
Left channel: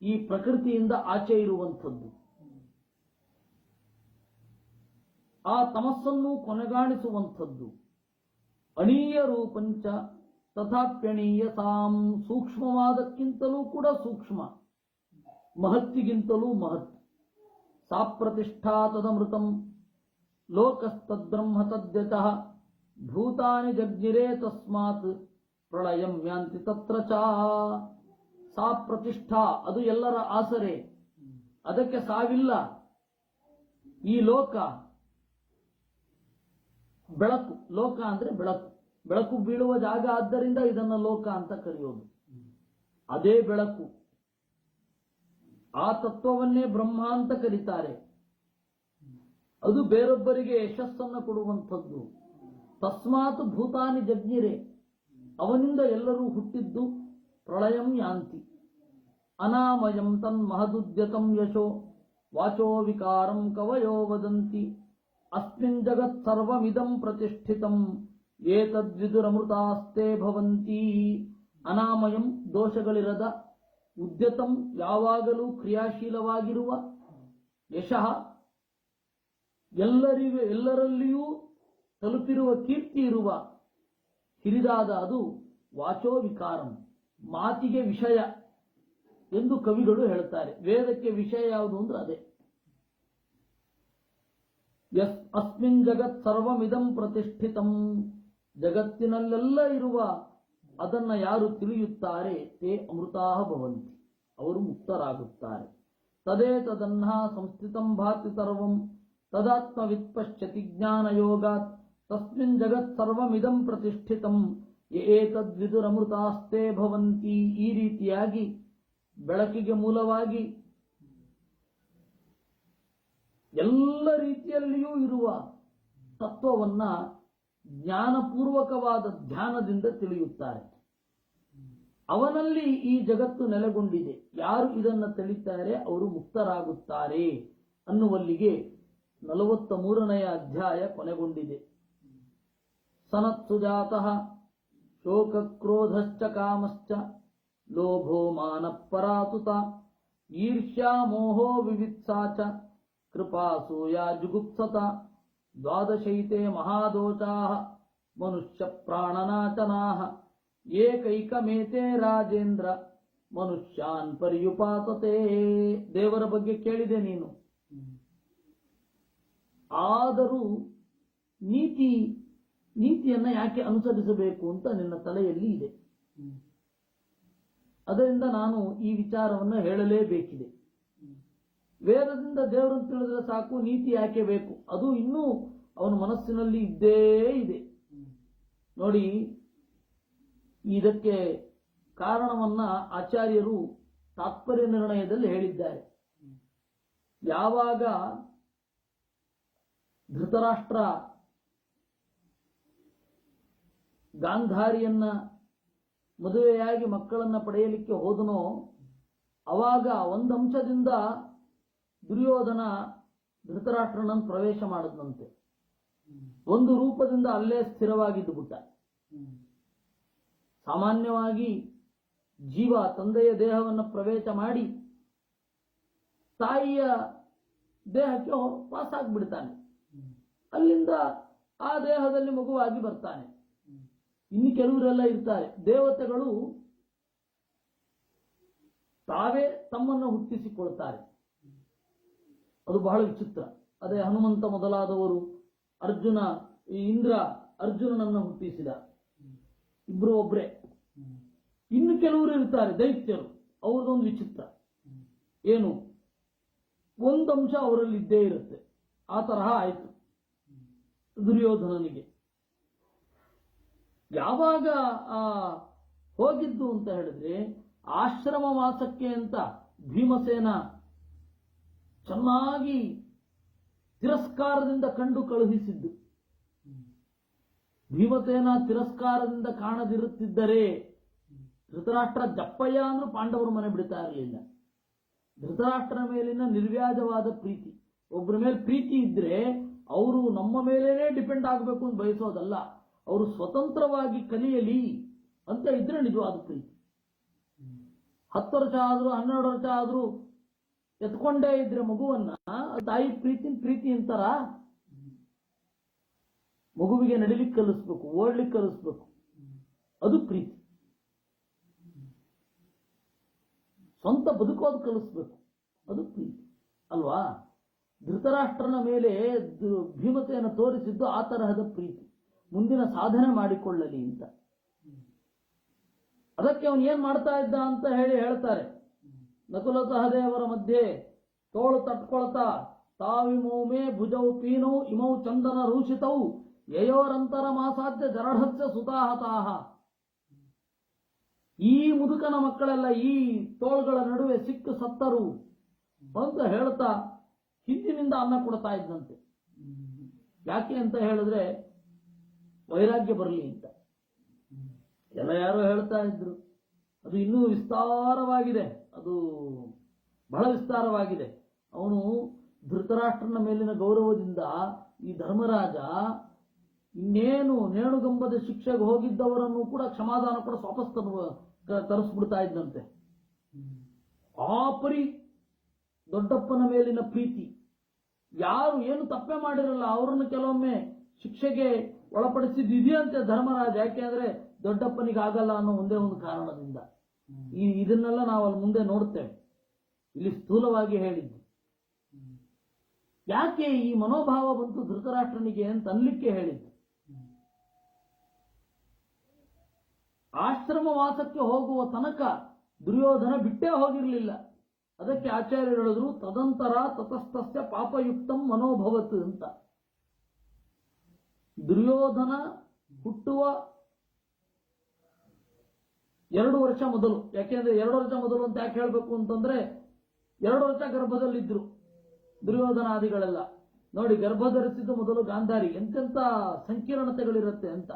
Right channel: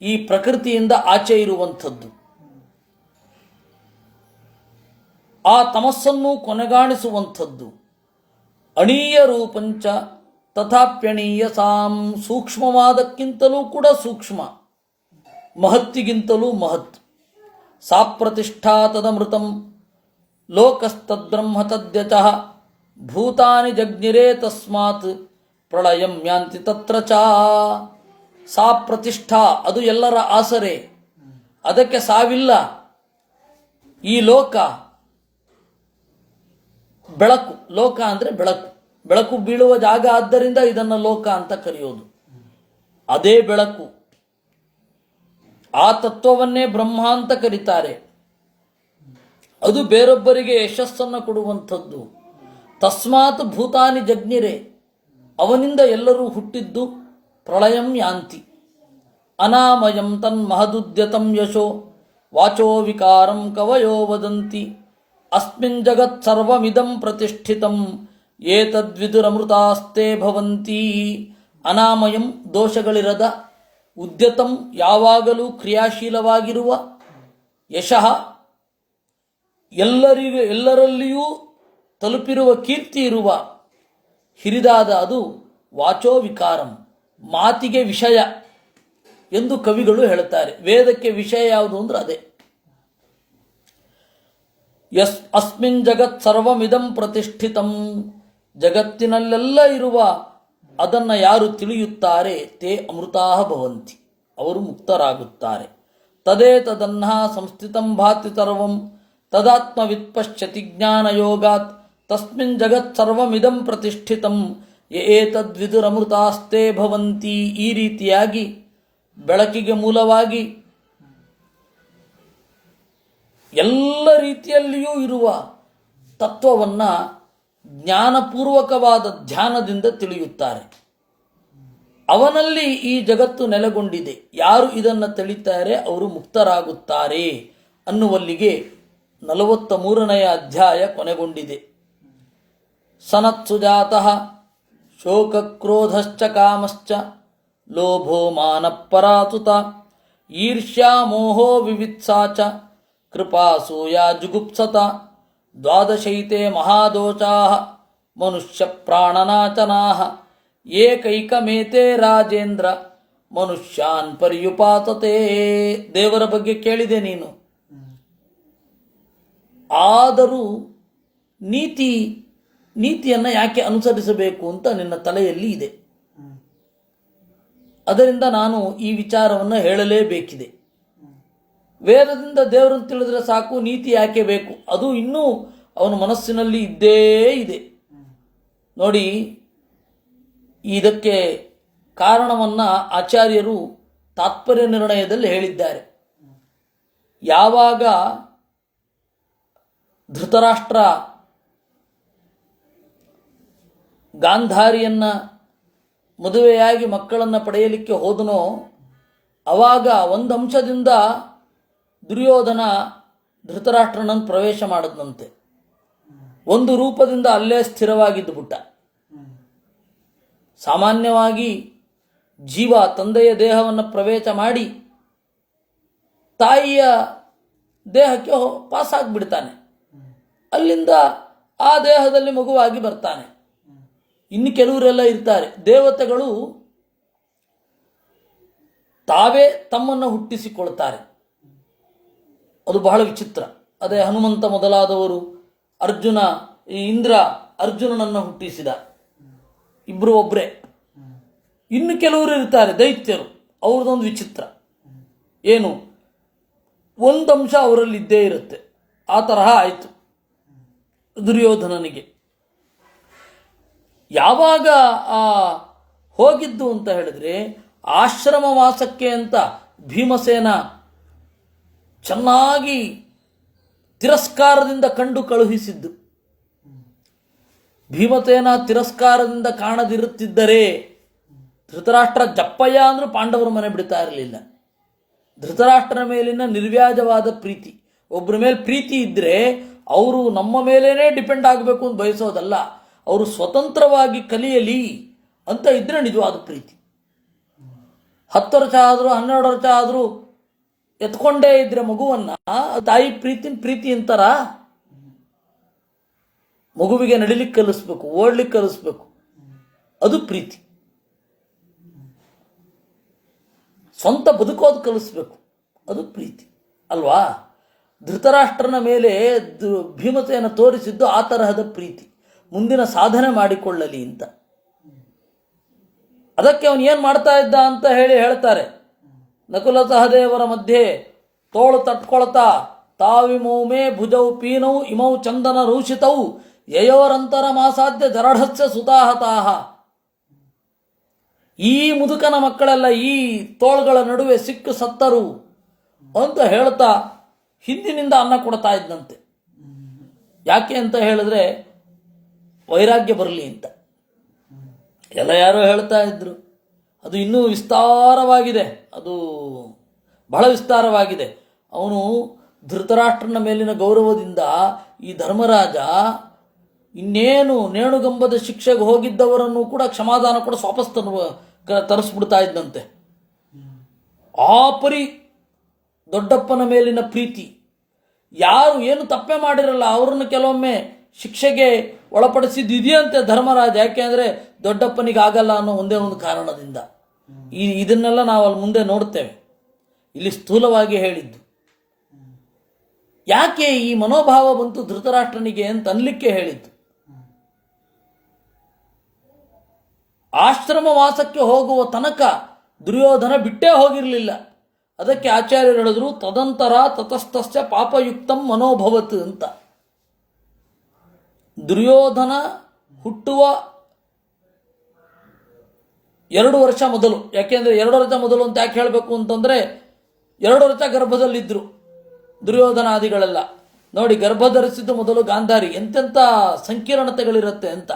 ಈ ಪ್ರಕೃತಿಯಿಂದ ಆಚೆ ಇರುವಂಥದ್ದು. ಆ ತಮಸ್ಸನ್ನು ಕೊನೆಗಾಣಿಸುವಂಥದ್ದು. ಅಣೀಯ ರೂಪಂಚ ತಥಾಪ್ಯಣೀಯ ಸಾಂ, ಸೂಕ್ಷ್ಮವಾದಕ್ಕಿಂತಲೂ ಕೂಡ ಸೂಕ್ಷ್ಮ, ಮಹತ್ತಿಗಿಂತಲೂ ಮಹತ್. ಸಾ ಪ್ರತಿಷ್ಠಾ ತದಮೃತಂ ಲೋಕಸ್ತದ್ಬ್ರಹ್ಮ ತದ್ಯಚಃ ಭೂತಾನಿ ಜಗ್ನಿರೇ ತಸ್ಮಾತ್ ಪ್ರಳಯಂ ಯಾಂತಿ ತತ್ರ ಚ. ಸಾ ಪ್ರತಿಷ್ಠಾ, ಅದು ಎಲ್ಲರ ಆಸರೆ, ಅದಕ್ಕೆ ಸಾವಿಲ್ಲ. ಈ ಲೋಕ ಬೆಳಕು, ಲೋಕ ಅಂದರೆ ಬೆಳಕು, ಬೆಳಕು ಬೀಳುವ ಜಾಗ, ಆದ್ದರಿಂದ ಇದನ್ನು ಲೋಕ ಅಂತ ಕರೆಯೋದು. ಅದೇ ಬೆಳಕು, ಆ ತತ್ವವನ್ನೇ ಬ್ರಹ್ಮ ಅಂತ ಕರೀತಾರೆ. ಅದು ಬೇರೊಬ್ಬರಿಗೆ ಯಶಸ್ಸನ್ನು ಕೊಡುವಂಥದ್ದು. ತಸ್ಮಾತ್ ಭೂತಾನಿ ಜಗ್ನಿರೆ, ಅವನಿಂದ ಎಲ್ಲರೂ ಹುಟ್ಟಿದ್ದು. ಪ್ರಳಯಂ ಯಾಂತಿ ಅನಾಮಯಂ ತನ್ಮಹದುದ್ಯತಂ ಯಶೋ ವಾಚೋ ವಿಕಾರಂ ಕವಯೋ ವದಂತಿ ಅಸ್ಮಿನ್ ಜಗತ್ ಸರ್ವಮಿದಂ ಪ್ರತಿಷ್ಠಿತಂ ಏತದ್ವಿದುರಮೃತಾಸ್ತೆ ಭವಂತಿ. ಅನಾಮಯಂ, ದೋಷಗಳಿರದ, ಉದ್ಯತಂ, ಯಾವಾಗಲೂ ಕ್ರಿಯಾಶೀಲವಾಗಿರುವ, ಯಶಃ, ಎಲ್ಲರಲ್ಲಿಯೂ ತಲುಪಿರುವ ಕೀರ್ತಿ ಇರುವ, ಹಿರಿದಾದ ಅದು. ವಾಚೋ ವಿಕಾರಂ, ಮಾತಿಗೆ ವಿಷಯ ಎಂದು ಕವಿಗಳು ಹೇಳುತ್ತಾರೆ. ವೇದಕ್ಕೆ ವಿಷಯ ಯಾವುದು ಅಂದ್ರೆ ಅದೇ. ಅಸ್ಮಿನ್ ಜಗತ್ ಸರ್ವಮಿದಂ ಪ್ರತಿಷ್ಠಿತಂ, ಜಗತ್ತಿನಲ್ಲೆಲ್ಲ ಇರುವ ಅದನ್ನು ಯಾರು ತಿಳಿಯುತ್ತಾರೆ, ತೇ ಅಮೃತಾಃ ಭವಂತಿ, ಅವರು ಮುಕ್ತರಾಗುತ್ತಾರೆ. ತದೇ ತದನ್ನ ಸಂಸ್ಥಿತಂ ಭಾತಿ ಸರ್ವಂ ತದಾತ್ಮವಿತ್ ಪಶ್ಯತಿ ಜ್ಞಾನಯೋಗಾತ್ ತಸ್ಮಿನ್ ಜಗತ್ ಸರ್ವಮಿದಂ ಪ್ರತಿಷ್ಠಿತಂ ಏತದ್ವಿದುರಮೃತಾಸ್ತೆ ಭವಂತಿ. ಈ ರೀತಿಯಾಗಿ ಬೆಳಕಿಗೆ ಮೂಲವಾಗಿ ಎಲ್ಲ ರೀತಿಯಲ್ಲಿಯೂ ಇರುವ ತತ್ವವನ್ನು ಜ್ಞಾನಪೂರ್ವಕವಾದ ಧ್ಯಾನದಿಂದ ತಿಳಿಯುತ್ತಾರೆ. ಅವನಲ್ಲಿ ಈ ಜಗತ್ತು ನೆಲೆಗೊಂಡಿದೆ. ಯಾರು ಇದನ್ನು ತಿಳಿತಾರೆ ಅವರು ಮುಕ್ತರಾಗುತ್ತಾರೆ ಅನ್ನುವಲ್ಲಿಗೆ 43ನೇ ಅಧ್ಯಾಯ ಕೊನೆಗೊಂಡಿದೆ. ಸನತ್ಸು ಜಾತಃ ಶೋಕಕ್ರೋಧಶ್ಚ ಕಾಮಶ್ಚ ಲೋಭೋ ಮಾನಪರಾತುತ ಈರ್ಷ್ಯಾ ಮೋಹೋ ವಿವಿತ್ಸಾ ಚ ಕೃಪಾಸೂಯ ಜುಗುಪ್ಸತ ದ್ವಾದಶೈತೆ ಮಹಾದೋಷಾಃ ಮನುಷ್ಯ ಪ್ರಾಣನಾಚನಾಃ ಏಕೈಕಮೇತೆ ರಾಜೇಂದ್ರ ಮನುಷ್ಯಾನ್ ಪರ್ಯುಪಾತತೆ. ದೇವರ ಬಗ್ಗೆ ಕೇಳಿದೆ ನೀನು, ಆದರೂ ನೀತಿಯನ್ನು ಯಾಕೆ ಅನುಸರಿಸಬೇಕು ಅಂತ ನಿನ್ನ ತಲೆಯಲ್ಲಿ ಇದೆ. ಅದರಿಂದ ನಾನು ಈ ವಿಚಾರವನ್ನು ಹೇಳಲೇಬೇಕಿದೆ. ವೇದದಿಂದ ದೇವರನ್ನು ತಿಳಿದ್ರೆ ಸಾಕು, ನೀತಿ ಯಾಕೆ ಬೇಕು? ಅದು ಇನ್ನೂ ಅವನ ಮನಸ್ಸಿನಲ್ಲಿ ಇದ್ದೇ ಇದೆ. ನೋಡಿ, ಇದಕ್ಕೆ ಕಾರಣವನ್ನು ಆಚಾರ್ಯರು ತಾತ್ಪರ್ಯ ನಿರ್ಣಯದಲ್ಲಿ ಹೇಳಿದ್ದಾರೆ. ಯಾವಾಗ ಧೃತರಾಷ್ಟ್ರ ಗಾಂಧಾರಿಯನ್ನು ಮದುವೆಯಾಗಿ ಮಕ್ಕಳನ್ನು ಪಡೆಯಲಿಕ್ಕೆ ಹೋದನೋ, ಆವಾಗ ಒಂದು ಅಂಶದಿಂದ ದುರ್ಯೋಧನ ಧೃತರಾಷ್ಟ್ರನನ್ನು ಪ್ರವೇಶ ಮಾಡಿದಂತೆ. ಒಂದು ರೂಪದಿಂದ ಅಲ್ಲೇ ಸ್ಥಿರವಾಗಿದ್ದು ಬಿಟ್ಟ. ಸಾಮಾನ್ಯವಾಗಿ ಜೀವ ತಂದೆಯ ದೇಹವನ್ನು ಪ್ರವೇಶ ಮಾಡಿ ತಾಯಿಯ ದೇಹಕ್ಕೆ ಪಾಸಾಗ್ಬಿಡ್ತಾನೆ. ಅಲ್ಲಿಂದ ಆ ದೇಹದಲ್ಲಿ ಮಗುವಾಗಿ ಬರ್ತಾನೆ. ಇನ್ನು ಕೆಲವರೆಲ್ಲ ಇರ್ತಾರೆ, ದೇವತೆಗಳು ತಾವೇ ತಮ್ಮನ್ನು ಹುಟ್ಟಿಸಿಕೊಳ್ತಾರೆ. ಅದು ಬಹಳ ವಿಚಿತ್ರ. ಅದೇ ಹನುಮಂತ ಮೊದಲಾದವರು, ಇಂದ್ರ ಅರ್ಜುನನನ್ನು ಹುಟ್ಟಿಸಿದ, ಇಬ್ಬರು ಒಬ್ಬರೇ. ಇನ್ನು ಕೆಲವರು ಇರ್ತಾರೆ ದೈತ್ಯರು, ಅವ್ರದ್ದೊಂದು ವಿಚಿತ್ರ. ಏನು, ಒಂದು ಅಂಶ ಅವರಲ್ಲಿ ಇದ್ದೇ ಇರುತ್ತೆ. ಆ ತರಹ ಆಯಿತು ದುರ್ಯೋಧನನಿಗೆ. ಯಾವಾಗ ಆ ಹೋಗಿದ್ದು ಅಂತ ಹೇಳಿದ್ರೆ ಆಶ್ರಮವಾಸಕ್ಕೆ ಅಂತ ಭೀಮಸೇನ ಚೆನ್ನಾಗಿ ತಿರಸ್ಕಾರದಿಂದ ಕಂಡು ಕಳುಹಿಸಿದ್ದು. ಭೀಮಸೇನ ತಿರಸ್ಕಾರದಿಂದ ಕಾಣದಿರುತ್ತಿದ್ದರೆ ಧೃತರಾಷ್ಟ್ರ ಜಪ್ಪಯ್ಯ ಅಂದರೂ ಪಾಂಡವರ ಮನೆ ಬಿಡ್ತಾ ಇರಲಿಲ್ಲ. ಧೃತರಾಷ್ಟ್ರನ ಮೇಲಿನ ನಿರ್ವ್ಯಾಜವಾದ ಪ್ರೀತಿ, ಒಬ್ಬರ ಮೇಲೆ ಪ್ರೀತಿ ಇದ್ದರೆ ಅವರು ನಮ್ಮ ಮೇಲೇ ಡಿಪೆಂಡ್ ಆಗಬೇಕು ಅಂತ ಬಯಸೋದಲ್ಲ, ಅವರು ಸ್ವತಂತ್ರವಾಗಿ ಕಲಿಯಲಿ ಅಂತ ಇದ್ದರೆ ನಿಜವಾದ ಪ್ರೀತಿ. 10 ವರ್ಷ ಆದರೂ 12 ವರ್ಷ ಆದರೂ ಎತ್ಕೊಂಡೇ ಇದ್ರೆ ಮಗುವನ್ನ ತಾಯಿ ಪ್ರೀತಿ ಅಂತಾರ. ಮಗುವಿಗೆ ನಡಿಲಿಕ್ಕೆ ಕಲಿಸ್ಬೇಕು, ಓಡ್ಲಿಕ್ಕೆ ಕಲಿಸ್ಬೇಕು, ಅದು ಪ್ರೀತಿ. ಸ್ವಂತ ಬದುಕೋದು ಕಲಿಸ್ಬೇಕು, ಅದು ಪ್ರೀತಿ ಅಲ್ವಾ? ಧೃತರಾಷ್ಟ್ರನ ಮೇಲೆ ಭೀಮಸೇನ ತೋರಿಸಿದ್ದು ಆ ತರಹದ ಪ್ರೀತಿ, ಮುಂದಿನ ಸಾಧನೆ ಮಾಡಿಕೊಳ್ಳಲಿ ಅಂತ. ಅದಕ್ಕೆ ಅವನು ಏನು ಮಾಡ್ತಾ ಇದ್ದ ಅಂತ ಹೇಳ್ತಾರೆ. ನಕುಲ ಸಹದೇವರ ಮಧ್ಯೆ ತೋಳು ತಟ್ಕೊಳ್ತಾ ತಾವಿಮೌಮೇ ಭುಜೌ ಪೀನೌ ಇಮೌ ಚಂದನ ರೂಷಿತೌ ಯಯೋರಂತರ ಮಾಸಾಧ್ಯ ಜರಢಸ್ಯ ಸುತಾಹತಾಹ. ಈ ಮುದುಕನ ಮಕ್ಕಳೆಲ್ಲ ಈ ತೋಳುಗಳ ನಡುವೆ ಸಿಕ್ಕು ಸತ್ತರು ಅಂತ ಹೇಳ್ತಾ ಹಿಂದಿನಿಂದ ಅನ್ನ ಕೊಡ್ತಾ ಇದ್ದಂತೆ. ಯಾಕೆ ಅಂತ ಹೇಳಿದ್ರೆ ವೈರಾಗ್ಯ ಬರಲಿ ಅಂತ ಎಲ್ಲ ಯಾರೋ ಹೇಳ್ತಾ ಇದ್ರು. ಅದು ಇನ್ನೂ ವಿಸ್ತಾರವಾಗಿದೆ, ಅದು ಬಹಳ ವಿಸ್ತಾರವಾಗಿದೆ. ಅವನು ಧೃತರಾಷ್ಟ್ರನ ಮೇಲಿನ ಗೌರವದಿಂದ ಈ ಧರ್ಮರಾಜ ಇನ್ನೇನು ನೇಣುಗಂಬದ ಶಿಕ್ಷೆಗೆ ಹೋಗಿದ್ದವರನ್ನು ಕೂಡ ಕ್ಷಮಾದಾನ ಕೂಡ ವಾಪಸ್ ತರಿಸ್ಬಿಡ್ತಾ ಇದ್ದಂತೆ. ಆ ಪರಿ ದೊಡ್ಡಪ್ಪನ ಮೇಲಿನ ಪ್ರೀತಿ. ಯಾರು ಏನು ತಪ್ಪೆ ಮಾಡಿರಲ್ಲ ಅವರನ್ನು ಕೆಲವೊಮ್ಮೆ ಶಿಕ್ಷೆಗೆ ಒಳಪಡಿಸಿದ್ದಿದೆಯಂತೆ ಧರ್ಮರಾಜ. ಯಾಕೆಂದರೆ ದೊಡ್ಡಪ್ಪನಿಗೆ ಆಗಲ್ಲ ಅನ್ನೋ ಒಂದೇ ಒಂದು ಕಾರಣದಿಂದ. ಇದನ್ನೆಲ್ಲ ನಾವು ಅಲ್ಲಿ ಮುಂದೆ ನೋಡ್ತೇವೆ. ಇಲ್ಲಿ ಸ್ಥೂಲವಾಗಿ ಹೇಳಿದ್ದು ಯಾಕೆ ಈ ಮನೋಭಾವ ಬಂತು ಧೃತರಾಷ್ಟ್ರನಿಗೆ ಅಂತ ಅನ್ಲಿಕ್ಕೆ ಹೇಳಿದ್ದು. ಆಶ್ರಮವಾಸಕ್ಕೆ ಹೋಗುವ ತನಕ ದುರ್ಯೋಧನ ಬಿಟ್ಟೇ ಹೋಗಿರಲಿಲ್ಲ. ಅದಕ್ಕೆ ಆಚಾರ್ಯರು ಹೇಳಿದ್ರು ತದಂತರ ತತಸ್ಥಸ್ಯ ಪಾಪಯುಕ್ತಂ ಮನೋಭವತ್ ಅಂತ. ದುರ್ಯೋಧನ ಹುಟ್ಟುವ 2 ವರ್ಷ ಮೊದಲು, ಯಾಕೆಂದರೆ 2 ವರ್ಷ ಮೊದಲು ಅಂತ ಯಾಕೆ ಹೇಳಬೇಕು ಅಂತಂದರೆ 2 ವರ್ಷ ಗರ್ಭದಲ್ಲಿದ್ದರು ದುರ್ಯೋಧನಾದಿಗಳೆಲ್ಲ. ನೋಡಿ, ಗರ್ಭ ಧರಿಸಿದ್ದು ಮೊದಲು ಗಾಂಧಾರಿ, ಎಂತೆಂಥ ಸಂಕೀರ್ಣತೆಗಳಿರುತ್ತೆ ಅಂತ.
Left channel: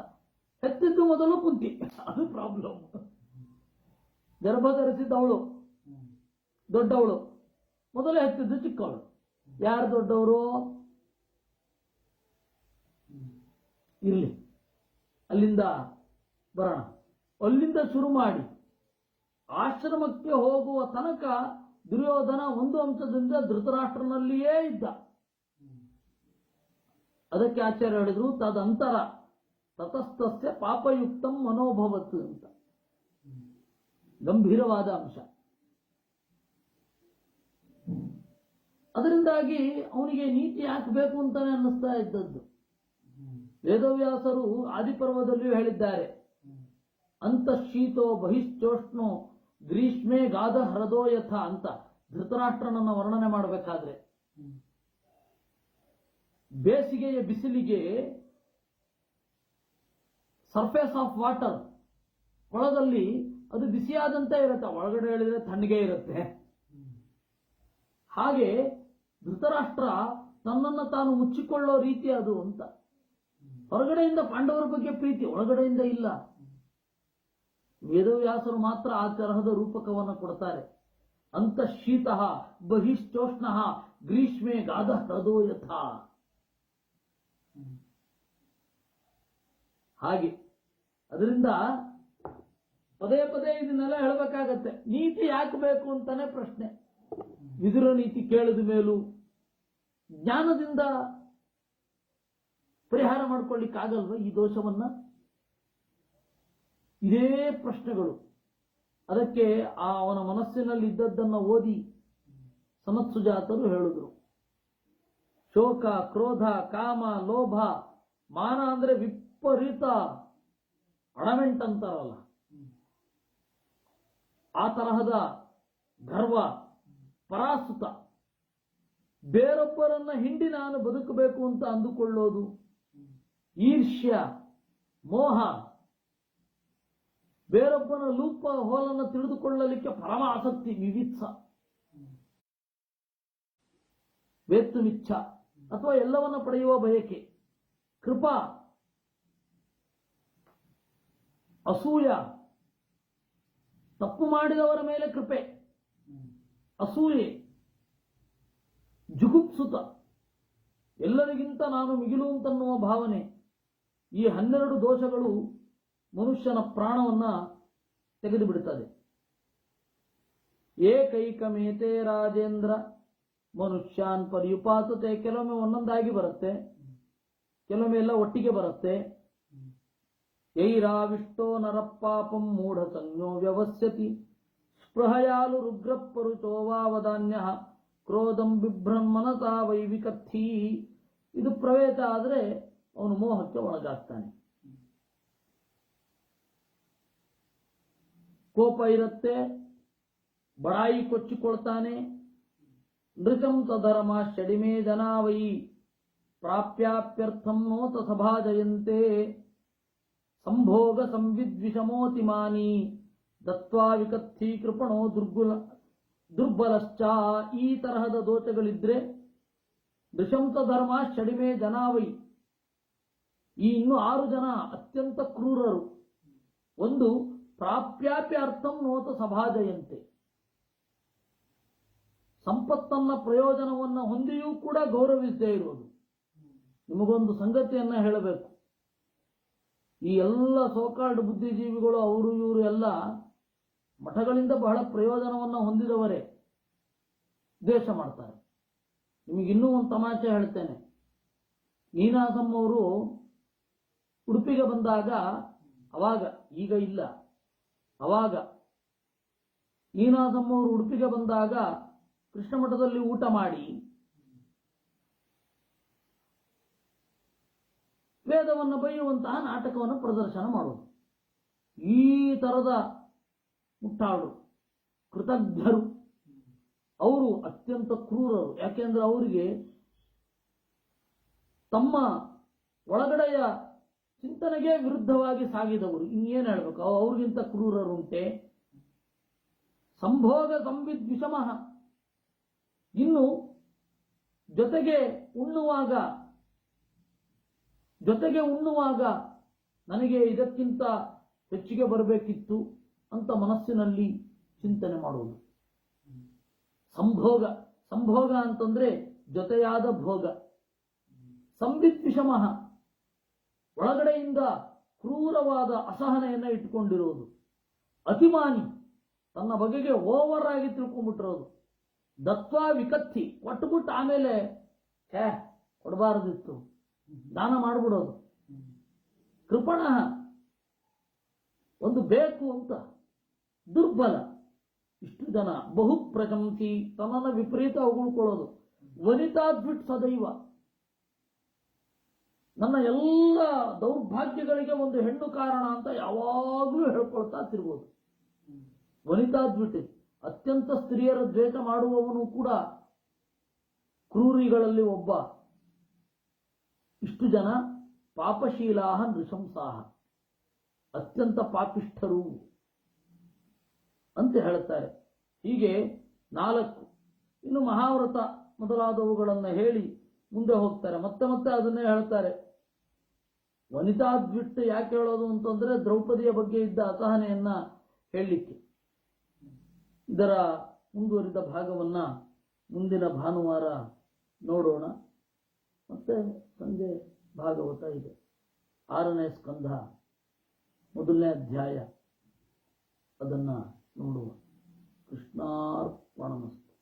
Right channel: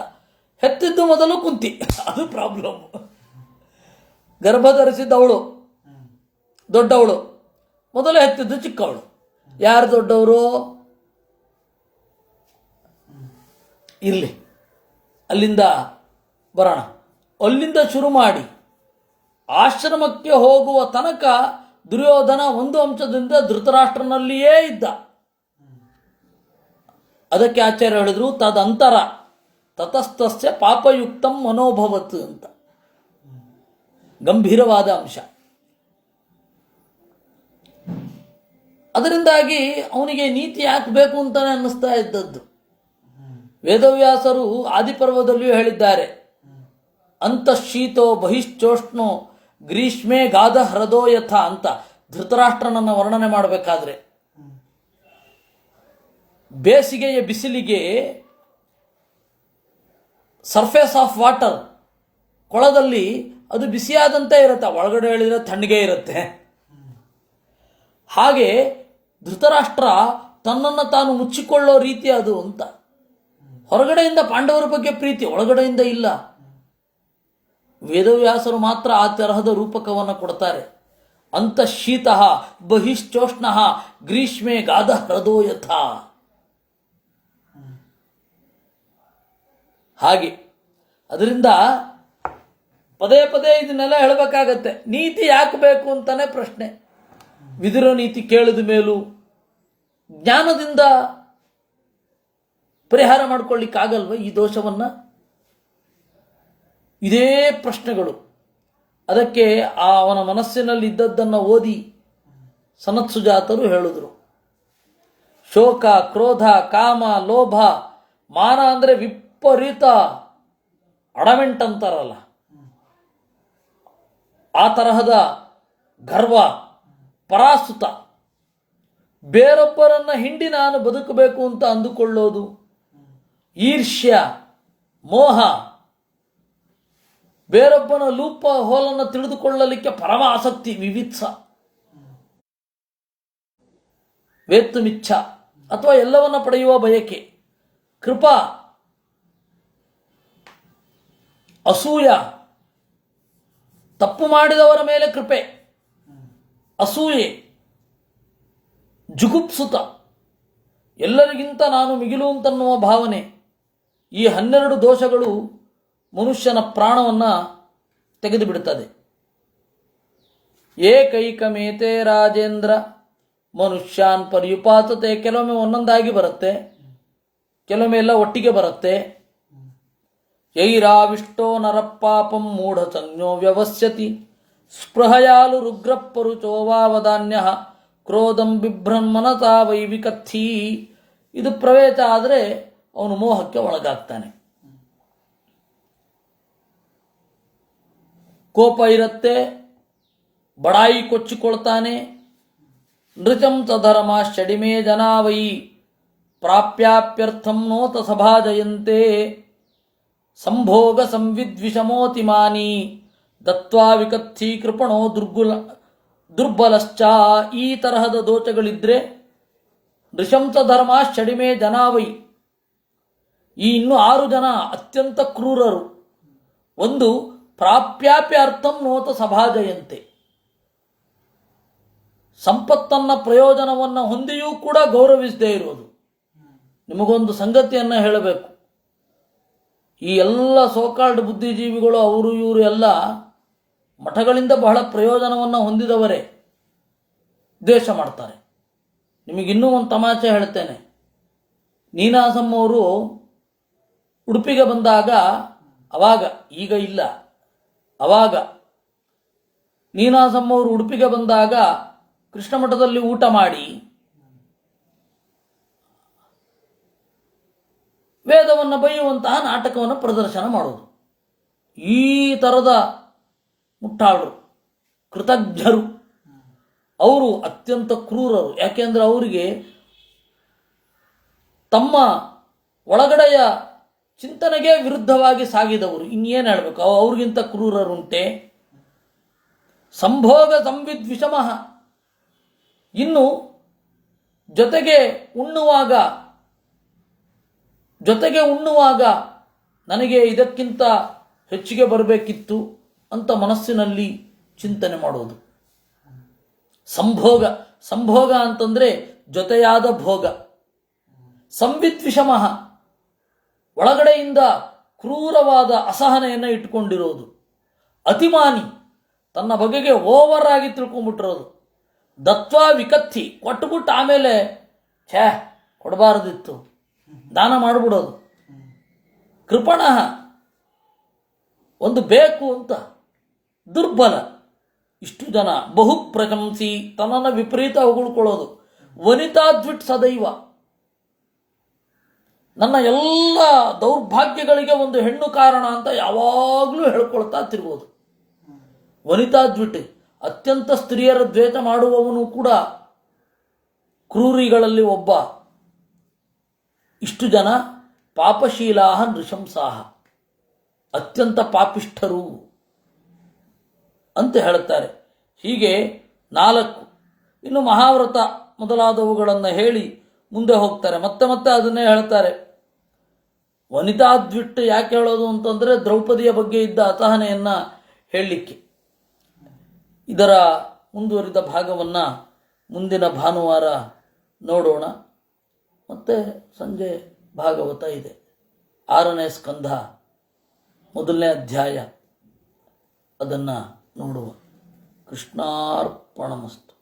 ಹೆತ್ತಿದ್ದು ಮೊದಲು ಕುಂತಿ, ಅದು ಪ್ರಾಬ್ಲಮ್. ಗರ್ಭ ಧರಿಸಿದ್ದವಳು ದೊಡ್ಡವಳು, ಮೊದಲು ಹೆತ್ತಿದ್ದು ಚಿಕ್ಕವಳು. ಯಾರು ದೊಡ್ಡವರು? ಇರಲಿ, ಅಲ್ಲಿಂದ ಬರೋಣ. ಅಲ್ಲಿಂದ ಶುರು ಮಾಡಿ ಆಶ್ರಮಕ್ಕೆ ಹೋಗುವ ತನಕ ದುರ್ಯೋಧನ ಒಂದು ಅಂಶದಿಂದ ಧೃತರಾಷ್ಟ್ರನಲ್ಲಿಯೇ ಇದ್ದ. ಅದಕ್ಕೆ ಆಚಾರ್ಯ ಹೇಳಿದ್ರು ತದಂತರ ತತಸ್ಥಸ್ಯ ಪಾಪಯುಕ್ತಂ ಮನೋಭವತ್ ಅಂತ. ಗಂಭೀರವಾದ ಅಂಶ. ಅದರಿಂದಾಗಿ ಅವನಿಗೆ ನೀತಿ ಯಾಕೆ ಬೇಕು ಅಂತಾನೆ ಅನ್ನಿಸ್ತಾ ಇದ್ದದ್ದು. ವೇದವ್ಯಾಸರು ಆದಿಪರ್ವದಲ್ಲಿಯೂ ಹೇಳಿದ್ದಾರೆ, ಅಂತಃಶೀತೋ ಬಹಿಶ್ಚೋಷ್ಣೋ ಗ್ರೀಷ್ಮೆ ಗಾಧ ಹೃದೋ ಯಥ ಅಂತ. ಧೃತರಾಷ್ಟ್ರನನ್ನು ವರ್ಣನೆ ಮಾಡಬೇಕಾದ್ರೆ ಬೇಸಿಗೆಯ ಬಿಸಿಲಿಗೆ ಸರ್ಫೇಸ್ ಆಫ್ ವಾಟರ್, ಕೊಳದಲ್ಲಿ ಅದು ಬಿಸಿಯಾದಂತೆ ಇರುತ್ತೆ, ಒಳಗಡೆ ಹೇಳಿದರೆ ತಣ್ಣಗೆ ಇರುತ್ತೆ. ಹಾಗೆ ಧೃತರಾಷ್ಟ್ರ ತನ್ನನ್ನು ತಾನು ಮುಚ್ಚಿಕೊಳ್ಳೋ ರೀತಿ ಅದು ಅಂತ. ಹೊರಗಡೆಯಿಂದ ಪಾಂಡವರ ಬಗ್ಗೆ ಪ್ರೀತಿ, ಒಳಗಡೆಯಿಂದ ಇಲ್ಲ. ವೇದವ್ಯಾಸರು ಮಾತ್ರ ಆ ತರಹದ ರೂಪಕವನ್ನು ಕೊಡ್ತಾರೆ. ಅಂತಃಶೀತ ಬಹಿಶ್ಚೋಷ್ಣ ಗ್ರೀಷ್ಮೆ ಗಾಧ ಹೃದೋ ಯಥ. ಹಾಗೆ ಅದರಿಂದ ಪದೇ ಪದೇ ಇದನ್ನೆಲ್ಲ ಹೇಳಬೇಕಾಗತ್ತೆ. ನೀತಿ ಯಾಕೆ ಬೇಕು ಅಂತಾನೆ ಪ್ರಶ್ನೆ. ವಿದುರ ನೀತಿ ಕೇಳಿದ ಮೇಲೂ ಜ್ಞಾನದಿಂದ ಪರಿಹಾರ ಮಾಡ್ಕೊಳ್ಳಿಕ್ಕಾಗಲ್ವ ಈ ದೋಷವನ್ನು? ಇದೇ ಪ್ರಶ್ನೆಗಳು. ಅದಕ್ಕೆ ಅವನ ಮನಸ್ಸಿನಲ್ಲಿ ಇದ್ದದ್ದನ್ನು ಓದಿ ಸನತ್ಸುಜಾತರು ಹೇಳಿದ್ರು. ಶೋಕ, ಕ್ರೋಧ, ಕಾಮ, ಲೋಭ, ಮಾನ ಅಂದರೆ ವಿಪರೀತ ಅಡಮೆಂಟ್ ಅಂತಾರಲ್ಲ, ಆ ತರಹದ ಗರ್ವ, ಪರಾಸುತ, ಬೇರೊಬ್ಬರನ್ನ ಹಿಂಡಿ ನಾನು ಬದುಕಬೇಕು ಅಂತ ಅಂದುಕೊಳ್ಳೋದು, ಈರ್ಷ್ಯ, ಮೋಹ, ಬೇರೊಬ್ಬನ ಲೂಪ ಹೋಲನ್ನು ತಿಳಿದುಕೊಳ್ಳಲಿಕ್ಕೆ ಪರಮ ಆಸಕ್ತಿ, ವಿವಿತ್ಸ, ವೇತ್ತುಮಿಚ್ಛ ಅಥವಾ ಎಲ್ಲವನ್ನ ಪಡೆಯುವ ಬಯಕೆ. ಕೃಪಾ, ಅಸೂಯ, ತಪ್ಪು ಮಾಡಿದವರ ಮೇಲೆ ಕೃಪೆ, ಅಸೂಯೆ, ಜುಗುಪ್ಸುತ, ಎಲ್ಲರಿಗಿಂತ ನಾನು ಮಿಗಿಲು ಅಂತನ್ನುವ ಭಾವನೆ. ಈ 12 ದೋಷಗಳು ಮನುಷ್ಯನ ಪ್ರಾಣವನ್ನು ತೆಗೆದು ಬಿಡುತ್ತದೆ. ಏಕೈಕಮೇತೆ ರಾಜೇಂದ್ರ ಮನುಷ್ಯಾನ್ ಪರ್ಯುಪಾತತೆ. ಕೆಲವೊಮ್ಮೆ ಒಂದೊಂದಾಗಿ ಬರುತ್ತೆ, ಕೆಲವೊಮ್ಮೆ ಎಲ್ಲ ಒಟ್ಟಿಗೆ ಬರುತ್ತೆ. ಯೈರಾವಿಷ್ಟೋ ನರಪಾಪಂ ಮೂಢ ಸಂಜ್ಞೋ ವ್ಯವಸ್ಯತಿ ಸ್ಪೃಹಯಾಲು ರುಗ್ರಪ್ಪರುಚೋವಾವಧಾನ್ಯ ಕ್ರೋಧಂ ಬಿಭ್ರನ್ಮನತಾ ವೈವಿಕಥಿ. ಇದು ಪ್ರವೇಶ ಆದರೆ ಅವನು ಮೋಹಕ್ಕೆ ಒಳಗಾಗ್ತಾನೆ. ಕೋಪ ಇರುತ್ತೆ, ಬಡಾಯಿ ಕೊಚ್ಚಿಕೊಳ್ತಾನೆ. ನೃಚಂ ಸಧರ್ಮ ಷಡಿಮೇ ಜನಾವೈ ಪ್ರಾಪ್ಯಾಪ್ಯರ್ಥಂ ನೋತ ಸಭಾಜಯಂತೆ ಸಂಭೋಗ ಸಂವಿದ್ವಿಷಮೋತಿಮಾನಿ ದತ್ವಾ ವಿಕಥಿ ಕೃಪಣೋ ದುರ್ಬಲಶ್ಚ. ಈ ತರಹದ ದೋಷಗಳಿದ್ರೆ ನೃಶಂಸ ಧರ್ಮ ಷಡಿಮೇ ಜನಾವೈ, ಈ ಇನ್ನೂ 6 ಜನ ಅತ್ಯಂತ ಕ್ರೂರರು. ಒಂದು, ಪ್ರಾಪ್ಯಾಪ್ಯರ್ಥಂ ನೋತ ಸಭಾಜಯಂತೆ, ಸಂಪತ್ತನ್ನ ಪ್ರಯೋಜನವನ್ನು ಹೊಂದಿಯೂ ಕೂಡ ಗೌರವಿಸದೇ ಇರೋದು. ನಿಮಗೊಂದು ಸಂಗತಿಯನ್ನು ಹೇಳಬೇಕು, ಈ ಎಲ್ಲ ಸೋಕಾಲ್ಡ್ ಬುದ್ಧಿಜೀವಿಗಳು ಅವರು ಇವರು ಎಲ್ಲ ಮಠಗಳಿಂದ ಬಹಳ ಪ್ರಯೋಜನವನ್ನು ಹೊಂದಿದವರೇ ದ್ವೇಷ ಮಾಡ್ತಾರೆ. ನಿಮಗಿನ್ನೂ ಒಂದು ತಮಾಷೆ ಹೇಳ್ತೇನೆ. ನೀನಾಸಂ ಅವರು ಉಡುಪಿಗೆ ಬಂದಾಗ, ಅವಾಗ, ಈಗ ಇಲ್ಲ, ಅವಾಗ ನೀನಾಸಂ ಅವರು ಉಡುಪಿಗೆ ಬಂದಾಗ ಕೃಷ್ಣ ಮಠದಲ್ಲಿ ಊಟ ಮಾಡಿ ವೇದವನ್ನು ಬೈಯುವಂತಹ ನಾಟಕವನ್ನು ಪ್ರದರ್ಶನ ಮಾಡೋದು. ಈ ಥರದ ಮುಟ್ಟಾಳರು, ಕೃತಜ್ಞರು. ಅವರು ಅತ್ಯಂತ ಕ್ರೂರರು. ಯಾಕೆಂದರೆ ಅವರಿಗೆ ತಮ್ಮ ಒಳಗಡೆಯ ಚಿಂತನೆಗೆ ವಿರುದ್ಧವಾಗಿ ಸಾಗಿದವರು. ಇನ್ನೇನು ಹೇಳಬೇಕು, ಅವ್ರಿಗಿಂತ ಕ್ರೂರರುಂಟೆ. ಸಂಭೋಗ ಸಂವಿದ್ವಿಷಮಃ, ಇನ್ನು ಜೊತೆಗೆ ಉಣ್ಣುವಾಗ ನನಗೆ ಇದಕ್ಕಿಂತ ಹೆಚ್ಚಿಗೆ ಬರಬೇಕಿತ್ತು ಅಂತ ಮನಸ್ಸಿನಲ್ಲಿ ಚಿಂತನೆ ಮಾಡೋದು. ಸಂಭೋಗ ಅಂತಂದರೆ ಜೊತೆಯಾದ ಭೋಗ. ಸಂವಿದ್ವಿಷಮಃ, ಒಳಗಡೆಯಿಂದ ಕ್ರೂರವಾದ ಅಸಹನೆಯನ್ನು ಇಟ್ಕೊಂಡಿರೋದು. ಅತಿಮಾನಿ, ತನ್ನ ಬಗೆಗೆ ಓವರ್ ಆಗಿ ತಿಳ್ಕೊಂಡ್ಬಿಟ್ಟಿರೋದು. ದತ್ವಾ ವಿಕತ್ತಿ, ಕೊಟ್ಟುಬಿಟ್ಟು ಆಮೇಲೆ ಕೊಡಬಾರದಿತ್ತು, ದಾನ ಮಾಡಿಬಿಡೋದು. ಕೃಪಣಃ, ಒಂದು ಬೇಕು ಅಂತ. ದುರ್ಬಲ, ಇಷ್ಟು ಜನ. ಬಹು ಪ್ರಶಂಸಿ, ತನ್ನನ್ನು ವಿಪರೀತ ಹೊಗಳ್ಕೊಳ್ಳೋದು. ವನಿತಾದ್ವಿಟ್ ಸದೈವ, ನನ್ನ ಎಲ್ಲ ದೌರ್ಭಾಗ್ಯಗಳಿಗೆ ಒಂದು ಹೆಣ್ಣು ಕಾರಣ ಅಂತ ಯಾವಾಗಲೂ ಹೇಳ್ಕೊಳ್ತಾ ತಿರುಗೋದು. ವನಿತಾದ್ವಿಟ್, ಅತ್ಯಂತ ಸ್ತ್ರೀಯರ ದ್ವೇಷ ಮಾಡುವವನು ಕೂಡ ಕ್ರೂರಿಗಳಲ್ಲಿ ಒಬ್ಬ. ಇಷ್ಟು ಜನ ಪಾಪಶೀಲಾಹ ನೃಶಂಸಾಹ, ಅತ್ಯಂತ ಪಾಪಿಷ್ಠರು ಅಂತ ಹೇಳುತ್ತಾರೆ. ಹೀಗೆ 4. ಇನ್ನು ಮಹಾವ್ರತ ಮೊದಲಾದವುಗಳನ್ನು ಹೇಳಿ ಮುಂದೆ ಹೋಗ್ತಾರೆ. ಮತ್ತೆ ಅದನ್ನೇ ಹೇಳ್ತಾರೆ. ವನಿತಾದ್ವಿಟ್ಟು ಯಾಕೆ ಹೇಳೋದು ಅಂತಂದರೆ ದ್ರೌಪದಿಯ ಬಗ್ಗೆ ಇದ್ದ ಅಸಹನೆಯನ್ನು ಹೇಳಲಿಕ್ಕೆ. ಇದರ ಮುಂದುವರಿದ ಭಾಗವನ್ನು ಮುಂದಿನ ಭಾನುವಾರ ನೋಡೋಣ. ಮತ್ತು ಸಂಜೆ ಭಾಗವತ ಇದೆ. 6ನೇ ಸ್ಕಂಧ 1ನೇ ಅಧ್ಯಾಯ, ಅದನ್ನು ನೋಡುವ. ಕೃಷ್ಣಾರ್ಪಣಮಸ್ತು.